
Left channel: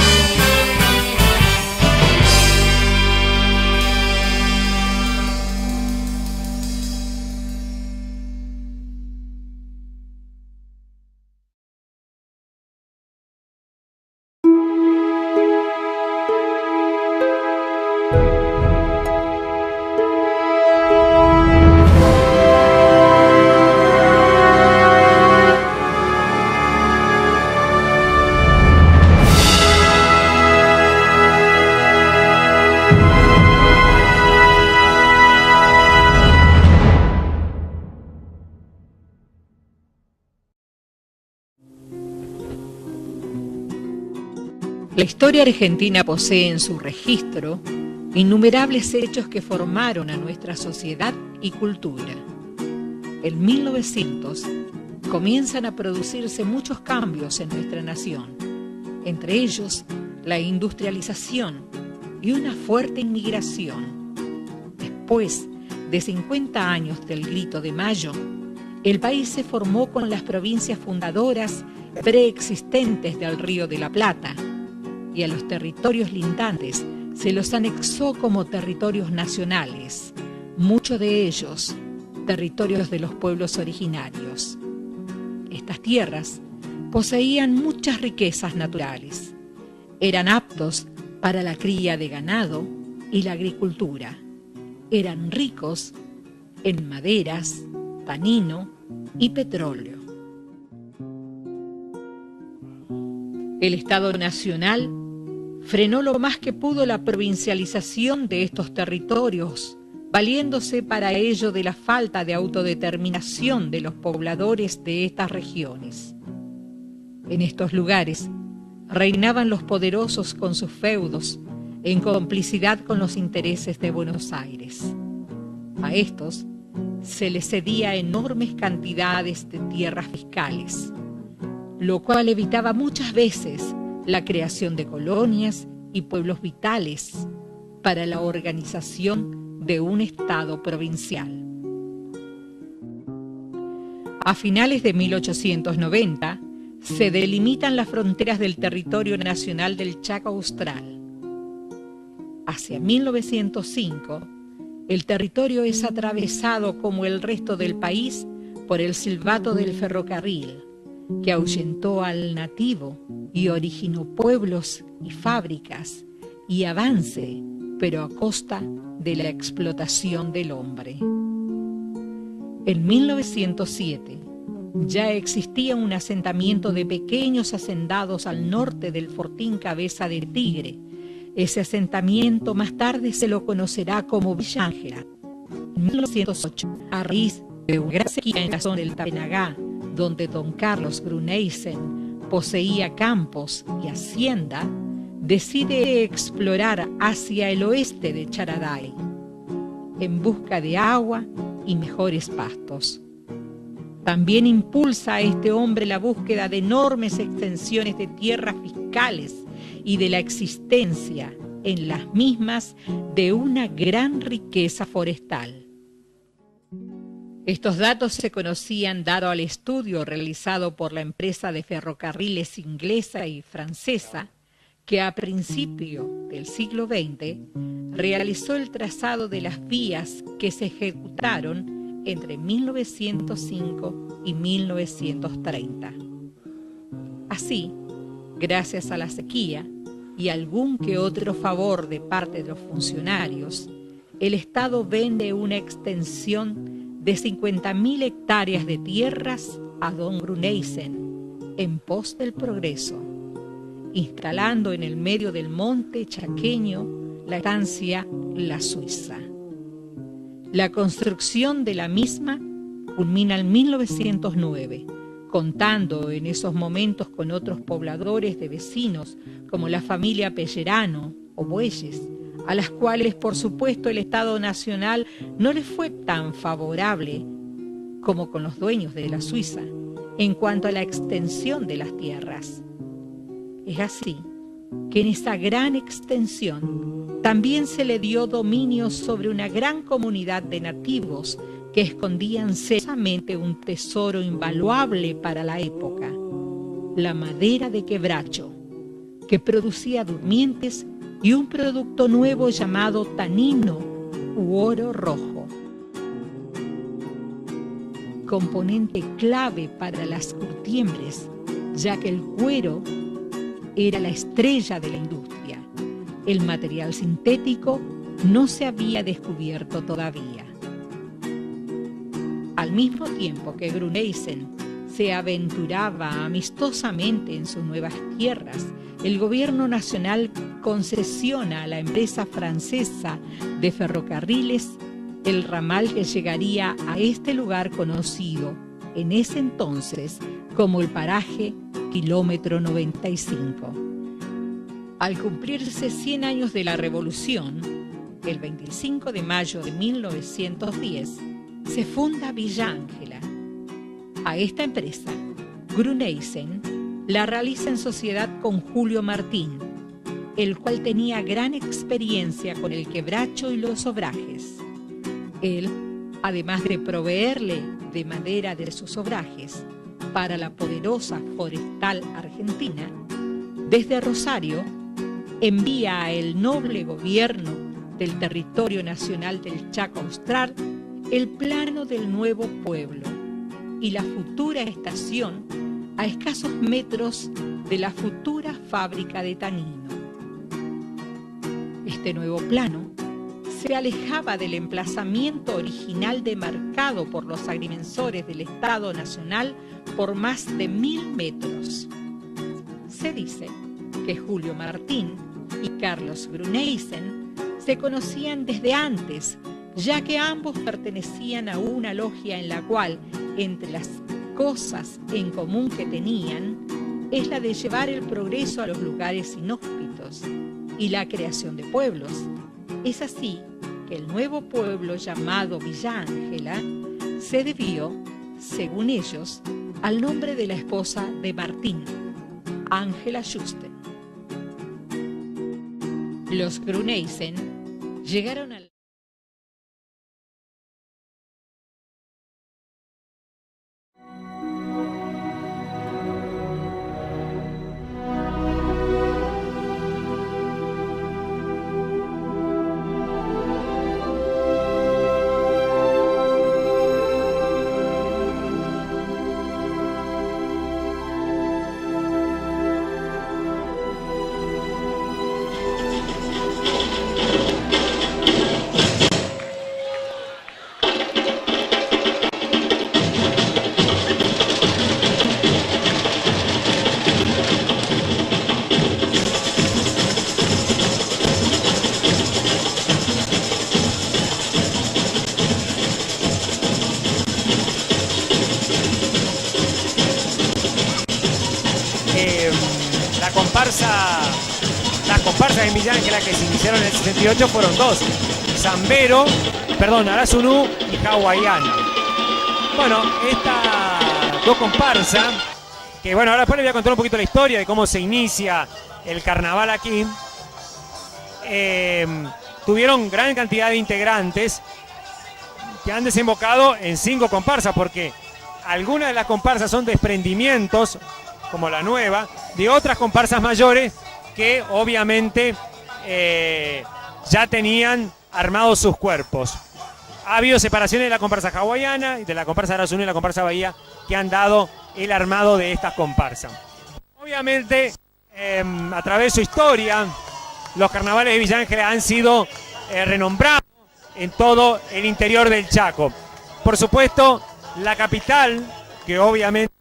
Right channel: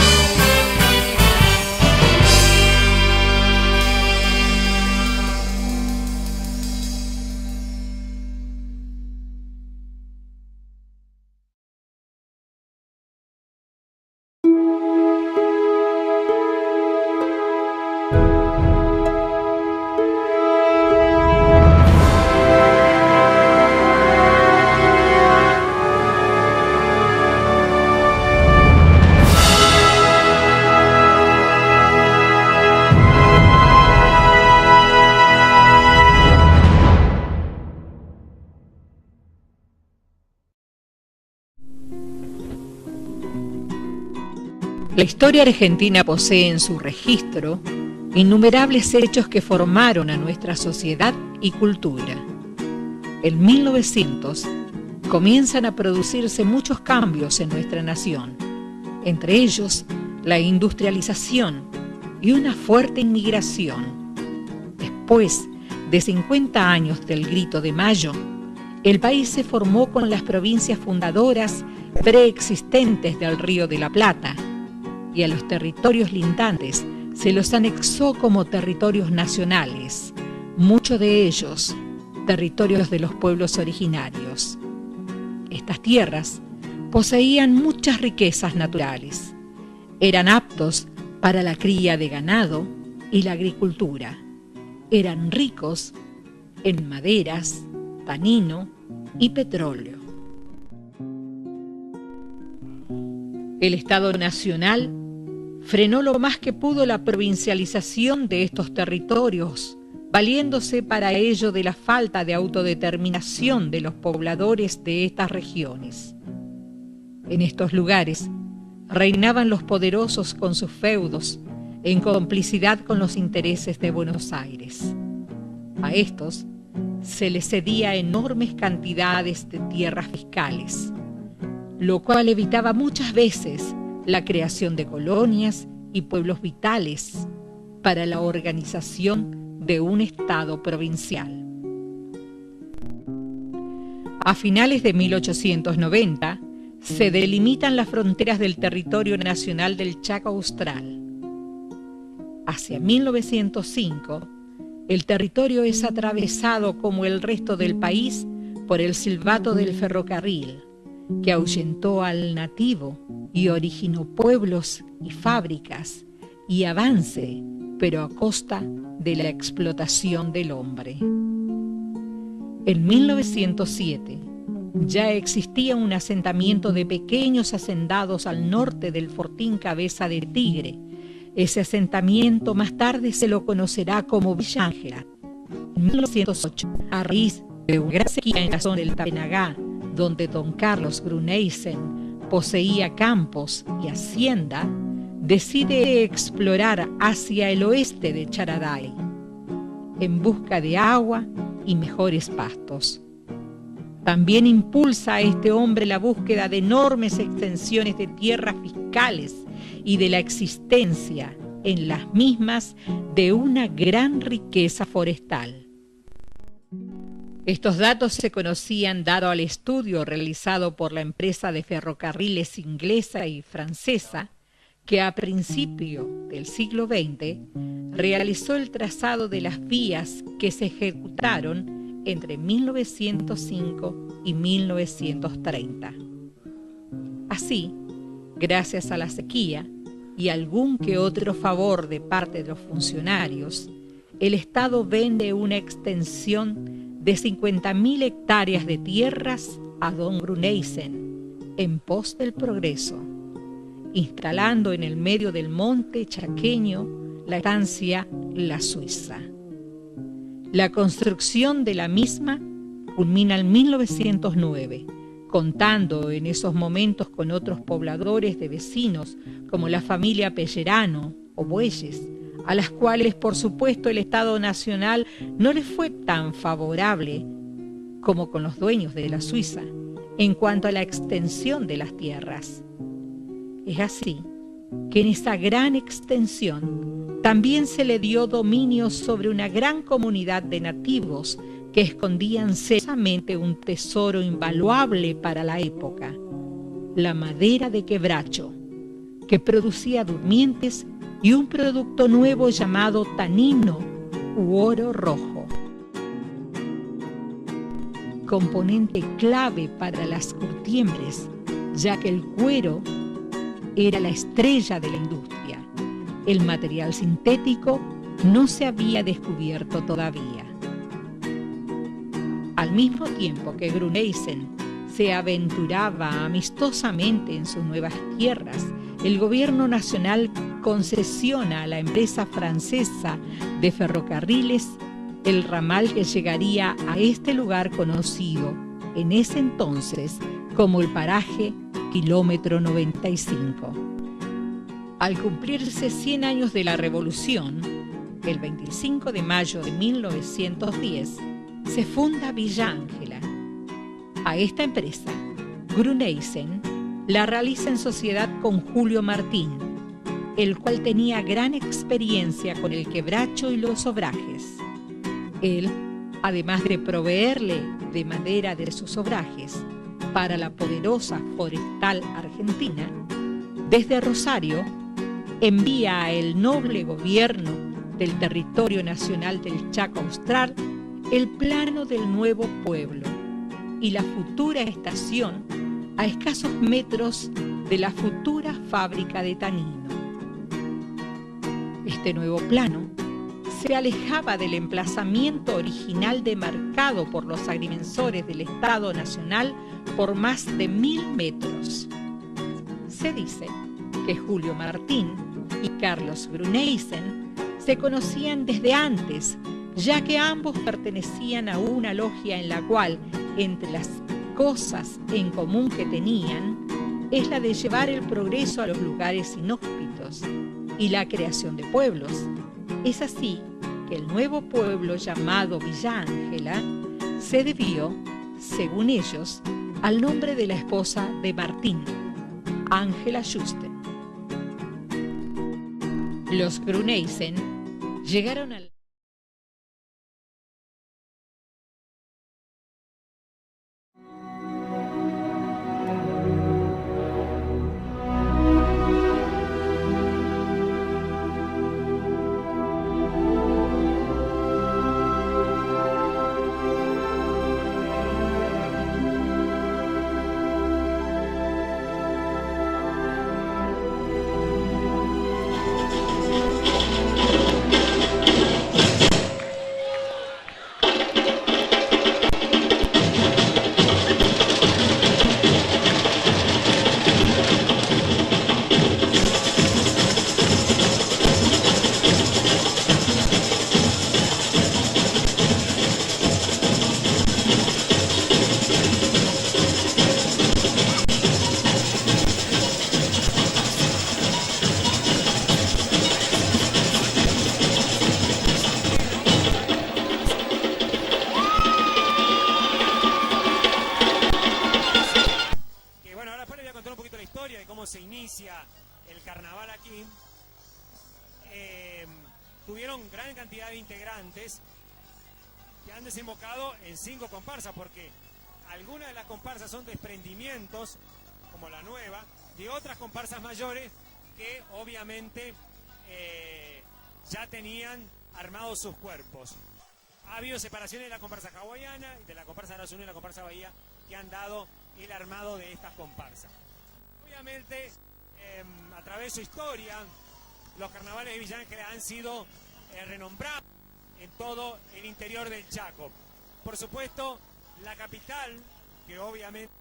La historia argentina posee en su registro innumerables hechos que formaron a nuestra sociedad y cultura. En 1900 comienzan a producirse muchos cambios en nuestra nación, entre ellos la industrialización y una fuerte inmigración. Después de 50 años del Grito de Mayo, el país se formó con las provincias fundadoras preexistentes del Río de la Plata, y a los territorios lindantes se los anexó como territorios nacionales, muchos de ellos territorios de los pueblos originarios. Estas tierras poseían muchas riquezas naturales, eran aptos para la cría de ganado y la agricultura, eran ricos en maderas, tanino y petróleo. El Estado Nacional frenó lo más que pudo la provincialización de estos territorios, valiéndose para ello de la falta de autodeterminación de los pobladores de estas regiones. En estos lugares reinaban los poderosos con sus feudos, en complicidad con los intereses de Buenos Aires. A estos se les cedía enormes cantidades de tierras fiscales, lo cual evitaba muchas veces la creación de colonias y pueblos vitales para la organización de un Estado provincial. A finales de 1890 se delimitan las fronteras del territorio nacional del Chaco Austral. Hacia 1905, el territorio es atravesado como el resto del país por el silbato del ferrocarril, que ahuyentó al nativo y originó pueblos y fábricas y avance, pero a costa de la explotación del hombre. En 1907 ya existía un asentamiento de pequeños hacendados al norte del fortín Cabeza de Tigre. Ese asentamiento más tarde se lo conocerá como Villa Ángela. En 1908, a raíz de una gran sequía en la zona del Tapenagá, donde don Carlos Gruneisen poseía campos y hacienda, decide explorar hacia el oeste de Charaday, en busca de agua y mejores pastos. También impulsa a este hombre la búsqueda de enormes extensiones de tierras fiscales y de la existencia en las mismas de una gran riqueza forestal. Estos datos se conocían dado al estudio realizado por la empresa de ferrocarriles inglesa y francesa, que a principio del siglo XX realizó el trazado de las vías que se ejecutaron entre 1905 y 1930. Así, gracias a la sequía y algún que otro favor de parte de los funcionarios, el Estado vende una extensión de 50.000 hectáreas de tierras a don Gruneisen en pos del progreso, instalando en el medio del monte chaqueño la estancia La Suiza. La construcción de la misma culmina en 1909, contando en esos momentos con otros pobladores de vecinos como la familia Pellerano o Bueyes, a las cuales por supuesto el Estado Nacional no les fue tan favorable como con los dueños de la Suiza en cuanto a la extensión de las tierras. Es así que en esa gran extensión también se le dio dominio sobre una gran comunidad de nativos que escondían celosamente un tesoro invaluable para la época, la madera de quebracho, que producía durmientes y un producto nuevo llamado tanino u oro rojo, componente clave para las curtiembres, ya que el cuero era la estrella de la industria. El material sintético no se había descubierto todavía. Al mismo tiempo que Gruneisen se aventuraba amistosamente en sus nuevas tierras, el gobierno nacional concesiona a la empresa francesa de ferrocarriles el ramal que llegaría a este lugar conocido en ese entonces como el paraje Kilómetro 95. Al cumplirse 100 años de la Revolución, el 25 de mayo de 1910, se funda Villa Ángela. A esta empresa, Gruneisen la realiza en sociedad con Julio Martín, el cual tenía gran experiencia con el quebracho y los obrajes. Él, además de proveerle de madera de sus obrajes para la poderosa forestal argentina, desde Rosario envía a el noble gobierno del territorio nacional del Chaco Austral el plano del nuevo pueblo y la futura estación a escasos metros de la futura fábrica de tanino. Este nuevo plano se alejaba del emplazamiento original demarcado por los agrimensores del Estado Nacional por más de 1000 metros. Se dice que Julio Martín y Carlos Gruneisen se conocían desde antes, ya que ambos pertenecían a una logia en la cual, entre las cosas en común que tenían, es la de llevar el progreso a los lugares inhóspitos y la creación de pueblos. Es así que el nuevo pueblo llamado Villa Ángela se debió, según ellos, al nombre de la esposa de Martín, Ángela Juste. Los Gruneisen llegaron al fueron dos, Zambero, Arasunu y Hawaiano. Bueno, estas dos comparsas, que bueno, ahora después les voy a contar un poquito la historia de cómo se inicia el carnaval aquí, tuvieron gran cantidad de integrantes que han desembocado en 5 comparsas, porque algunas de las comparsas son desprendimientos, como la nueva, de otras comparsas mayores que obviamente ya tenían armados sus cuerpos. Ha habido separaciones de la comparsa hawaiana, de la comparsa Arasunu y la comparsa Bahía, que han dado el armado de estas comparsas. Obviamente, a través de su historia, los carnavales de Villa Ángela han sido renombrados en todo el interior del Chaco. Por supuesto, la capital, que obviamente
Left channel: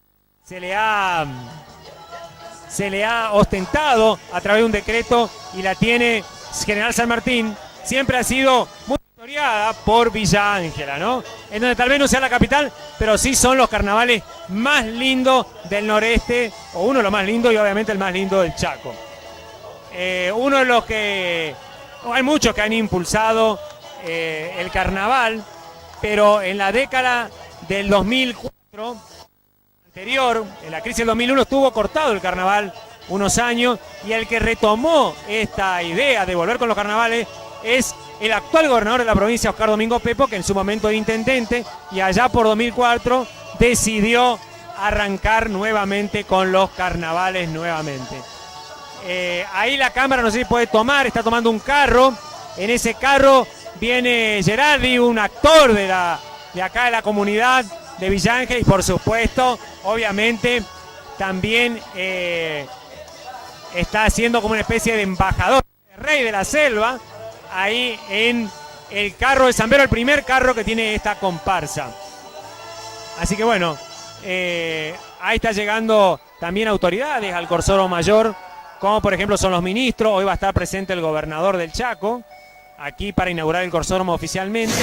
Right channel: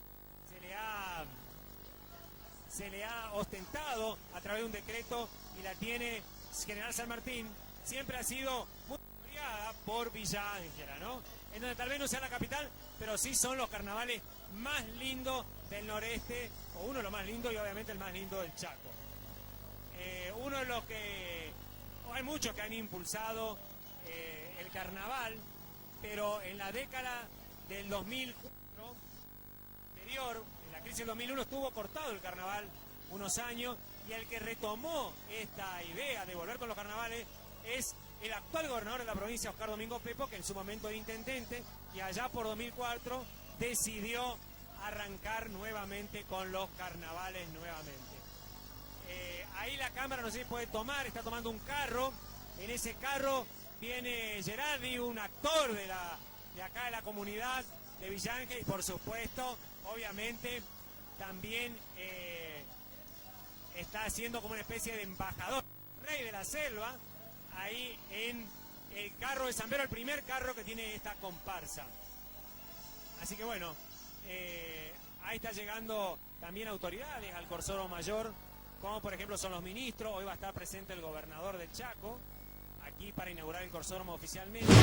se le ha ostentado a través de un decreto y la tiene General San Martín, siempre ha sido muy historiada por Villa Ángela, ¿no? En donde tal vez no sea la capital, pero sí son los carnavales más lindos del noreste, o uno de los más lindos y obviamente el más lindo del Chaco. Uno de los que... hay muchos que han impulsado el carnaval, pero en la década del 2004, anterior, en la crisis del 2001, estuvo cortado el carnaval unos años, y el que retomó esta idea de volver con los carnavales es el actual gobernador de la provincia, Oscar Domingo Pepo, que en su momento era intendente, y allá por 2004 decidió arrancar nuevamente con los carnavales nuevamente. Ahí la cámara, no sé si puede tomar, está tomando un carro. En ese carro viene Gerardi, un actor de acá de la comunidad de Villa Ángela, y por supuesto, obviamente, también está haciendo como una especie de embajador, de rey de la selva, ahí en el carro de Zambero, el primer carro que tiene esta comparsa. Así que bueno, ahí está llegando también autoridades al Corsoro Mayor, como por ejemplo son los ministros. Hoy va a estar presente el gobernador del Chaco, aquí para inaugurar el Corsódromo oficialmente.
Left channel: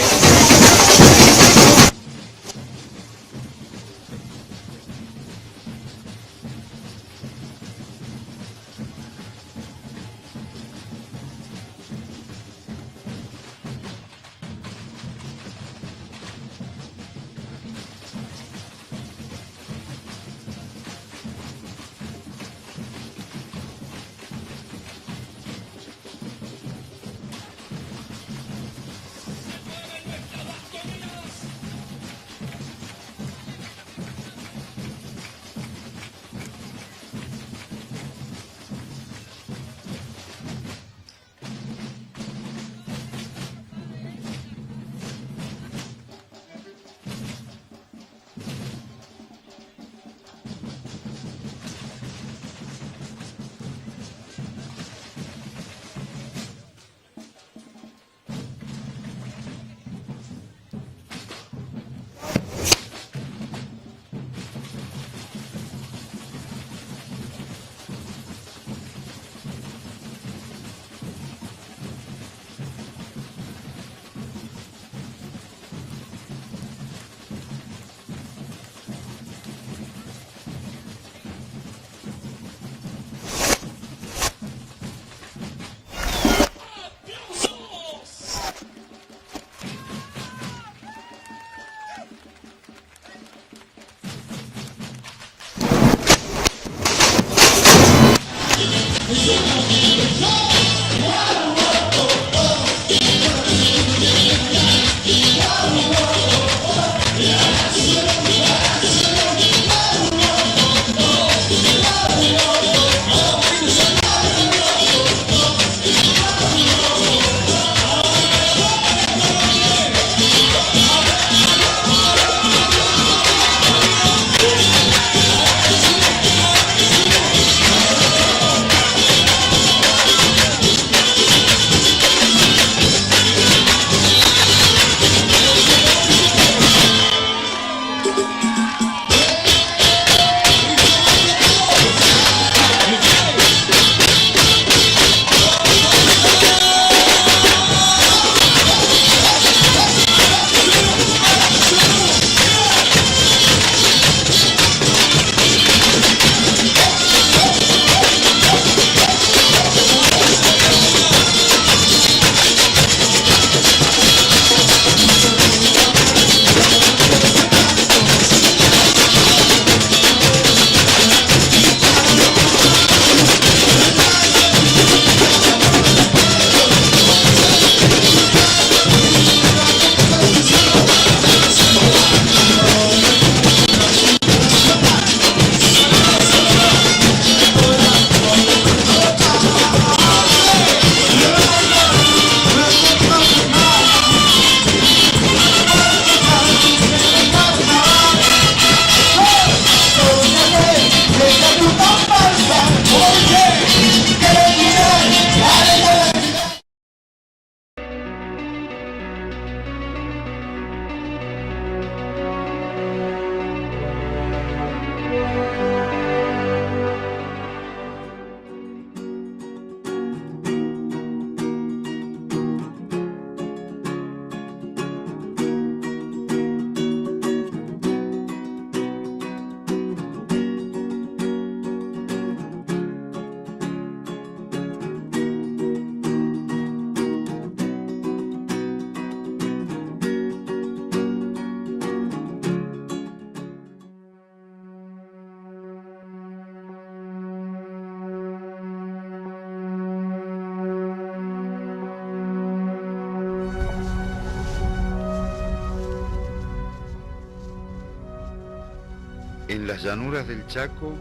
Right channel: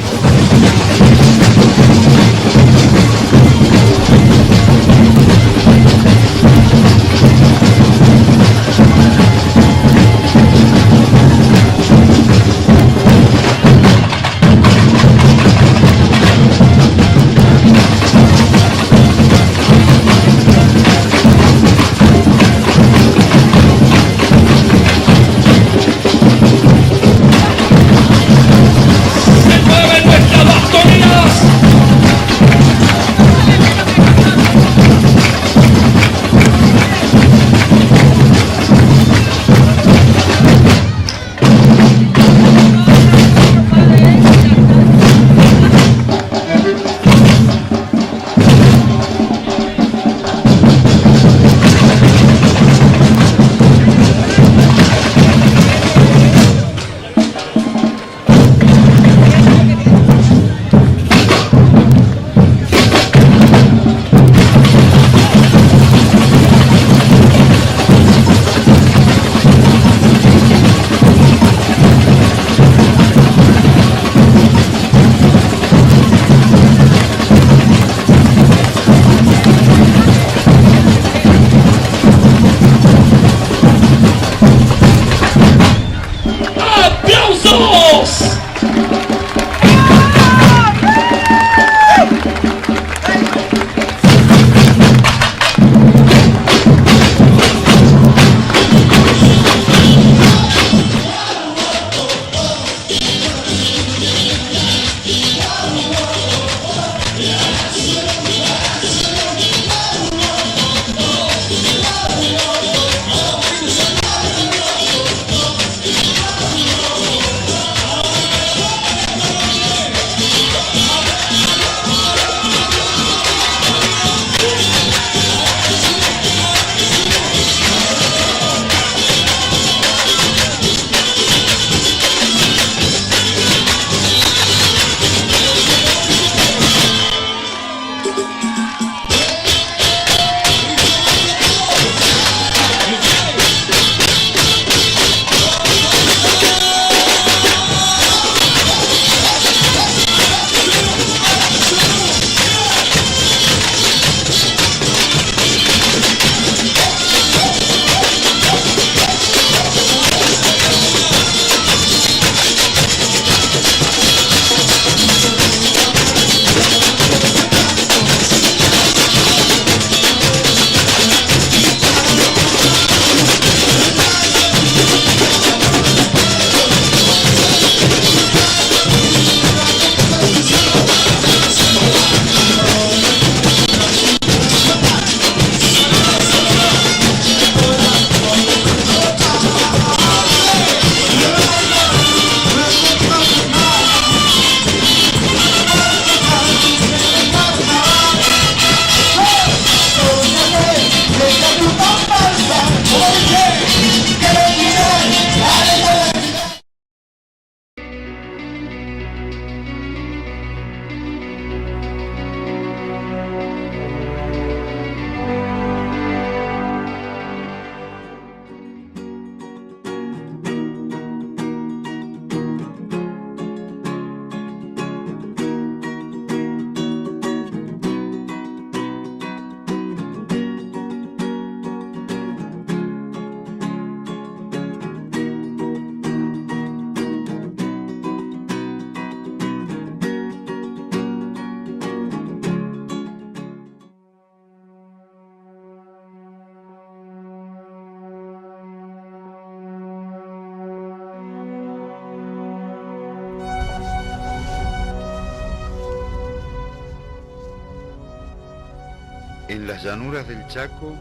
En las llanuras del Chaco,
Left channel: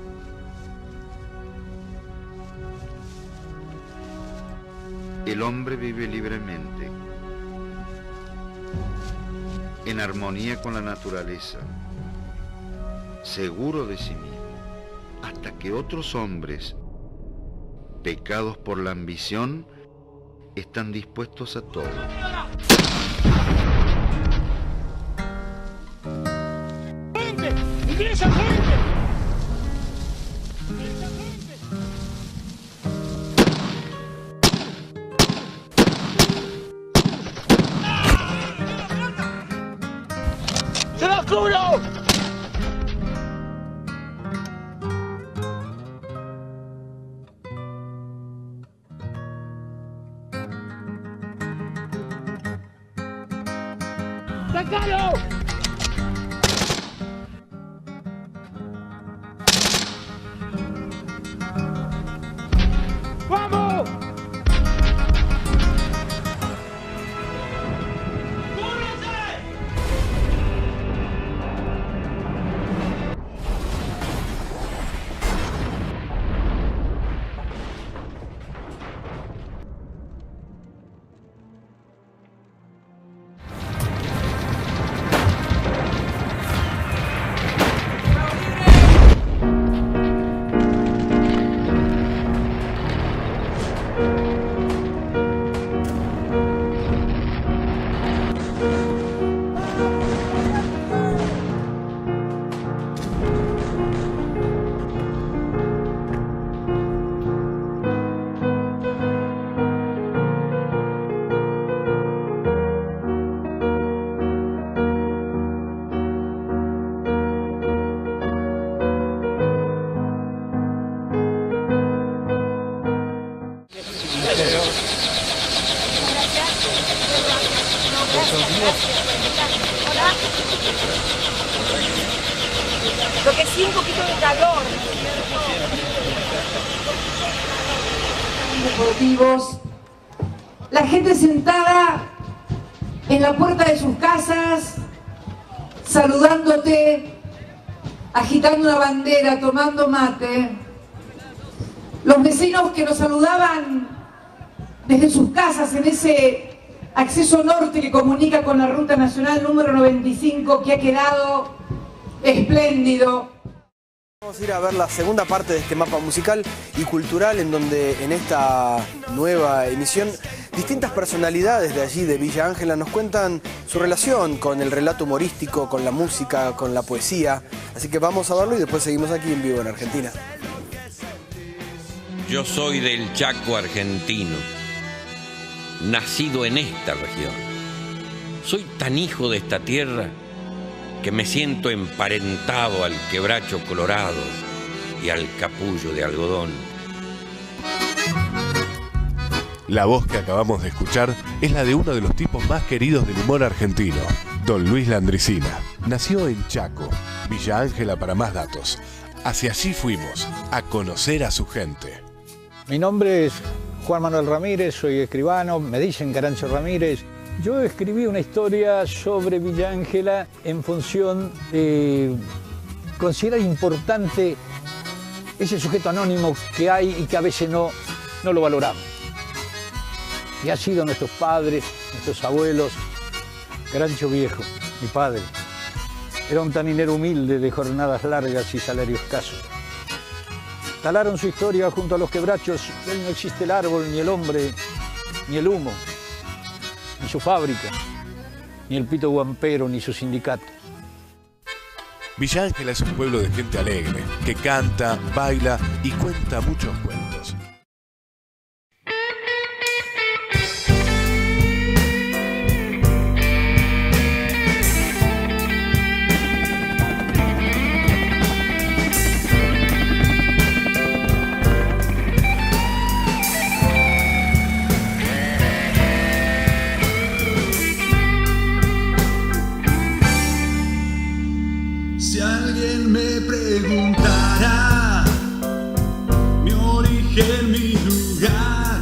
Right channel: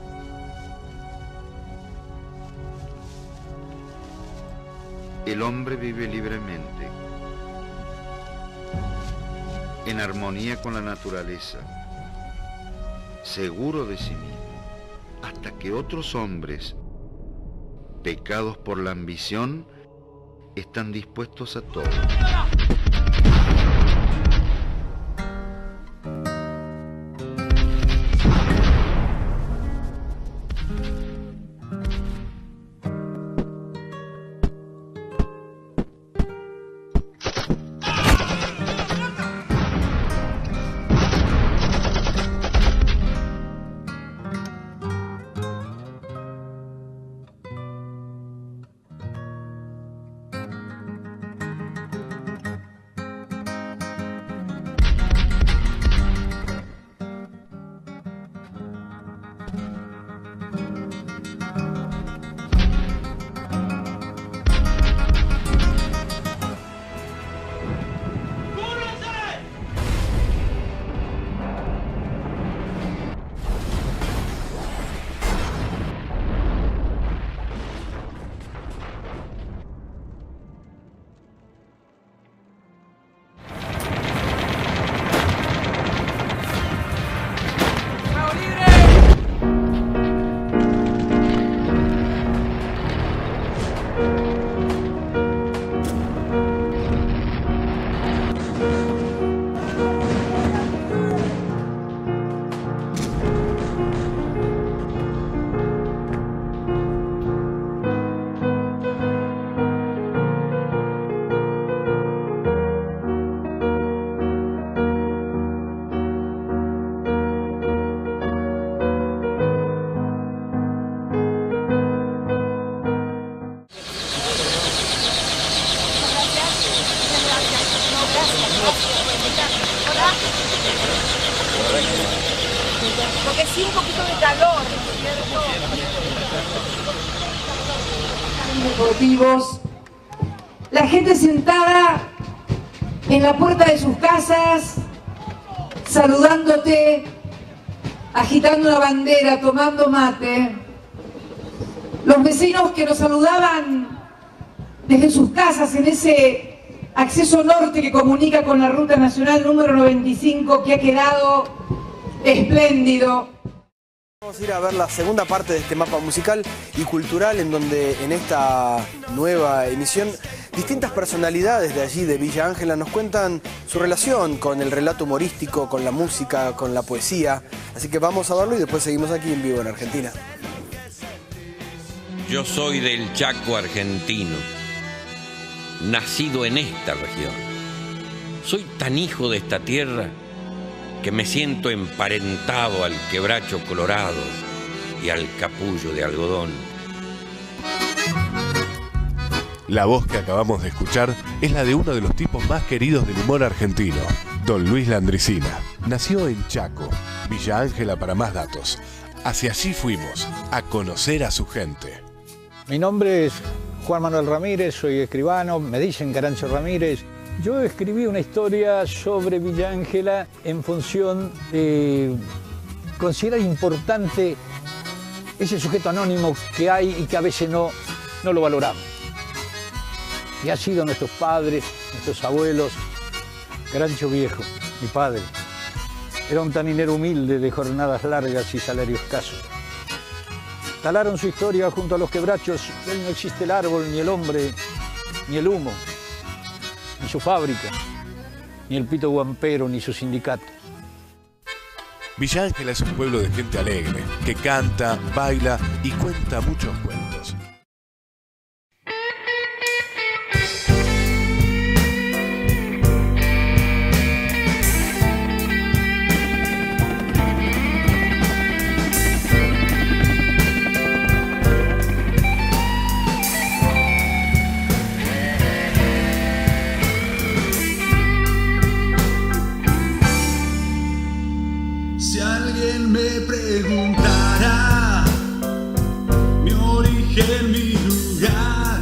el hombre vive libremente, en armonía con la naturaleza, seguro de sí mismo, hasta que otros hombres, pecados por la ambición, están dispuestos a todo. Lo que sí, un poquito de calor. Deportivos, la gente sentada en la puerta de sus casas, saludándote, agitando una bandera, tomando mate. Los vecinos que nos saludaban desde sus casas en ese acceso norte que comunica con la Ruta Nacional número 95, que ha quedado espléndido. Vamos a ir a ver la segunda parte de este mapa musical y cultural, en donde en esta nueva emisión distintas personalidades de allí, de Villa Ángela, nos cuentan su relación con el relato humorístico, con la música, con la poesía. Así que vamos a verlo y después seguimos aquí en vivo en Argentina. Yo soy del Chaco argentino, nacido en esta región. Soy tan hijo de esta tierra que me siento emparentado al quebracho colorado y al capullo de algodón. La voz que acabamos de escuchar es la de uno de los tipos más queridos del humor argentino, don Luis Landricina. Nació en Chaco, Villa Ángela para más datos. Hacia allí fuimos, a conocer a su gente. Mi nombre es Juan Manuel Ramírez, soy escribano, me dicen Carancho Ramírez. Yo escribí una historia sobre Villa Ángela en función de considerar importante ese sujeto anónimo que hay y que a veces no lo valoramos. Y ha sido nuestros padres, nuestros abuelos. Carancho Viejo, mi padre, era un taninero humilde de jornadas largas y salario escaso. Talaron su historia junto a los quebrachos. Hoy no existe el árbol, ni el hombre, ni el humo, ni su fábrica, ni el pito guampero, ni su sindicato. Villa Ángela es un pueblo de gente alegre, que canta, baila y cuenta muchos cuentos. Si alguien me preguntara mi origen, mi lugar,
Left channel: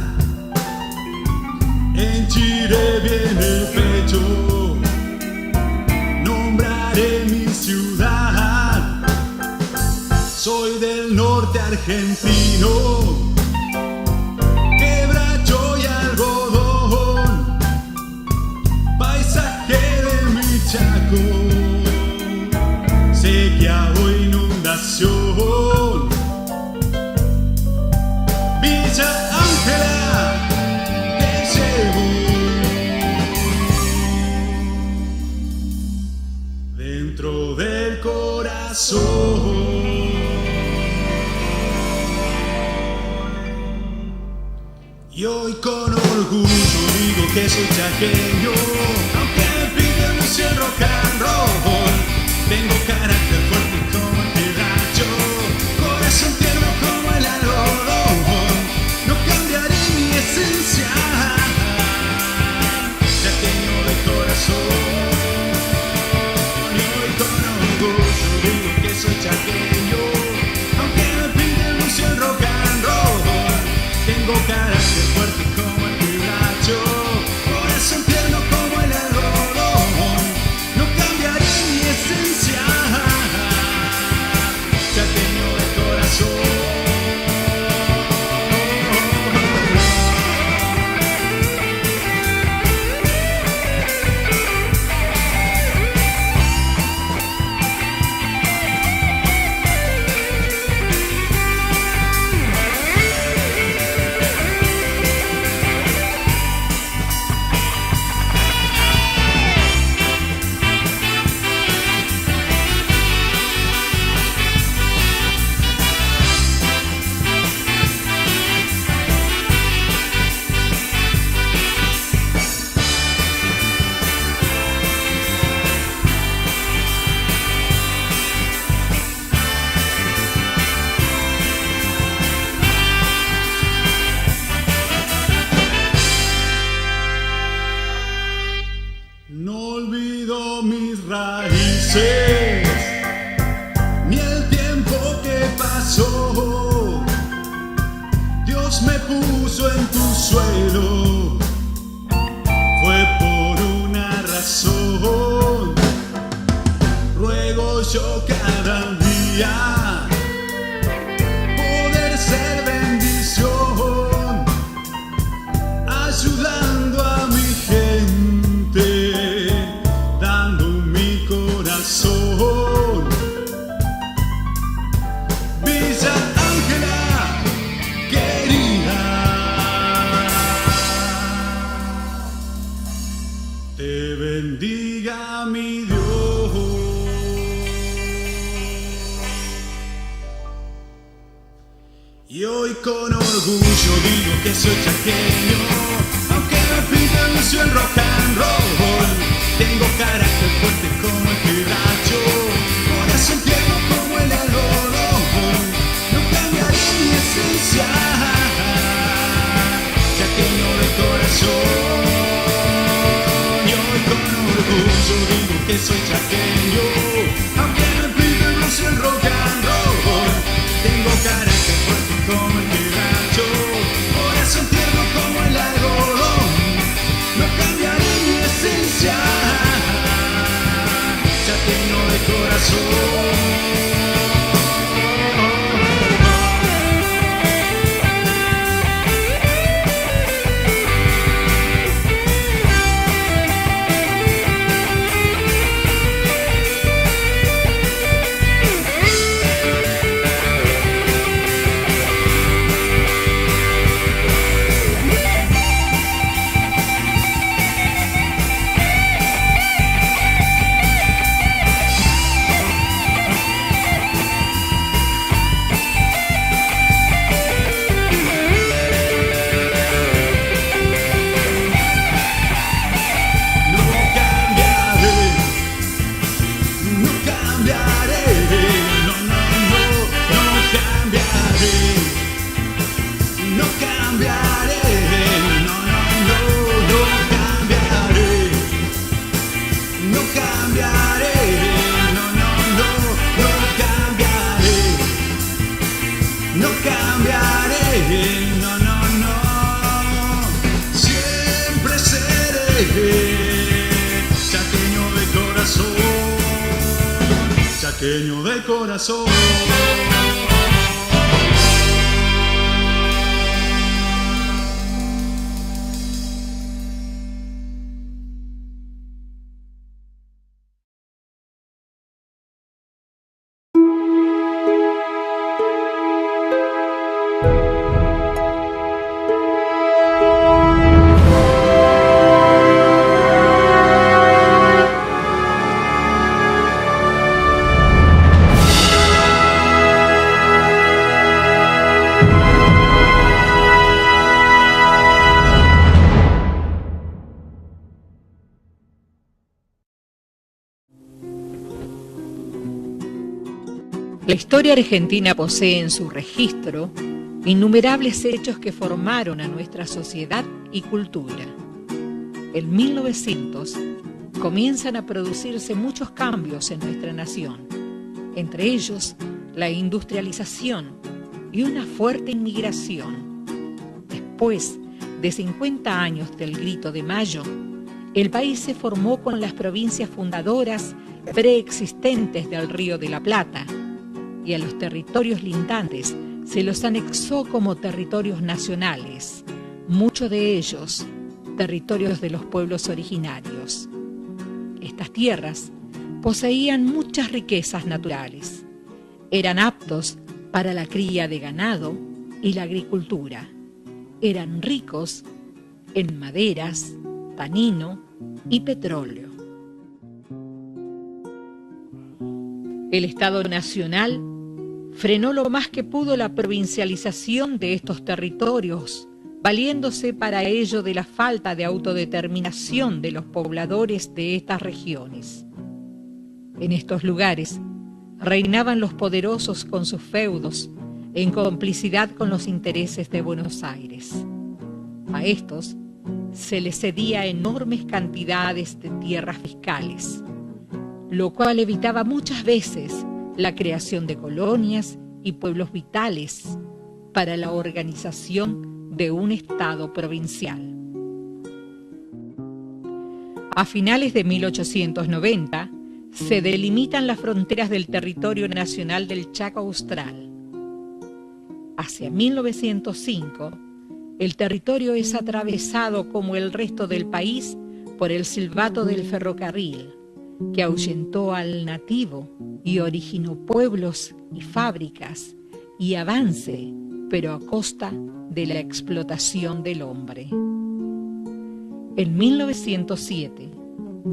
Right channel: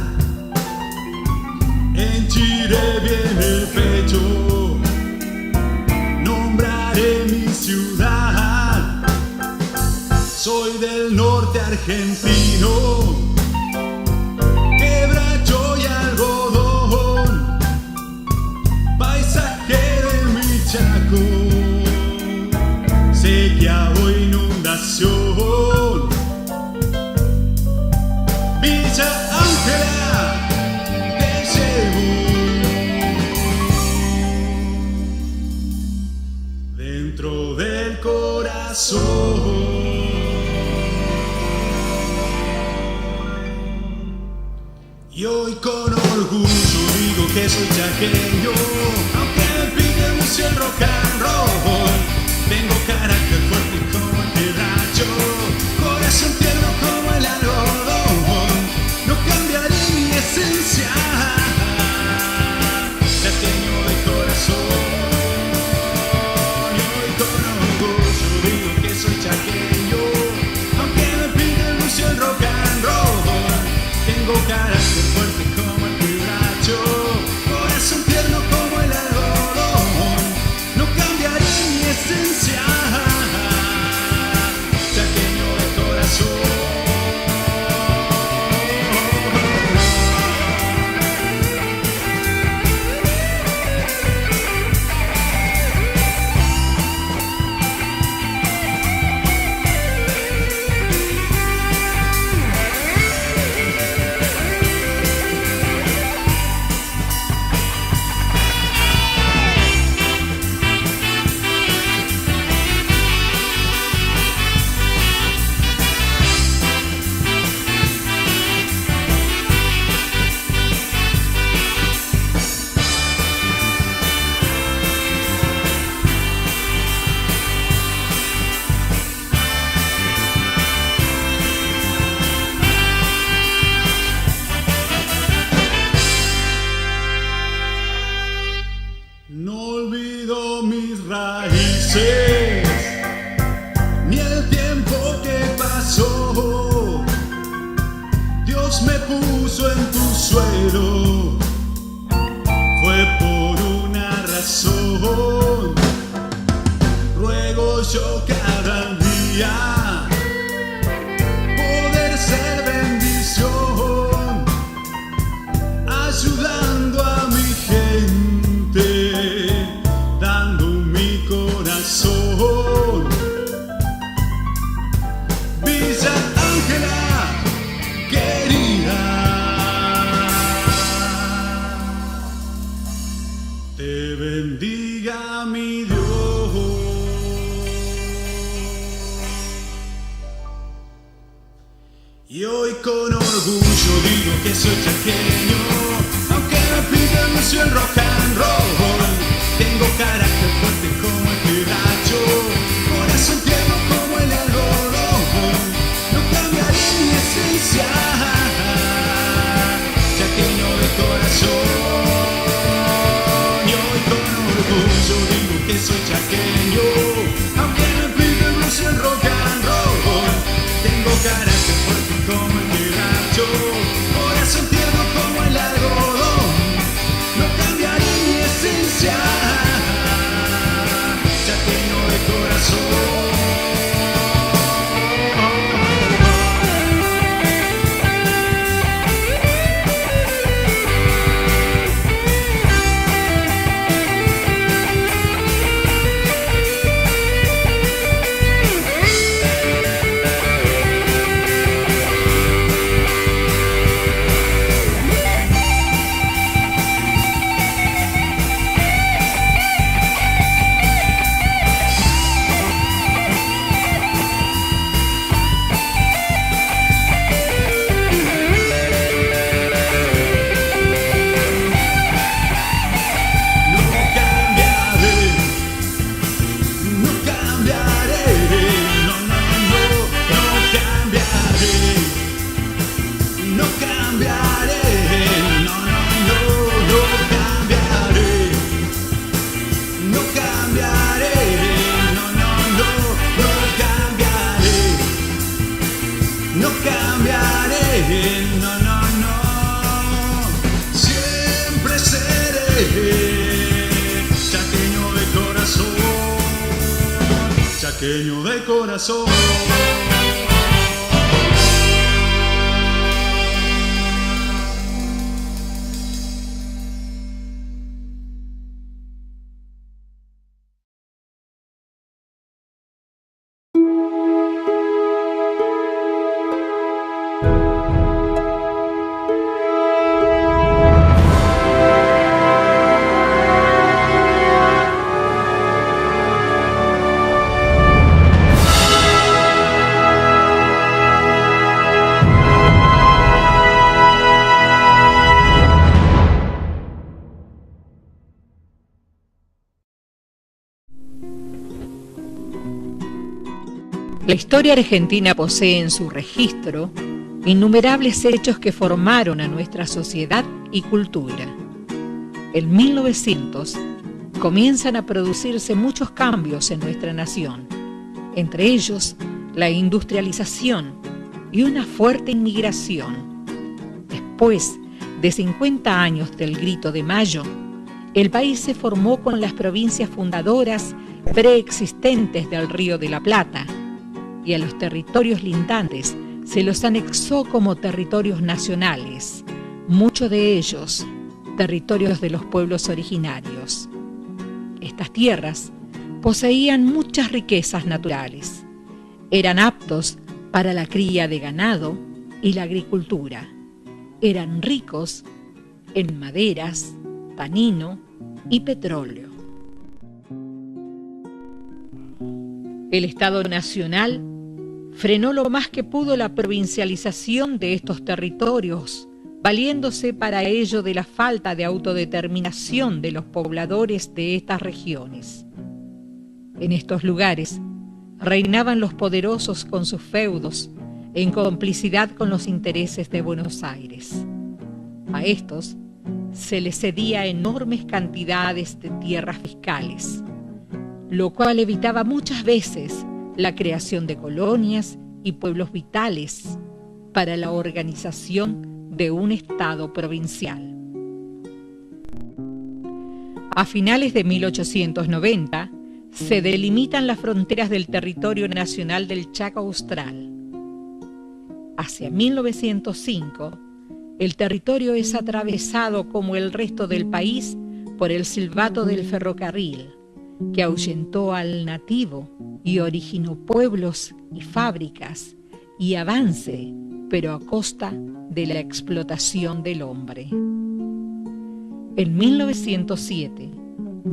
henchiré bien el pecho, nombraré mi ciudad. Soy del norte argentino, quebracho y algodón, paisaje de mi Chaco, sequía o inundación. Villa Ángela, te llevo dentro del corazón. Y hoy con orgullo digo que soy chaqueño, aunque me piden mucho el rock and roll. Tengo carácter fuerte como el quebracho, corazón tierno como el algodón. No cambiaré mi esencia, chaqueño de corazón. Y hoy con orgullo digo que soy chaqueño, aunque me piden mucho el rock and roll. Tengo carácter fuerte como el quebracho, corazón tierno como el algodón. No cambiaré mi esencia, chaqueño de corazón. No olvido mis raíces, ni el tiempo que pasó. Dios me puso en tu suelo, fue por una razón. Ruego yo cada día poder ser bendición, ayudando a mi gente, dando mi corazón. Villa Ángela, querida, te bendiga mi Dios. Y hoy con orgullo digo que soy chaqueño, aunque me piden mucho el rock and roll. Tengo carácter fuerte como el quebracho, corazón tierno como el algodón. No cambiaré mi esencia, chaqueño de corazón. Y hoy con orgullo digo que soy chaqueño, aunque me piden mucho el rock and roll. Tengo carácter fuerte como el quebracho, corazón tierno como el algodón. No cambiaré mi esencia, chaqueño de corazón. Chaqueño de corazón, chaqueño de corazón. La historia argentina posee en su registro innumerables hechos que formaron a nuestra sociedad y cultura. En 1900 comienzan a producirse muchos cambios en nuestra nación, entre ellos la industrialización y una fuerte inmigración. Después de 50 años del Grito de Mayo, el país se formó con las provincias fundadoras preexistentes del Río de la Plata, y a los territorios lindantes se los anexó como territorios nacionales, muchos de ellos territorios de los pueblos originarios. Estas tierras poseían muchas riquezas naturales, eran aptos para la cría de ganado y la agricultura, eran ricos en maderas, tanino y petróleo. El Estado Nacional frenó lo más que pudo la provincialización de estos territorios, valiéndose para ello de la falta de autodeterminación de los pobladores de estas regiones. En estos lugares reinaban los poderosos con sus feudos, en complicidad con los intereses de Buenos Aires. A estos se les cedía enormes cantidades de tierras fiscales, lo cual evitaba muchas veces la creación de colonias y pueblos vitales para la organización de un Estado provincial. A finales de 1890 se delimitan las fronteras del territorio nacional del Chaco Austral. Hacia 1905, el territorio es atravesado como el resto del país por el silbato del ferrocarril, que ahuyentó al nativo y originó pueblos y fábricas y avance, pero a costa de la explotación del hombre. En 1907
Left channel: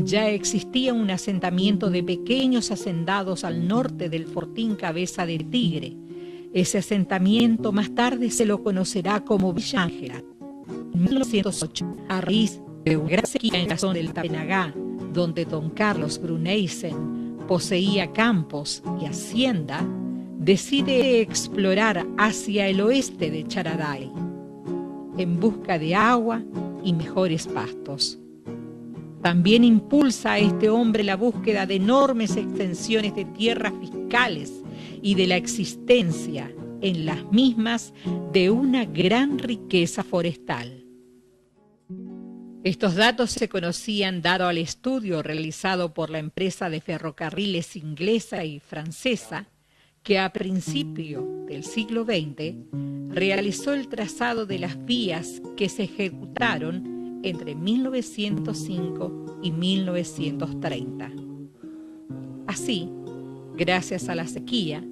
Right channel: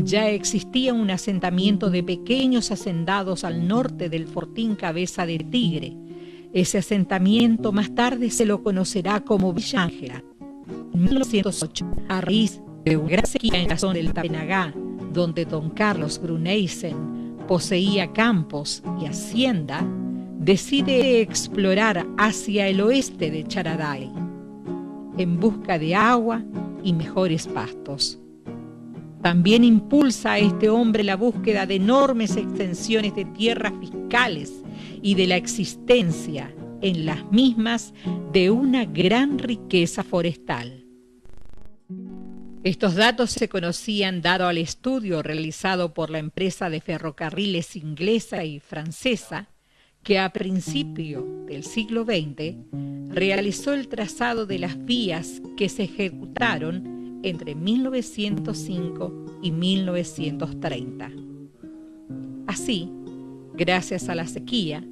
ya existía un asentamiento de pequeños hacendados al norte del fortín Cabeza de Tigre. Ese asentamiento más tarde se lo conocerá como Villa Ángela. En 1908, a raíz de una gran sequía en la zona del Tapenagá, donde don Carlos Gruneysen poseía campos y hacienda, decide explorar hacia el oeste de Charaday, en busca de agua y mejores pastos. También impulsa a este hombre la búsqueda de enormes extensiones de tierras fiscales y de la existencia en las mismas de una gran riqueza forestal. Estos datos se conocían dado al estudio realizado por la empresa de ferrocarriles inglesa y francesa, que a principio del siglo XX realizó el trazado de las vías que se ejecutaron entre 1905 y 1930. Así, gracias a la sequía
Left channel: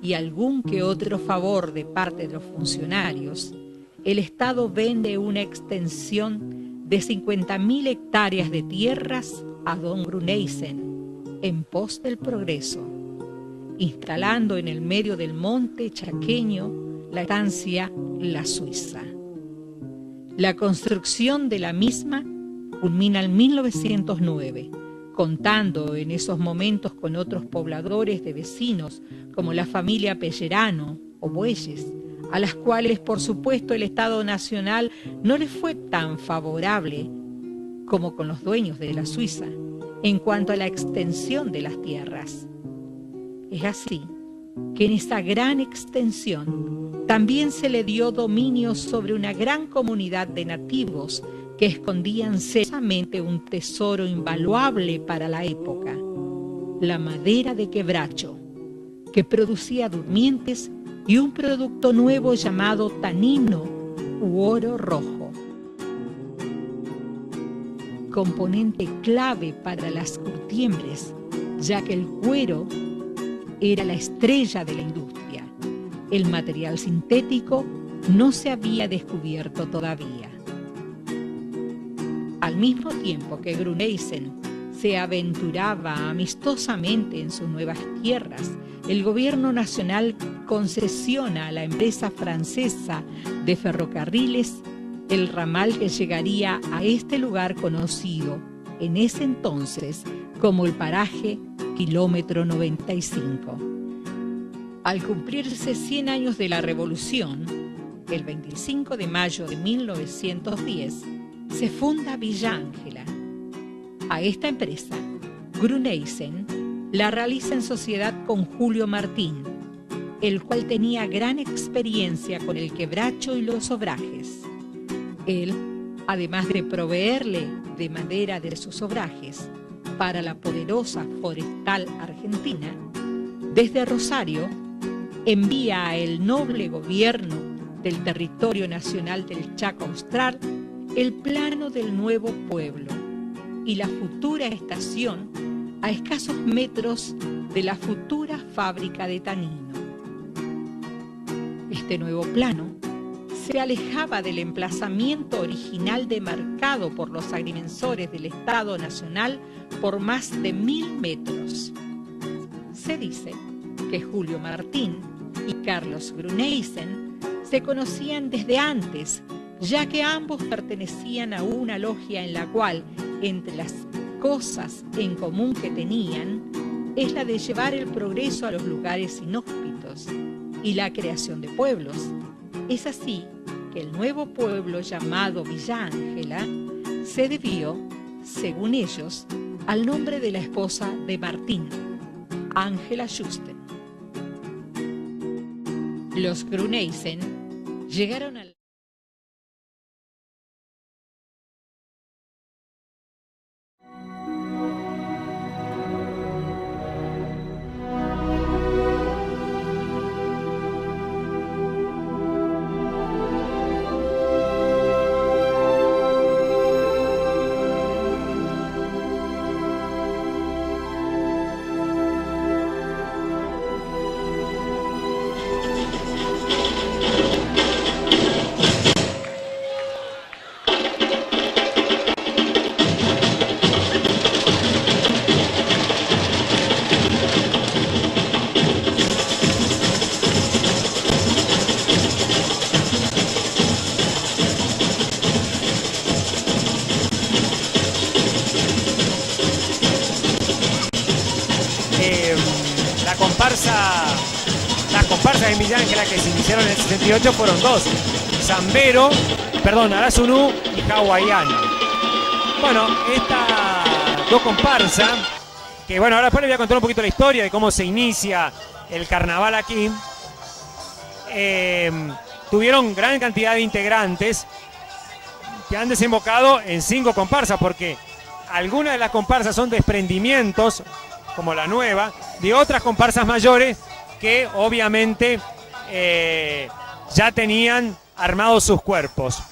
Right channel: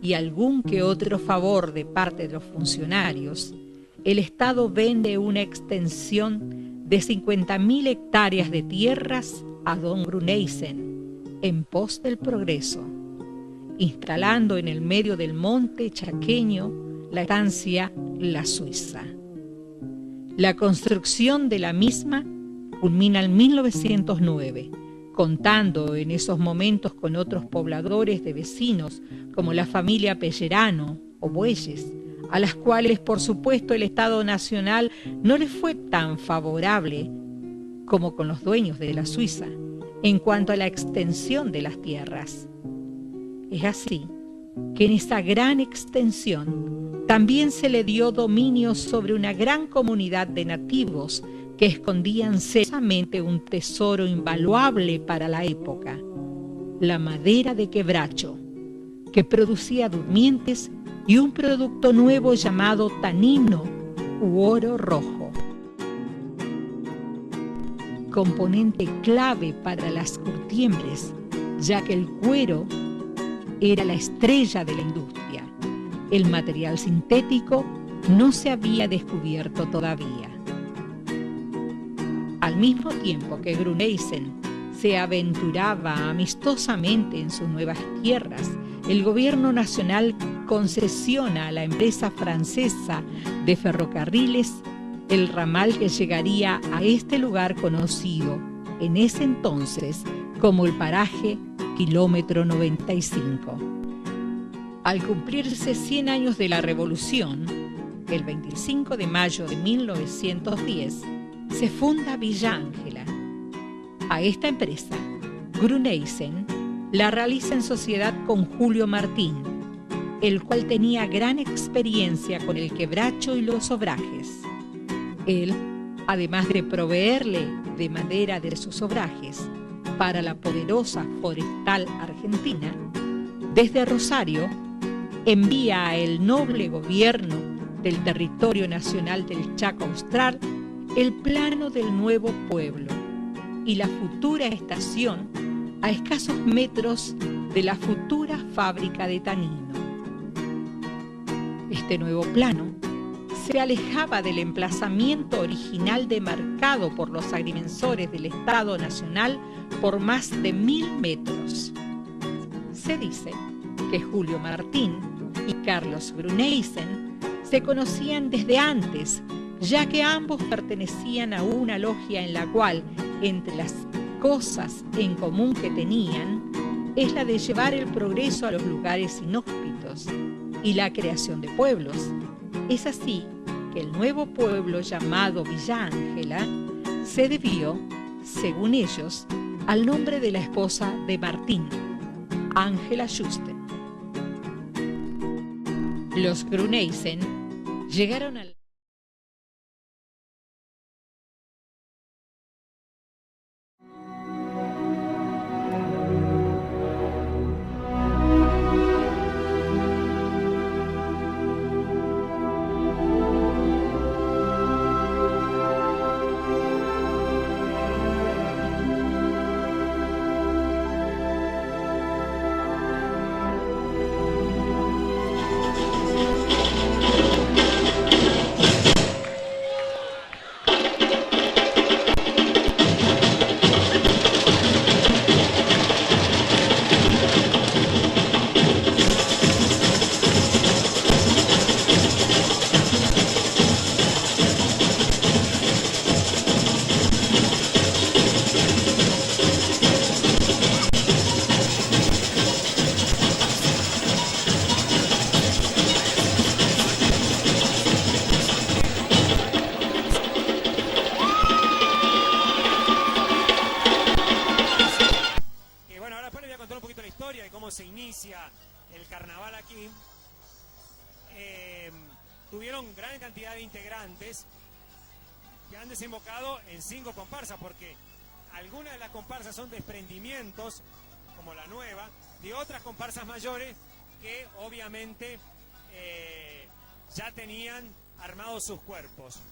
y algún que otro favor de parte de los funcionarios, el Estado vende una extensión de 50.000 hectáreas de tierras a don Gruneysen en pos del progreso, instalando en el medio del monte chaqueño la estancia La Suiza. La construcción de la misma culmina en 1909, contando en esos momentos con otros pobladores de vecinos como la familia Pellerano o Bueyes, a las cuales por supuesto el Estado Nacional no les fue tan favorable como con los dueños de la Suiza en cuanto a la extensión de las tierras. Es así que en esa gran extensión también se le dio dominio sobre una gran comunidad de nativos que escondían celosamente un tesoro invaluable para la época, la madera de quebracho, que producía durmientes y un producto nuevo llamado tanino u oro rojo, componente clave para las curtiembres, ya que el cuero era la estrella de la industria. El material sintético no se había descubierto todavía. Al mismo tiempo que Gruneysen se aventuraba amistosamente en sus nuevas tierras, el gobierno nacional concesiona a la empresa francesa de ferrocarriles el ramal que llegaría a este lugar conocido en ese entonces como el paraje Kilómetro 95. Al cumplirse 100 años de la Revolución, el 25 de mayo de 1910, se funda Villa Ángela. A esta empresa, Gruneisen la realiza en sociedad con Julio Martín, el cual tenía gran experiencia con el quebracho y los obrajes. Él, además de proveerle de madera de sus obrajes para la poderosa forestal argentina, desde Rosario envía a el noble gobierno del territorio nacional del Chaco Austral el plano del nuevo pueblo y la futura estación a escasos metros de la futura fábrica de tanino. Este nuevo plano se alejaba del emplazamiento original demarcado por los agrimensores del Estado Nacional por más de 1000 metros. Se dice que Julio Martín y Carlos Gruneisen se conocían desde antes, ya que ambos pertenecían a una logia en la cual, entre las cosas en común que tenían, es la de llevar el progreso a los lugares inhóspitos y la creación de pueblos. Es así que el nuevo pueblo llamado Villa Ángela se debió, según ellos, al nombre de la esposa de Martín, Ángela Juste. Los Gruneisen llegaron al fueron dos, Zambero, perdón, Arasuru y Hawaiano. Bueno, esta dos comparsas, que bueno, ahora después les voy a contar un poquito la historia de cómo se inicia el carnaval aquí. Tuvieron gran cantidad de integrantes que han desembocado en 5 comparsas, porque algunas de las comparsas son desprendimientos, como la nueva, de otras comparsas mayores que obviamente ya tenían armados sus cuerpos.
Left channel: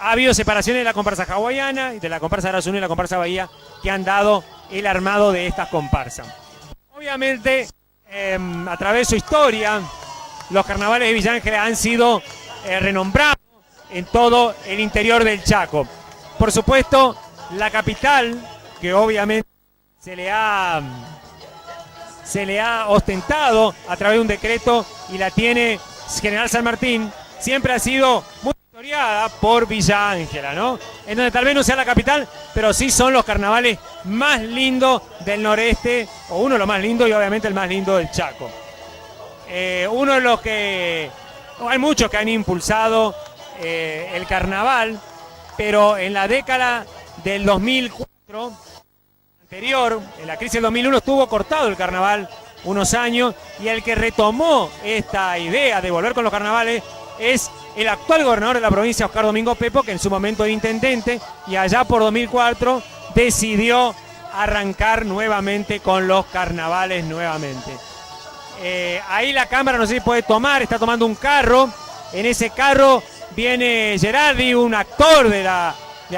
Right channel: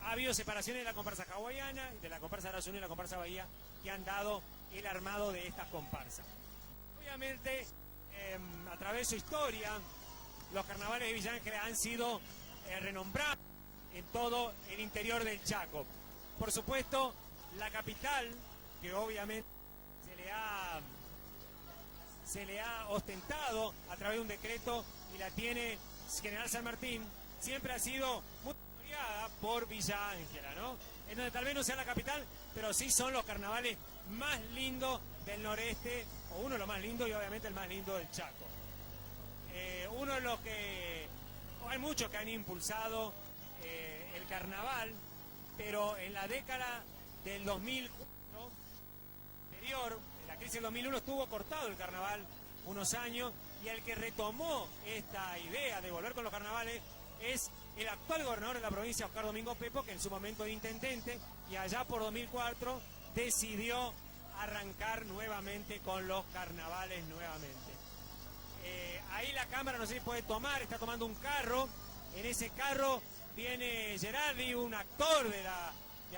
Ha habido separaciones de la comparsa hawaiana y de la comparsa Arasunu y la comparsa Bahía que han dado el armado de estas comparsas. Obviamente, a través de su historia, los carnavales de Villa Ángela han sido renombrados en todo el interior del Chaco. Por supuesto, la capital, que obviamente se le ha ostentado a través de un decreto y la tiene General San Martín, siempre ha sido muy historiada por Villa Ángela, ¿no? En donde tal vez no sea la capital, pero sí son los carnavales más lindos del noreste, o uno de los más lindos y obviamente el más lindo del Chaco. Uno de los que... hay muchos que han impulsado el carnaval, pero en la década del 2004, anterior, en la crisis del 2001, estuvo cortado el carnaval unos años, y el que retomó esta idea de volver con los carnavales es el actual gobernador de la provincia, Oscar Domingo Pepo, que en su momento era intendente, y allá por 2004 decidió arrancar nuevamente con los carnavales nuevamente. Ahí la cámara, no sé si puede tomar, está tomando un carro. En ese carro viene Gerardi, un actor de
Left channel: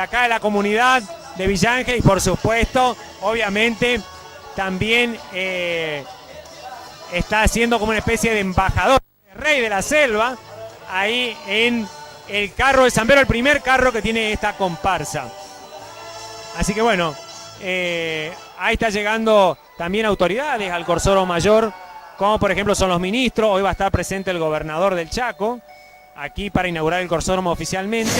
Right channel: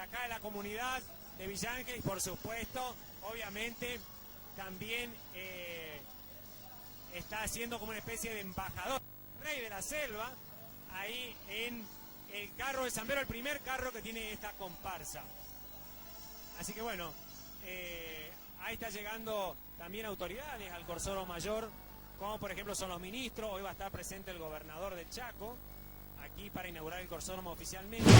acá de la comunidad de Villa Ángela, y por supuesto, obviamente, también está haciendo como una especie de embajador, rey de la selva, ahí en el carro de Zambero, el primer carro que tiene esta comparsa. Así que bueno, ahí está llegando también autoridades al Corsoro Mayor, como por ejemplo son los ministros. Hoy va a estar presente el gobernador del Chaco, aquí para inaugurar el Corsódromo oficialmente.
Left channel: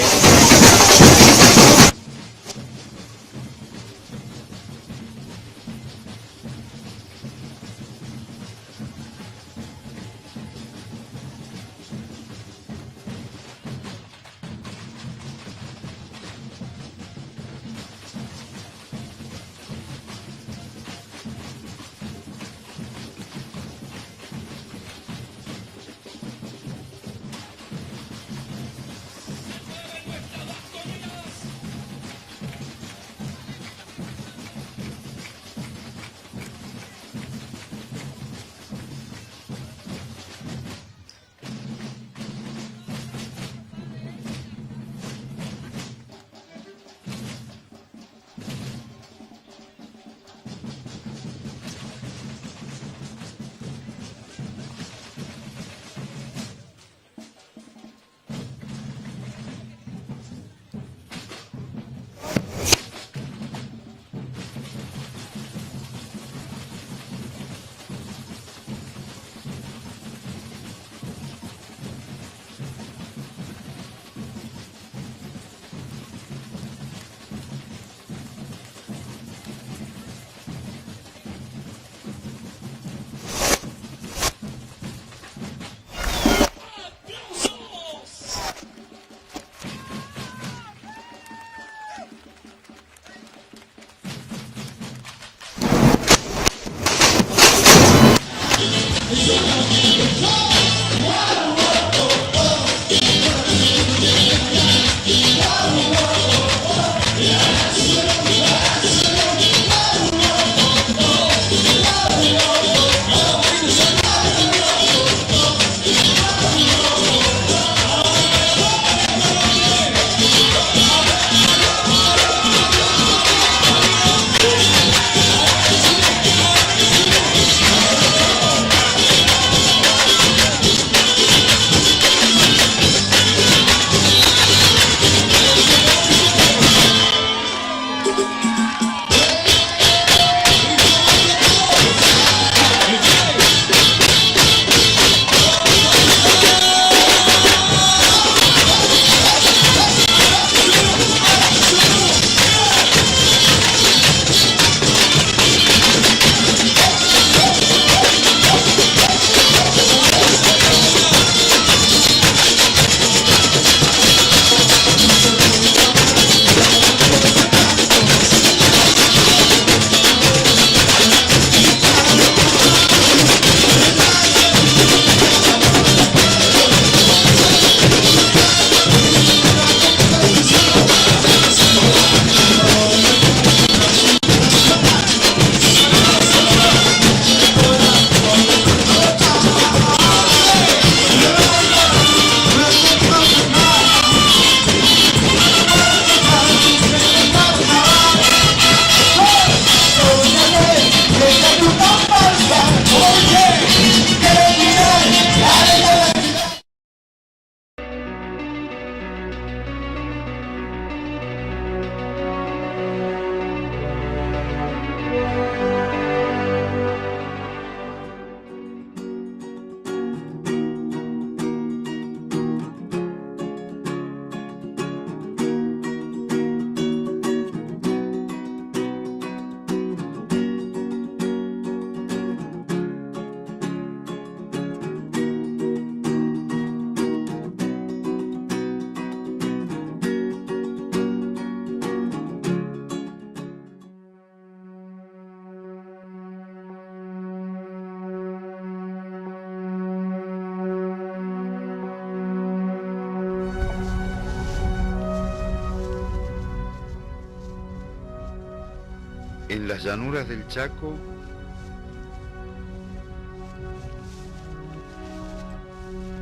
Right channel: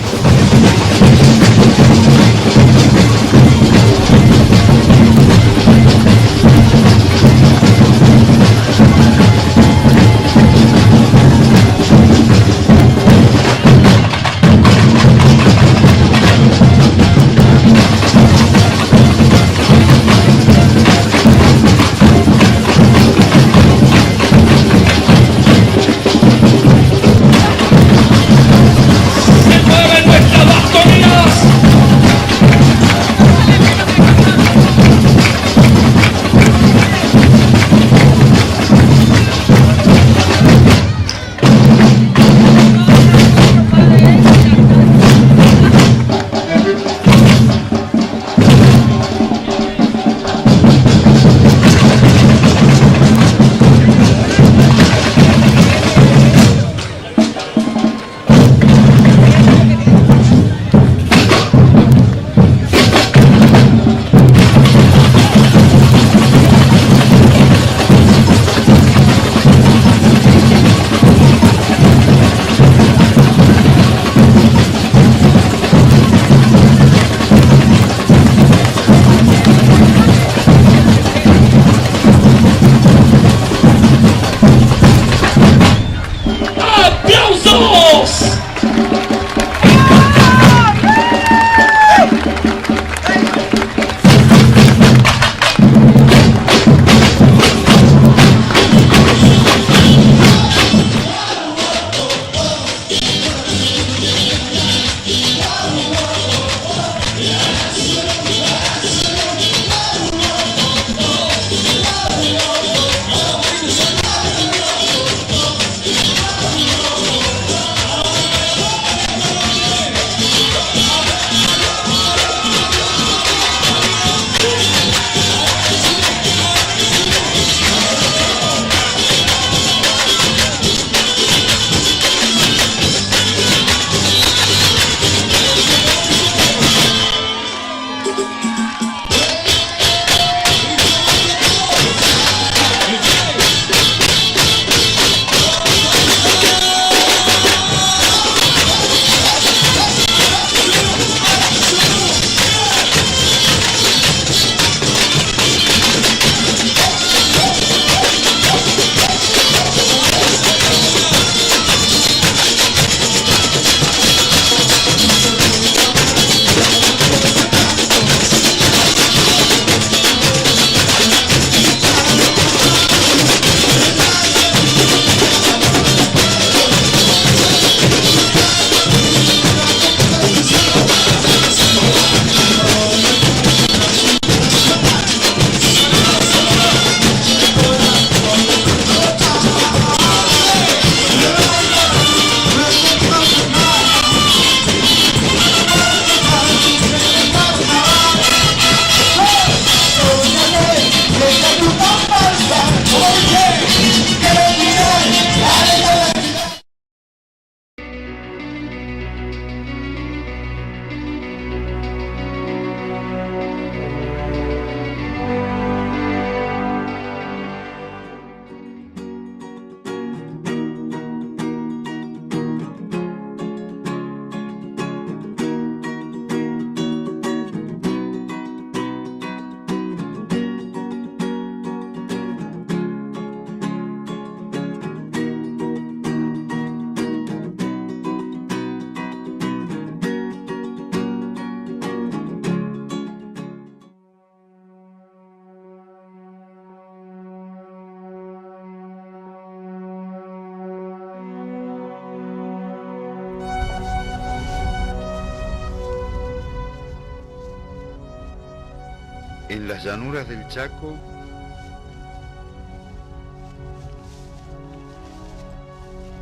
En las llanuras del Chaco,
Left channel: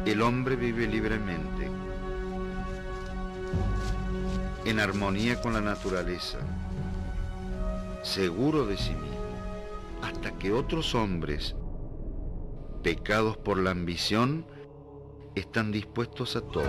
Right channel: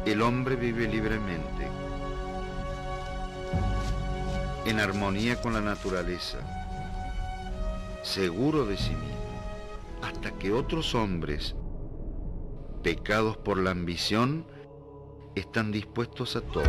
el hombre vive libremente, en armonía con la naturaleza, seguro de sí mismo, hasta que otros hombres, pecados por la ambición, están dispuestos a todo.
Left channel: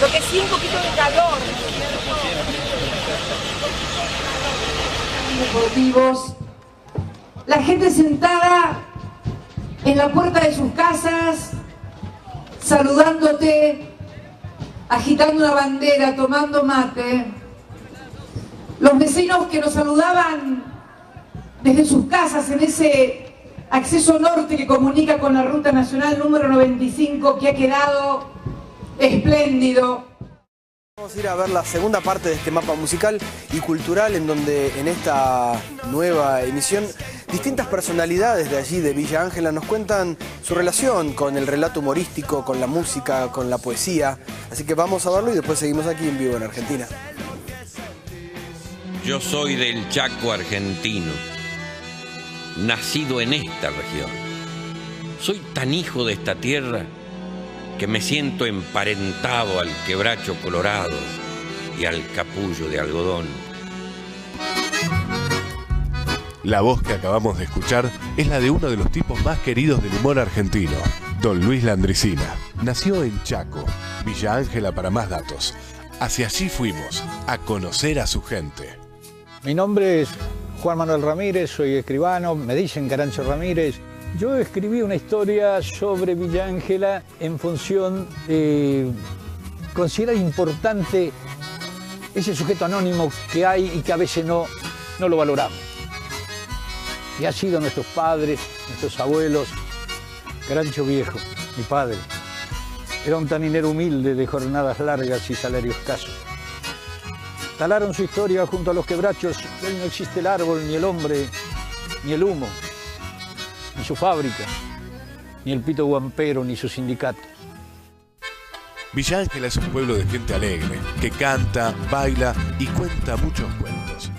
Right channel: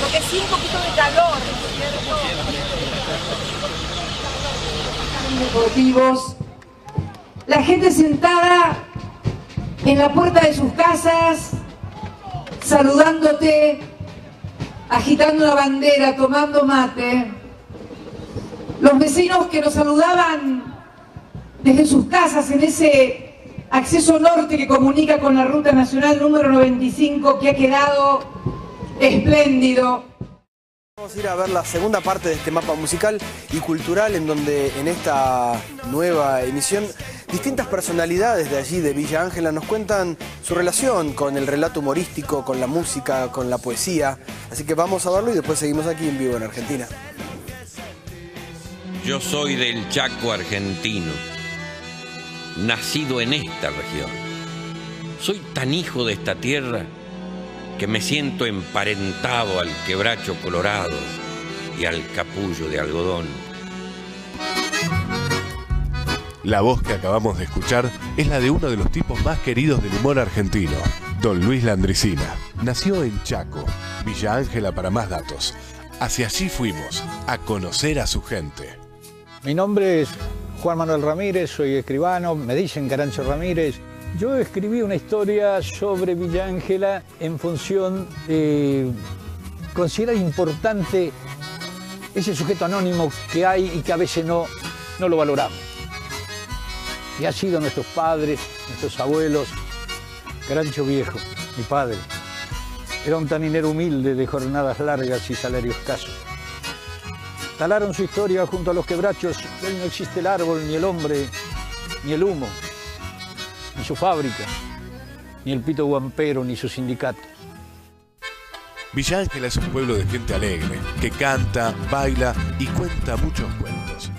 Lo que sí, un poquito de calor. Deportivos, la gente sentada en la puerta de sus casas, saludándote, agitando una bandera, tomando mate. Los vecinos que nos saludaban desde sus casas en ese acceso norte que comunica con la Ruta Nacional número 95, que ha quedado espléndido. Vamos a ir a ver la segunda parte de este mapa musical y cultural, en donde en esta nueva emisión distintas personalidades de allí, de Villa Ángela, nos cuentan su relación con el relato humorístico, con la música, con la poesía. Así que vamos a verlo y después seguimos aquí en vivo en Argentina. Yo soy del Chaco argentino, nacido en esta región. Soy tan hijo de esta tierra que me siento emparentado al quebracho colorado y al capullo de algodón. La voz que acabamos de escuchar es la de uno de los tipos más queridos del humor argentino, don Luis Landricina. Nació en Chaco, Villa Ángela para más datos. Hacia allí fuimos, a conocer a su gente. Mi nombre es Juan Manuel Ramírez, soy escribano, me dicen Carancho Ramírez. Yo escribí una historia sobre Villa Ángela en función de considerar importante ese sujeto anónimo que hay y que a veces no lo valoramos. Y ha sido nuestros padres, nuestros abuelos. Carancho Viejo, mi padre, era un taninero humilde de jornadas largas y salario escaso. Talaron su historia junto a los quebrachos. Hoy no existe el árbol, ni el hombre, ni el humo, ni su fábrica, ni el pito guampero, ni su sindicato. Villa Ángela es un pueblo de gente alegre, que canta, baila y cuenta muchos cuentos.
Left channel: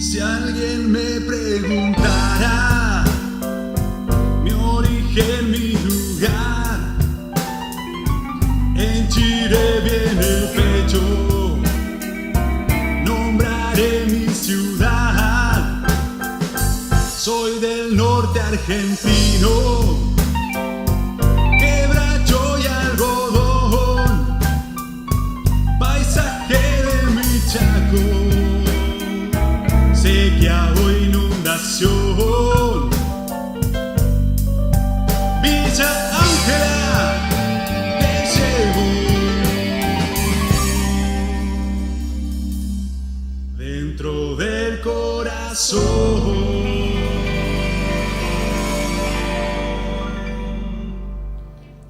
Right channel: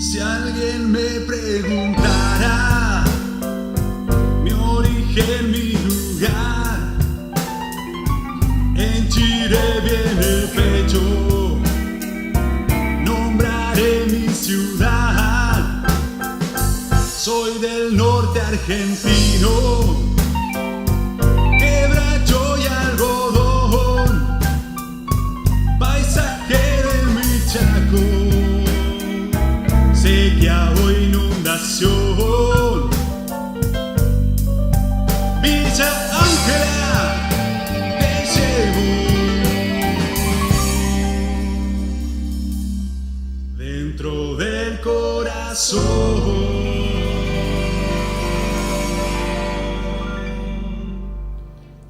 Si alguien me preguntara mi origen, mi lugar, henchiré bien el pecho, nombraré mi ciudad, argentino, quebracho y algodón, paisaje de mi Chaco, sequía o inundación, Villa Ángela te llevo dentro del corazón.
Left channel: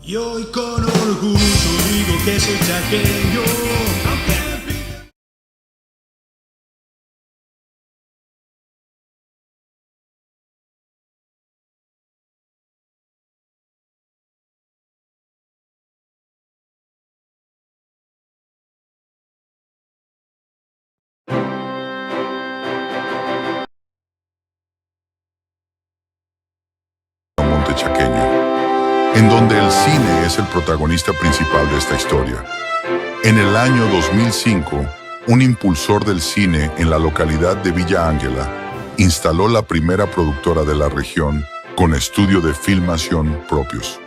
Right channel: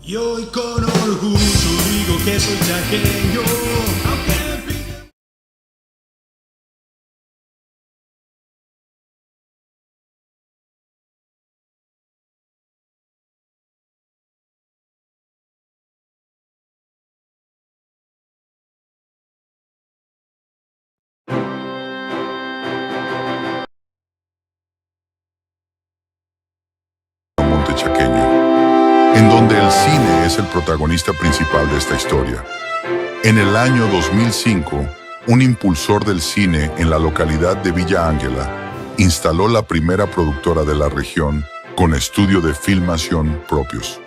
Y hoy con orgullo digo que soy chaqueño, aunque me piden... Montechaqueño, en donde el cine es el protagonista principal de esta historia. En el año 2005, un impulsor del cine en la localidad de Villa Ángela instaló la primera productora de la región con estudio de filmación propios,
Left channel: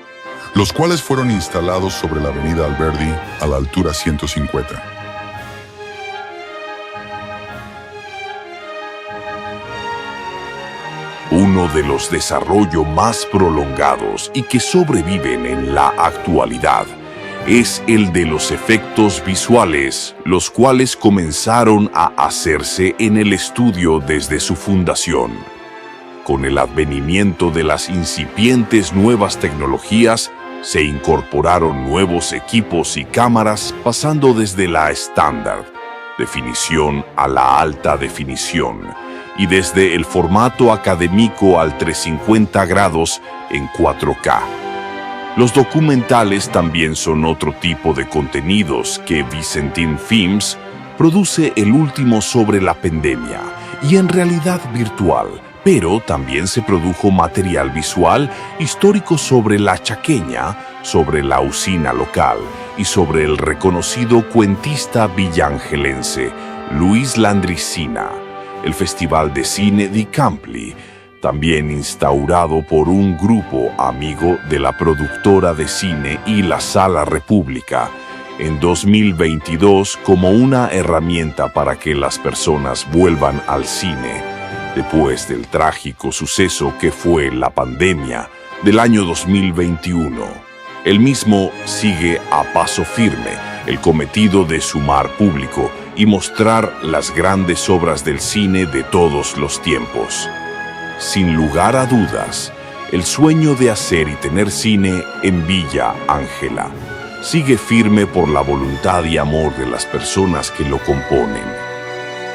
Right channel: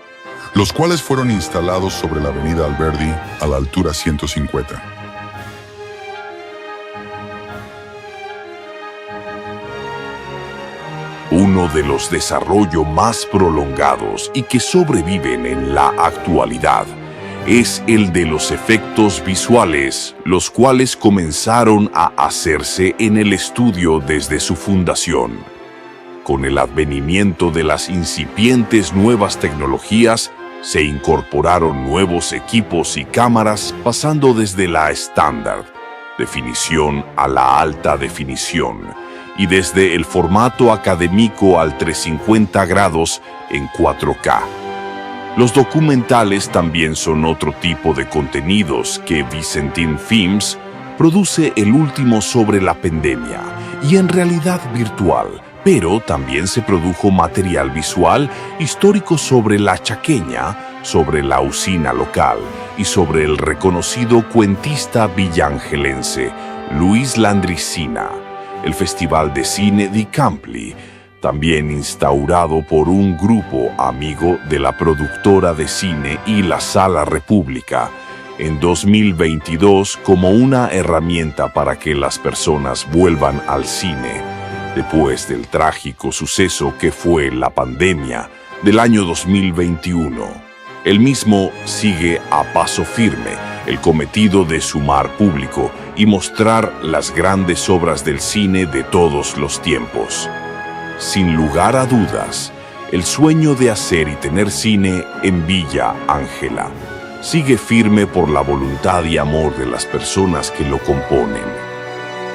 los cuales fueron instalados sobre la avenida Alberdi a la altura 150. Uno de los desarrollos más prolongados y que sobreviven en la actualidad es el de los efectos visuales, los cuales comenzaron a hacerse en el estudio desde su fundación. Con el advenimiento de las incipientes nuevas tecnologías, se incorporaron nuevos equipos y cámaras, pasando desde la estándar definición a la alta definición, y desde el formato académico al 350 grados en 4K. Los documentales también son otro tipo de contenidos que Vicentín Films produce, el último sobre la pandemia y en realidad virtual, pero también se produjo material visual histórico sobre la chaqueña, sobre la usina local y sobre el reconocido cuentista villangelense Luis Landricina. El Festival de Cine di Campli, también instaurado por un grupo amigo de la productora de cine y la Sala República, en 2022 como una herramienta para que las personas vuelvan al cine, después del trágico suceso que fue la pandemia del año 2021. El mismo sigue a paso firme el cometido de sumar público y mostrar las grandes obras del cine de todos los tiempos. Sin lugar a dudas, el sueño de hacer y tener cine en Villa Ángela sigue firme por la voluntad y amor de las personas que lo componen.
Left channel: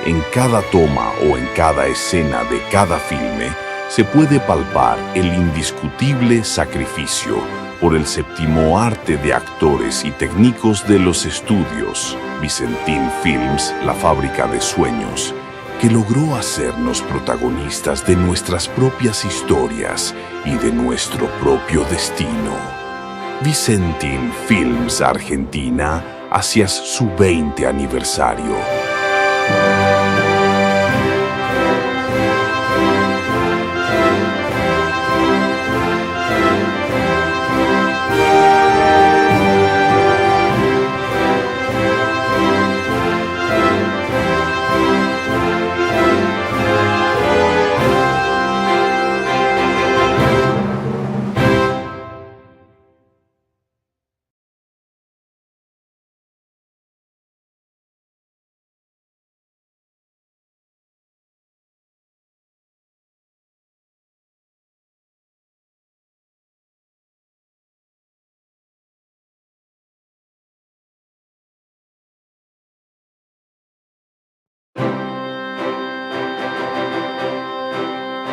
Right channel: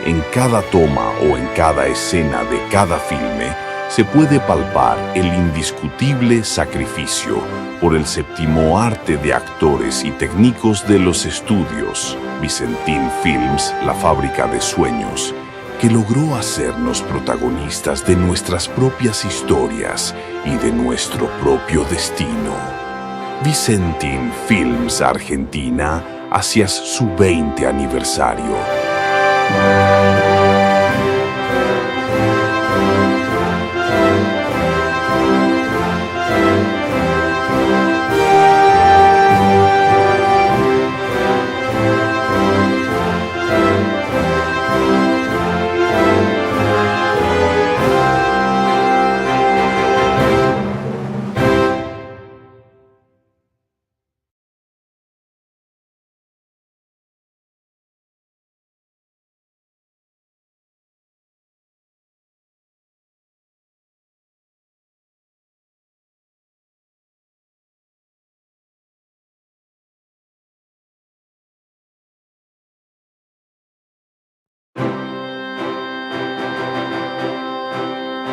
En cada toma o en cada escena de cada filme se puede palpar el indiscutible sacrificio por el séptimo arte de actores y técnicos de los estudios Vicentín Films, la fábrica de sueños, que logró hacernos protagonistas de nuestras propias historias y de nuestro propio destino. Vicentín Films Argentina hacia su 20 aniversario.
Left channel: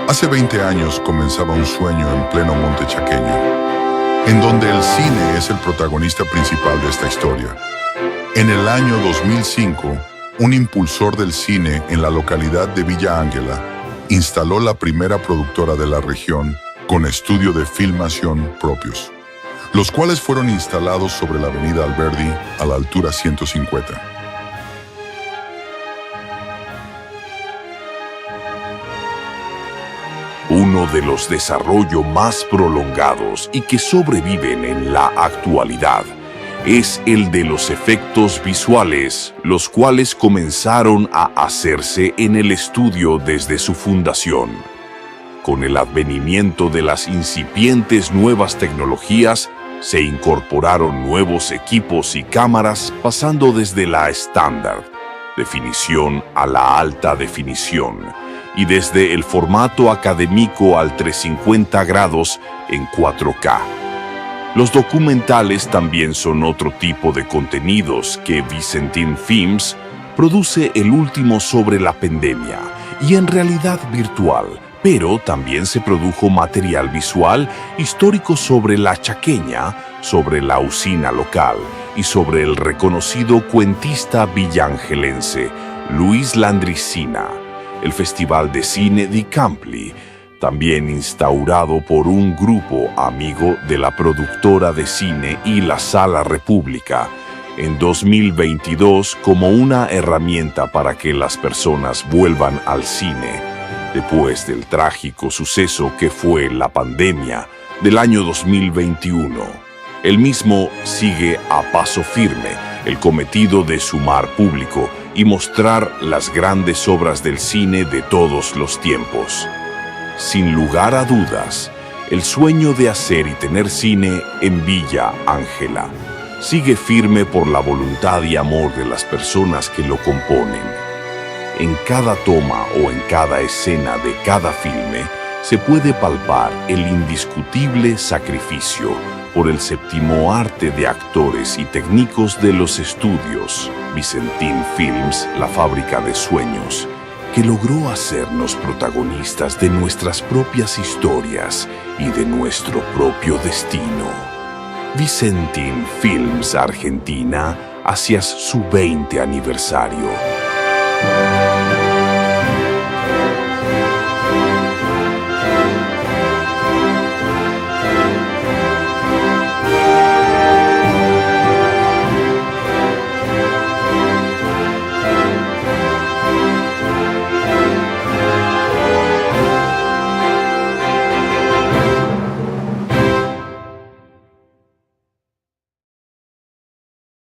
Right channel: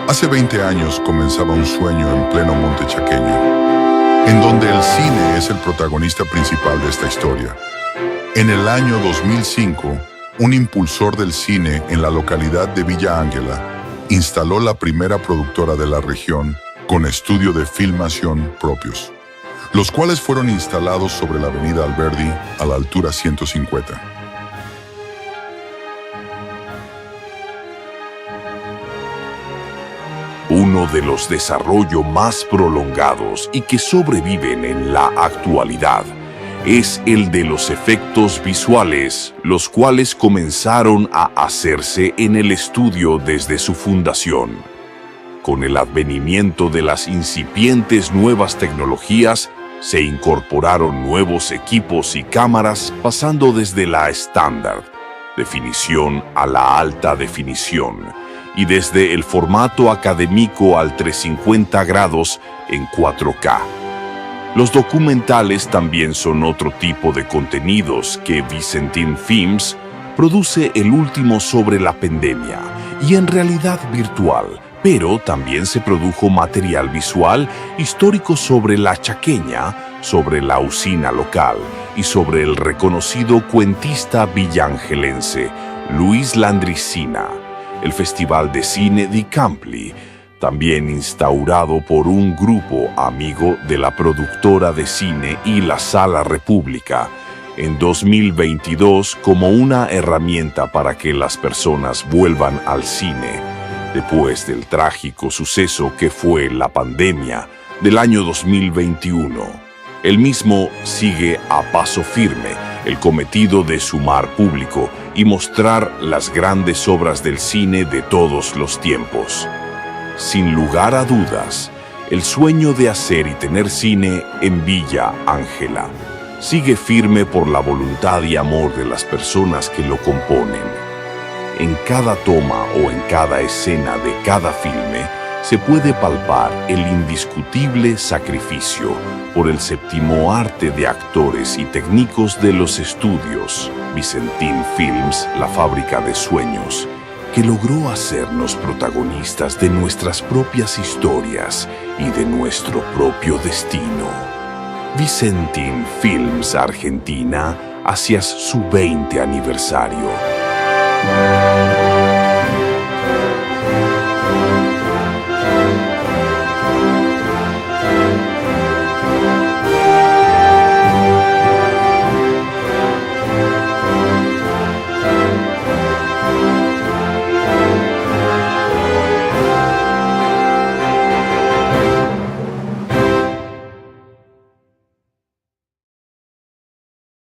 Hace 20 años comenzaba un sueño en pleno Montechaqueño, en donde el cine es el protagonista principal de esta historia. En el año 2005, un impulsor del cine en la localidad de Villa Ángela instaló la primera productora de la región con estudio de filmación propios, los cuales fueron instalados sobre la avenida Alberdi a la altura 150. Un uno de los desarrollos más prolongados y que sobreviven en la actualidad es el de los efectos visuales, los cuales comenzaron a hacerse en el estudio desde su fundación. Con el advenimiento de las incipientes nuevas tecnologías, se incorporaron nuevos equipos y cámaras pasando desde la estándar definición a la alta definición y desde el formato académico al 350 grados en 4K. Los documentales también son otro tipo de contenidos que Vicentin Films produce, el último sobre la pandemia y en realidad virtual, pero también se produjo material visual histórico sobre la chaqueña, sobre la usina local y sobre el reconocido cuentista villangelense Luis Landricina, el Festival de Cine di Campli, también instaurado por un grupo amigo de la productora de cine y la Sala República, en 2022 como una herramienta para que las personas vuelvan al cine, después del trágico suceso que fue la pandemia del año 2021. El mismo sigue a paso firme el cometido de sumar público y mostrar las grandes obras del cine de todos los tiempos. Sin lugar a dudas, el sueño de hacer y tener cine en Villa Ángela sigue firme por la voluntad y amor de las personas que lo componen. En cada toma o en cada escena de cada filme se puede palpar el indiscutible sacrificio por el séptimo arte de actores y técnicos de los estudios Vicentin Films, la fábrica de sueños, que logró hacernos protagonistas de nuestras propias historias y de nuestro propio destino. Vicentin Films Argentina hacia su 20 aniversario.